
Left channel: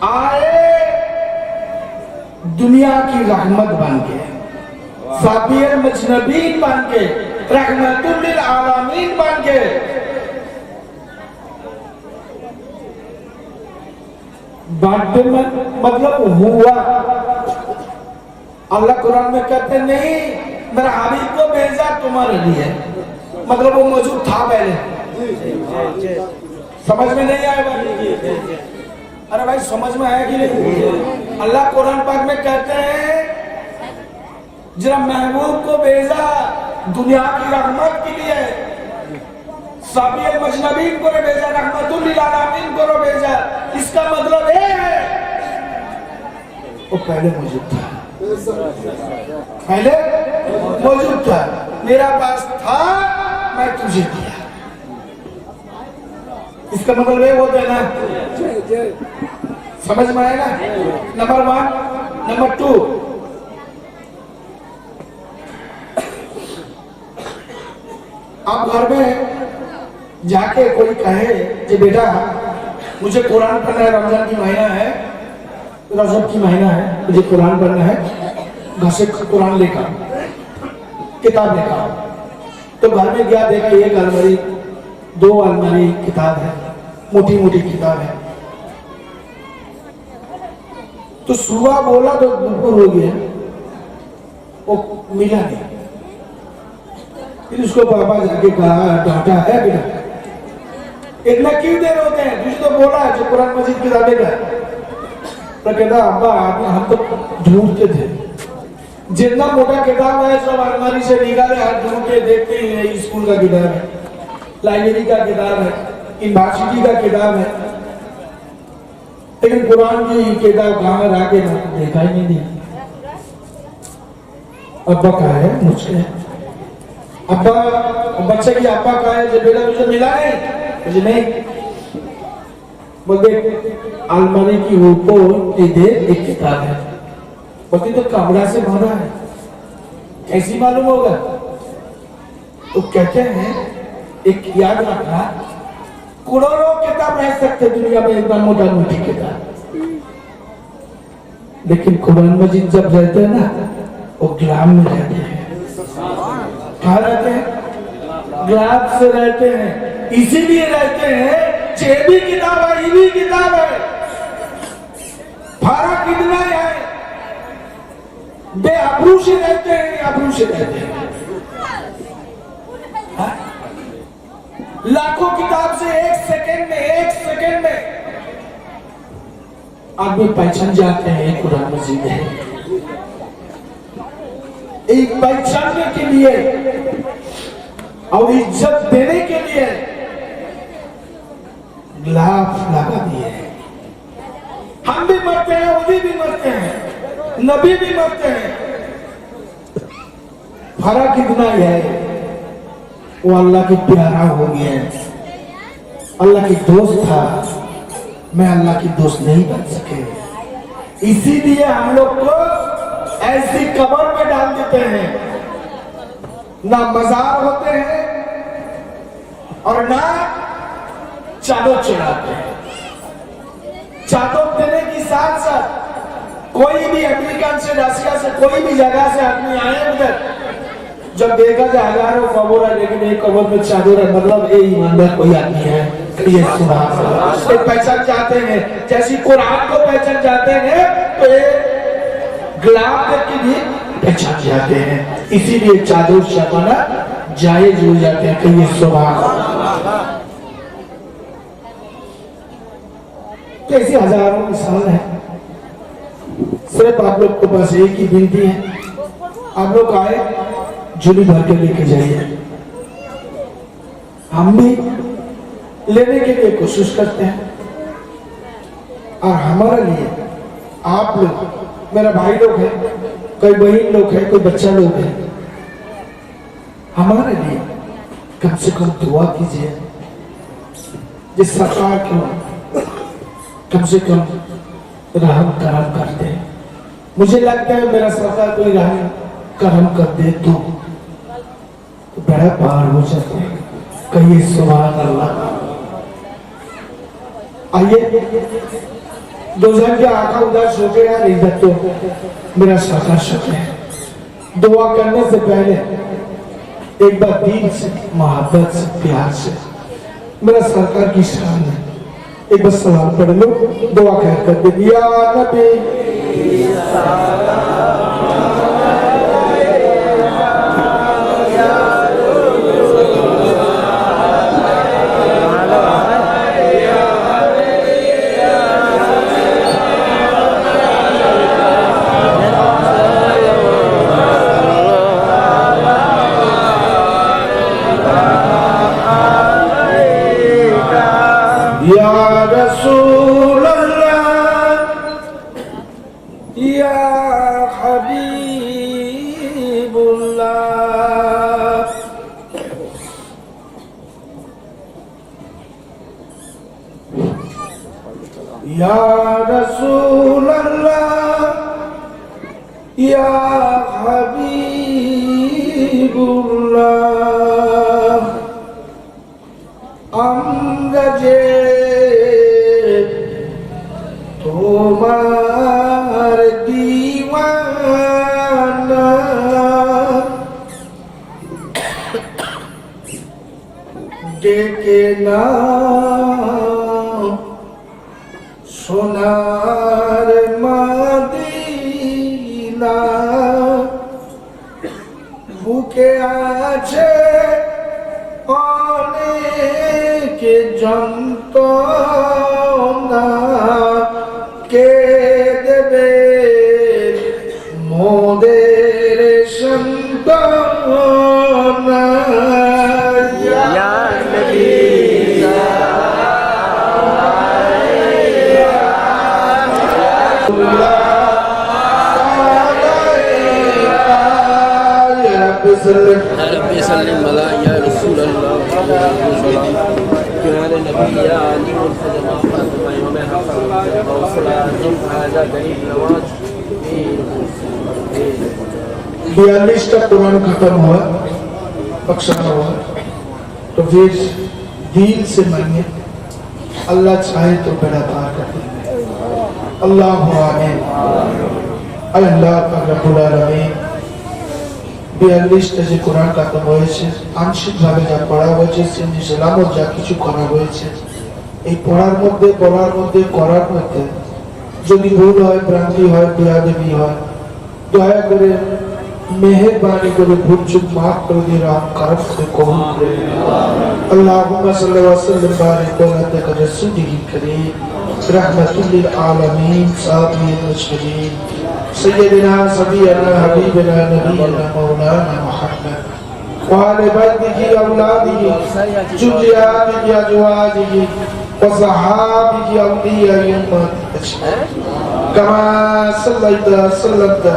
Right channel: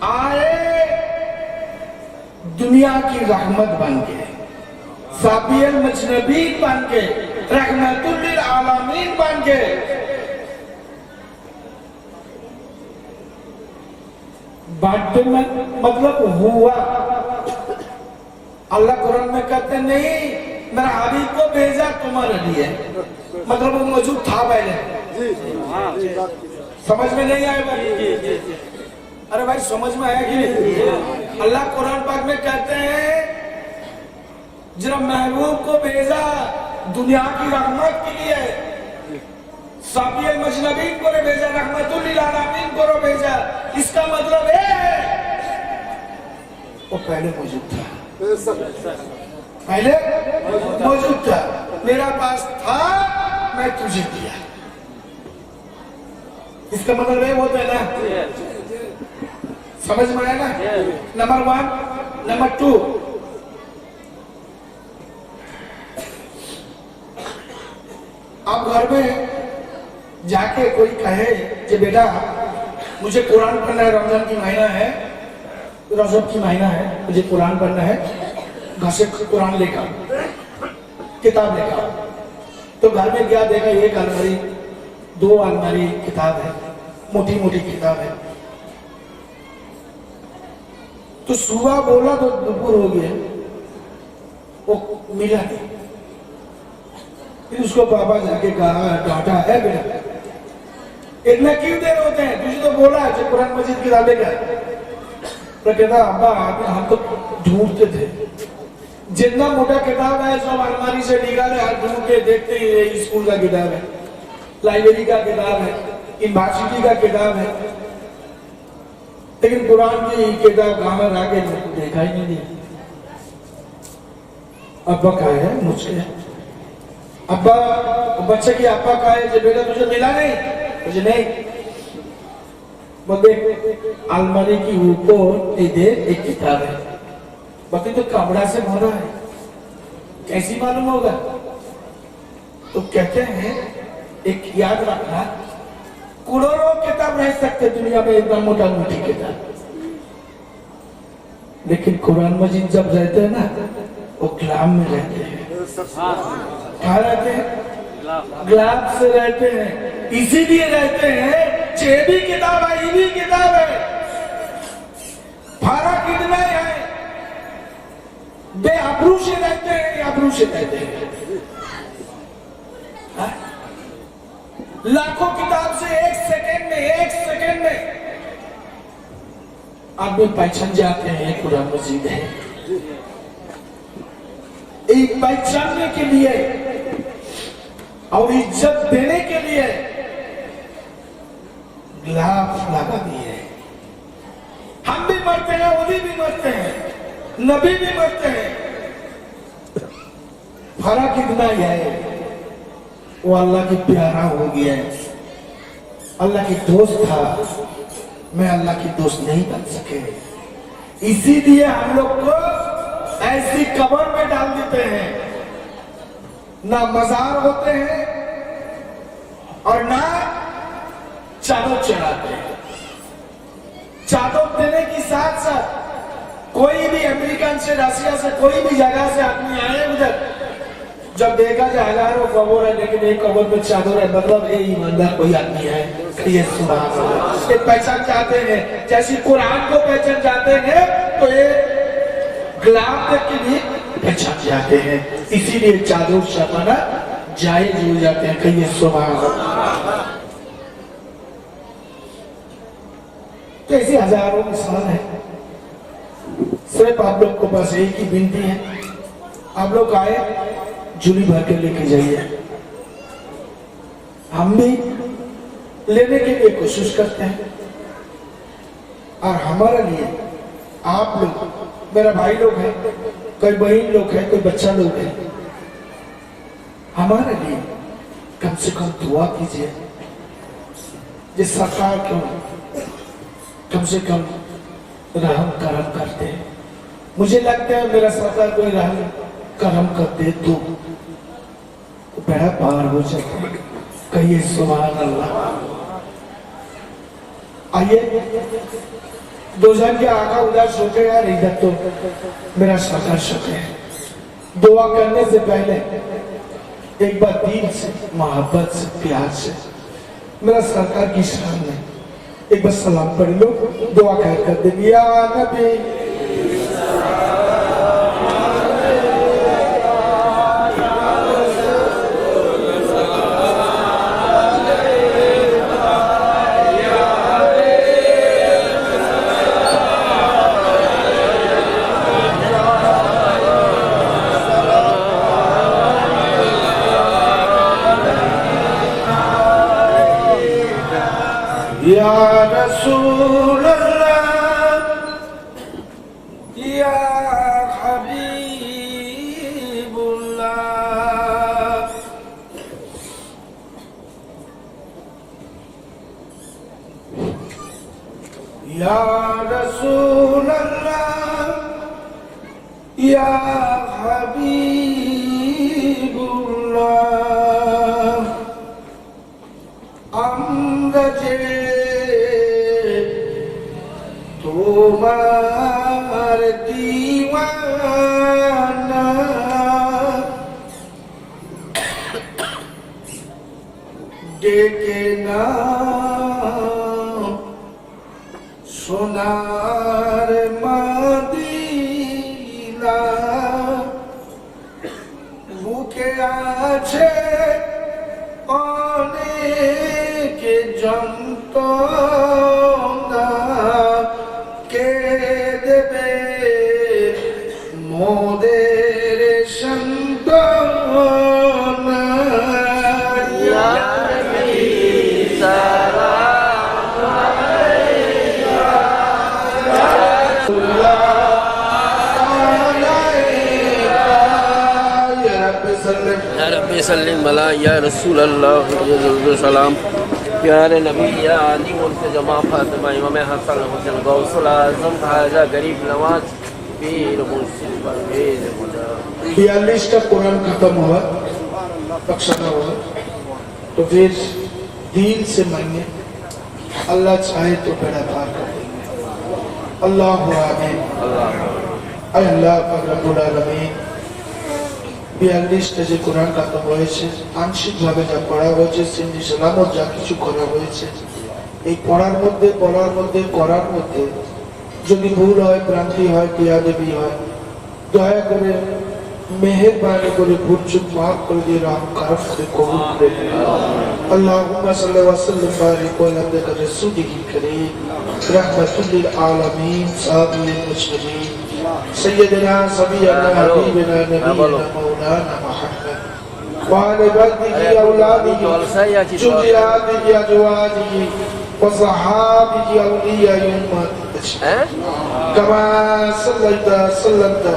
आए दुनिया की रहमत बन के, साबियर मजनबी बन के, रहमतुल लिल आलमीन बन के। बर्थडे मतलब हुआ। अल्लाह कुरान में कहते नहीं मेरा हबीब को भेजा तुम्हारे लिए, मतलब वो मौजूद था पहले। समझ में नहीं आया भाई? अरे भाई समझ में आया कि नहीं? अल्लाह कुरान पाक में कहते हैं जरा महबूब को भेजा दुनिया की रहमत के लिए, साबियर मजनबी को भेजा, रहमतुल लिल आलमीन को भेजा। इसका मतलब है वो पहले मौजूद था, पहले मौजूद था, मेरा पास था, मैं तुझे दिया। इसका मतलब ये होता है ना। समझ में आया ना? नंबर 1। नंबर 2, आप घर में जाके कोई कहे कि बेटा मुझे कुरान पढ़ना है, रमजान की महीना है, रजब की महीना है, मुझे कुरान पढ़ना है, घर से कुरान लेकर, किताब लेकर। तो घर में गया, देखा एक अलमारी, 2 अलमारी किताब है, मोटी मोटी किताब है। तो सुबह बोला तो दोपहर हो गया, वो मिला नहीं। फिर उसको पापा जाके कहा, डांटा है बेटा, इतना क्यों देर होते हैं, तुझे तो बोला है जो कुरान मजीद किताबें का। तो कहता अब्बा हम तो ढूंढते थे, जितना मोटा किताब है सब अलमारी से निकाले, हाथ ढूंढ के देखते ही स्कूल का किताब है, लाइब्रेरी का किताब है, यूनिवर्सिटी का किताब है, लेकिन कुरान की किताब कहां में आके देखा ही नहीं दिया। अब्बा कहा है मुझे, अब्बा बच्चे की अब्बा कहा है बेटा तुझे मिला नहीं, मुझे नहीं। बोलते अलमारी की ऊपर इधर एक किताब है, बोलते तो कपड़ा से भरा है, कैसी मालूम होगा? तो कहते हैं एक याद रखना, करोड़ों किताब रह सकते दुनिया में, एकदम मोटा मोटी किताब, लेकिन कुरान मजीद जब रहते हैं ना, वो ग्राम में रहते हैं। कहाँ रहते हैं? ग्लास से रहते हैं। इसीलिए रहते हैं ये भी किताब है, ये भी किताब है, फर्क कितना है, बेआबरू से रहते हैं, आबरू से रहते हैं। लाखों किताब से एक सेकंड में आदमी पहचान जाते हैं कुरान मजीद है। एक पहचानने के लिए और इज्जत देने के लिए लाफ लगा दिए। हम भी मरते हैं, ओली भी मरते हैं, नबी भी मरते हैं। फर्क इतना ही है, वो अल्लाह की प्यारा हो गया, अल्लाह की दोस्त था, मैं अल्लाह की दोस्त नहीं बन सके। इसीलिए हम लोग को ऐसी कब्र में डाल देते हैं, ना मजार होते हैं और ना चादर चढ़ाते हैं। चादर देने के साथ साथ कोई भी अमेरिका से, रशिया से, कोई भी जगह से आदमी आए उधर, जब देखा जाए हजारों कब्र है लेकिन एक कब्र में चादर है, मतलब ये ईमानदार कोई आदमी है। ये पहचान चाहते हैं, जैसी कुरान को पहचान जाते हैं तो ये गुलाब की भी पहचान जाते हैं। इसीलिए चादर छपाना जायज हो जाते हैं। कहिए सुभान अल्लाह। कैसे हजारों मिसाल है। सिर्फ आप लोग को बस एक ही विनती है, आप लोग आए झोली भर कर लेके जाइए। हम भी लेने के लिए कोशिश करते हैं और हमारे लिए आप लोग, मेरा भाई लोग हैं, कोई बहन लोग हैं, कोई बच्चा लोग है, हमारे लिए कम से कम दुआ कीजिए। जिस सरकार को कम से कम रहम करम करते, मुझे लगता है मेरा सरकार कोई रहम करम कर दे तो बड़ा पार हो जाते हैं। कहिए सुभान अल्लाह। आइए, दो जन के आका उधर सोचे यार, इधर तो मेरा सरकार सोचे है। दुआ करने से पहले एक बार दिल से, मोहब्बत से, प्यार से मेरा सरकार की शान में एक बार सलाम पढ़ लो, दुआ कहकर दे दिया नबी या रसूल अल्लाह या हबीबुल्लाह। আমরা যে তোমার দিওয়ানা, ডেকে না সোনার মদিনা, বুকে আছে অনেক যন্ত্রণা, কে দেবে মোদের সান্ত্বনা। रब्बी सल्लिम अला या रसूल अल्लाह सलाम प्यारे नबी या अली उनके जमा फातिमा इमाम हसन गौसुल आजम खाजा गरीब नवाज पीर हुसैन। 42 कुरान खत्म हुआ, बख्शा हुआ, तो फिर दिल से मांगे, अल्लाह चाहे तो बड़ा पार कर देंगे। अल्लाह आमीन। अल्लाह रब्बुल आलमीन 42টা যে কোরআন খতম হয়েছে, আংশিকভাবে যা পড়া হয়েছে, সিন্নি সালামত যা কিছু করা হয়েছে, এই পড়ার মধ্যে, বলার মধ্যে, করার মধ্যে যদি ভুল হয়, ভ্রান্তি হয়, বেয়াদবি হয়, দয়া করে মেহেরবানি করে ভুল চুক মাফ করে দিয়ে রহম করম করে কবুল করে আল্লাহুম্মা সাল্লি ওয়া সাল্লিম বারিক আলা আবদিকা রাসূলিল কারীম রাহমাতুল লিল আলামিন সাবিল মুজরিমিন সাইয়্যিদিনা সাবিয়ানা হাবিবিনা নবিয়িনা মাওলানা মুহাম্মদ ওয়া আলা বাদিহি আওলাদিহি যুররিয়াতিহি আজওয়াজিহি ওয়া সাহাবিহি আউলিয়া উম্মতিহি কামা সাল্লাইতা সাল্লামতা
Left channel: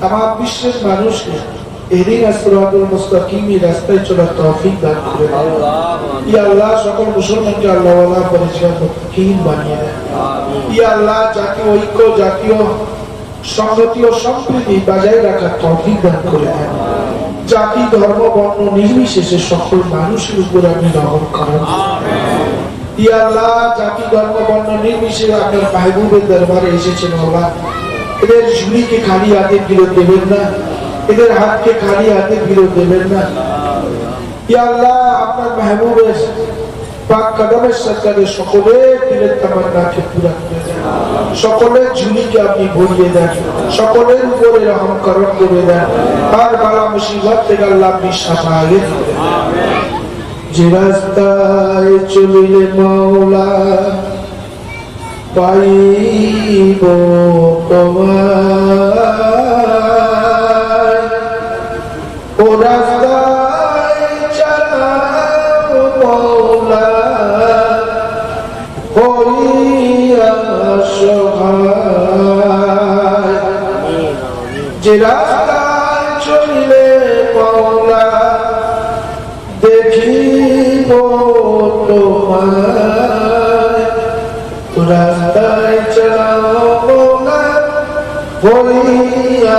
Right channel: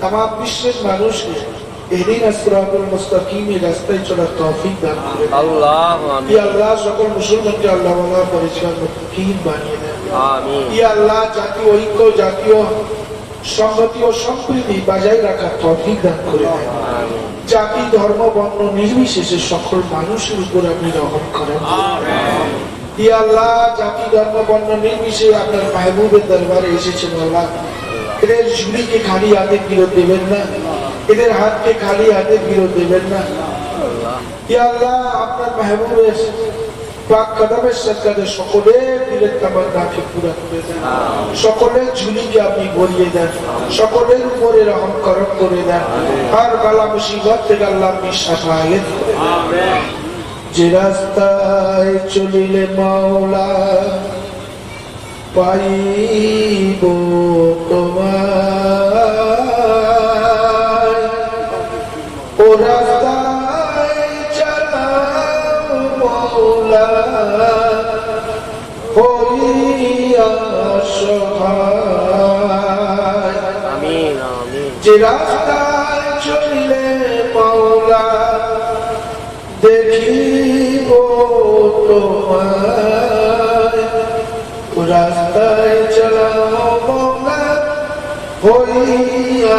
तमाम विश्व মানুষকে এদিন সিরাতুল মুস্তাকিম রাস্তায় চলার তৌফিক দান করে ইয়া আল্লাহ সকল মুসলমানকে আল্লাহ ওয়ালা পরিষ্কার মুত্তাকিন বানিয়ে দেন আমিন ইয়া আল্লাহ জাতীয় ঐক্য জাতীয় সংহতি ও সম্প্রীতি বজায় রাখার তৌফিক দান করে দেন জাতি ধর্ম বর্ণ নির্বিশেষে সকল মানুষের উপরে আপনি রহম করেন ইয়া আল্লাহ জাতি ধর্ম বর্ণ নির্বিশেষে আপনার মাহবুবের দরবারে এসেছেন আল্লাহ এদের ঝুলিকে খালি হাতে ফেরত দেবেন না এদের হাতকে খালি হাতে ফেরত দেবেন না ইয়া আল্লাহ আপনার মাহবুবের পাক কদমের সরকারে সকলের দিলের তামান্নাকে পুরা করে দেন সকলের ঝুলিকে আপনি ভরিয়ে দেন সকলের উপরে রহম করম করে দেন আর বালা মুসিবত থেকে আল্লাহ আপনি সাফায়ে আমিন যে রাস্তায় চলিলে মাওলা পাইব তোমায় ও রাস্তায় চালাও মাওলা হইয়া সহায় আমিন আমিন যে রাস্তায় চলিলে মাওলা দেখিব তোমায় ও রাস্তায় চালাও মাওলা হইয়া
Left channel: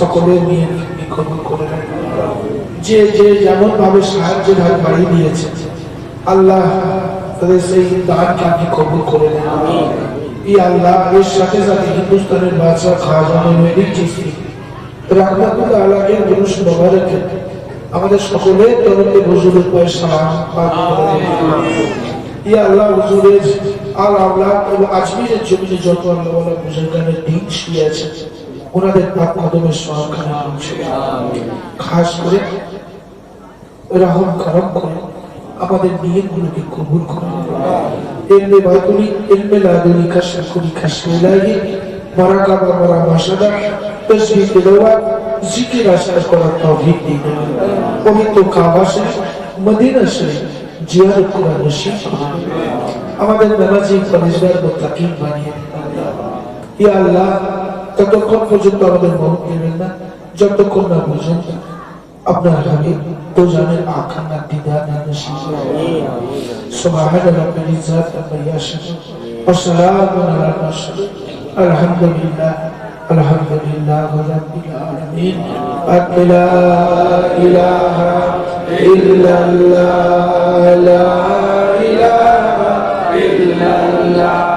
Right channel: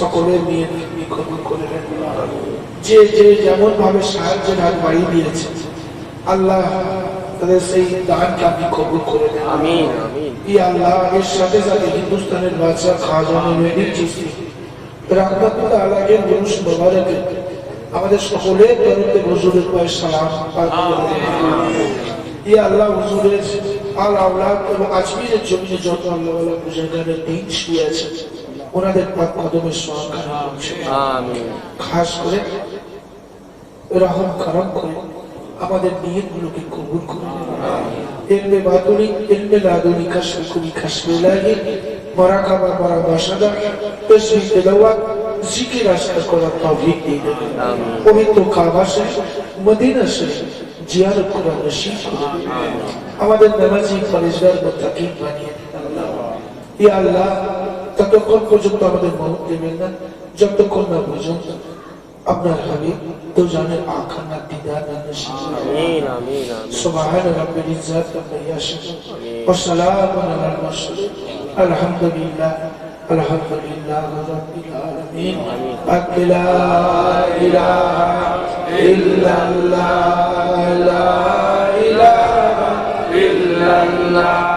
সকলের নিয়ে আপনি কবুল করে নেন যে যে যেমন ভাবে সাহায্যের হাত বাড়িয়ে দিয়েছে আল্লাহ তাদের সেই দানকে আপনি কবুল করে নেন আমিন ইয়া আল্লাহ এর সাথে সাথে হিন্দুস্তানের বাদশা খাজা মেহেদি চিশতি রহমাতুল্লাহ আলাইহি দুরুদ মুবারক আমাদের সকলের তরফে হুজুরের পায়ে সালাম ইয়া আল্লাহ হুজুরের আল আওলাদ এবং আজমিরের জমিনে যত আল্লাহ ওয়ালা বুজুর্গানের দিন শুয়ে আছে ওনাদের পাক কদমের সহকারে আমিন খাস করে রহম করম করে আমাদের নিয়তগুলোকে কবুল করে ইলমে বাতুনি ইলমে লাদুনি কাশকুরি কাশমিলাহি বারাকাবা ওয়া মাশাআল্লাহ তাসবিহ তেলাওয়াত জিকির আশকার করার তৌফিক দিন পবিত্র কাবা শরীফ মদিনা শরীফ জিয়ারত করার নসিব আমাদের নামাজি পরহেজগার মুত্তাকিন বানিয়ে ইয়া আল্লাহ ততক্ষণ পর্যন্ত আমাদের মন দেবেন না যতক্ষণ না পর্যন্ত আপনার হাবিব তো জানেন আখা না দিদার না নসিব আমিন আমিন সুবহান রাব্বিল ইজ্জাতি ওয়া ইয়াসিফুন ওয়া সালামুন আলাল মুরসালিন আলহামদুলিল্লাহ আলহামদুলিল্লাহ রাব্বিল আলামিন লা ইলাহা ইল্লাল্লাহ লা ইলাহা ইল্লাল্লাহ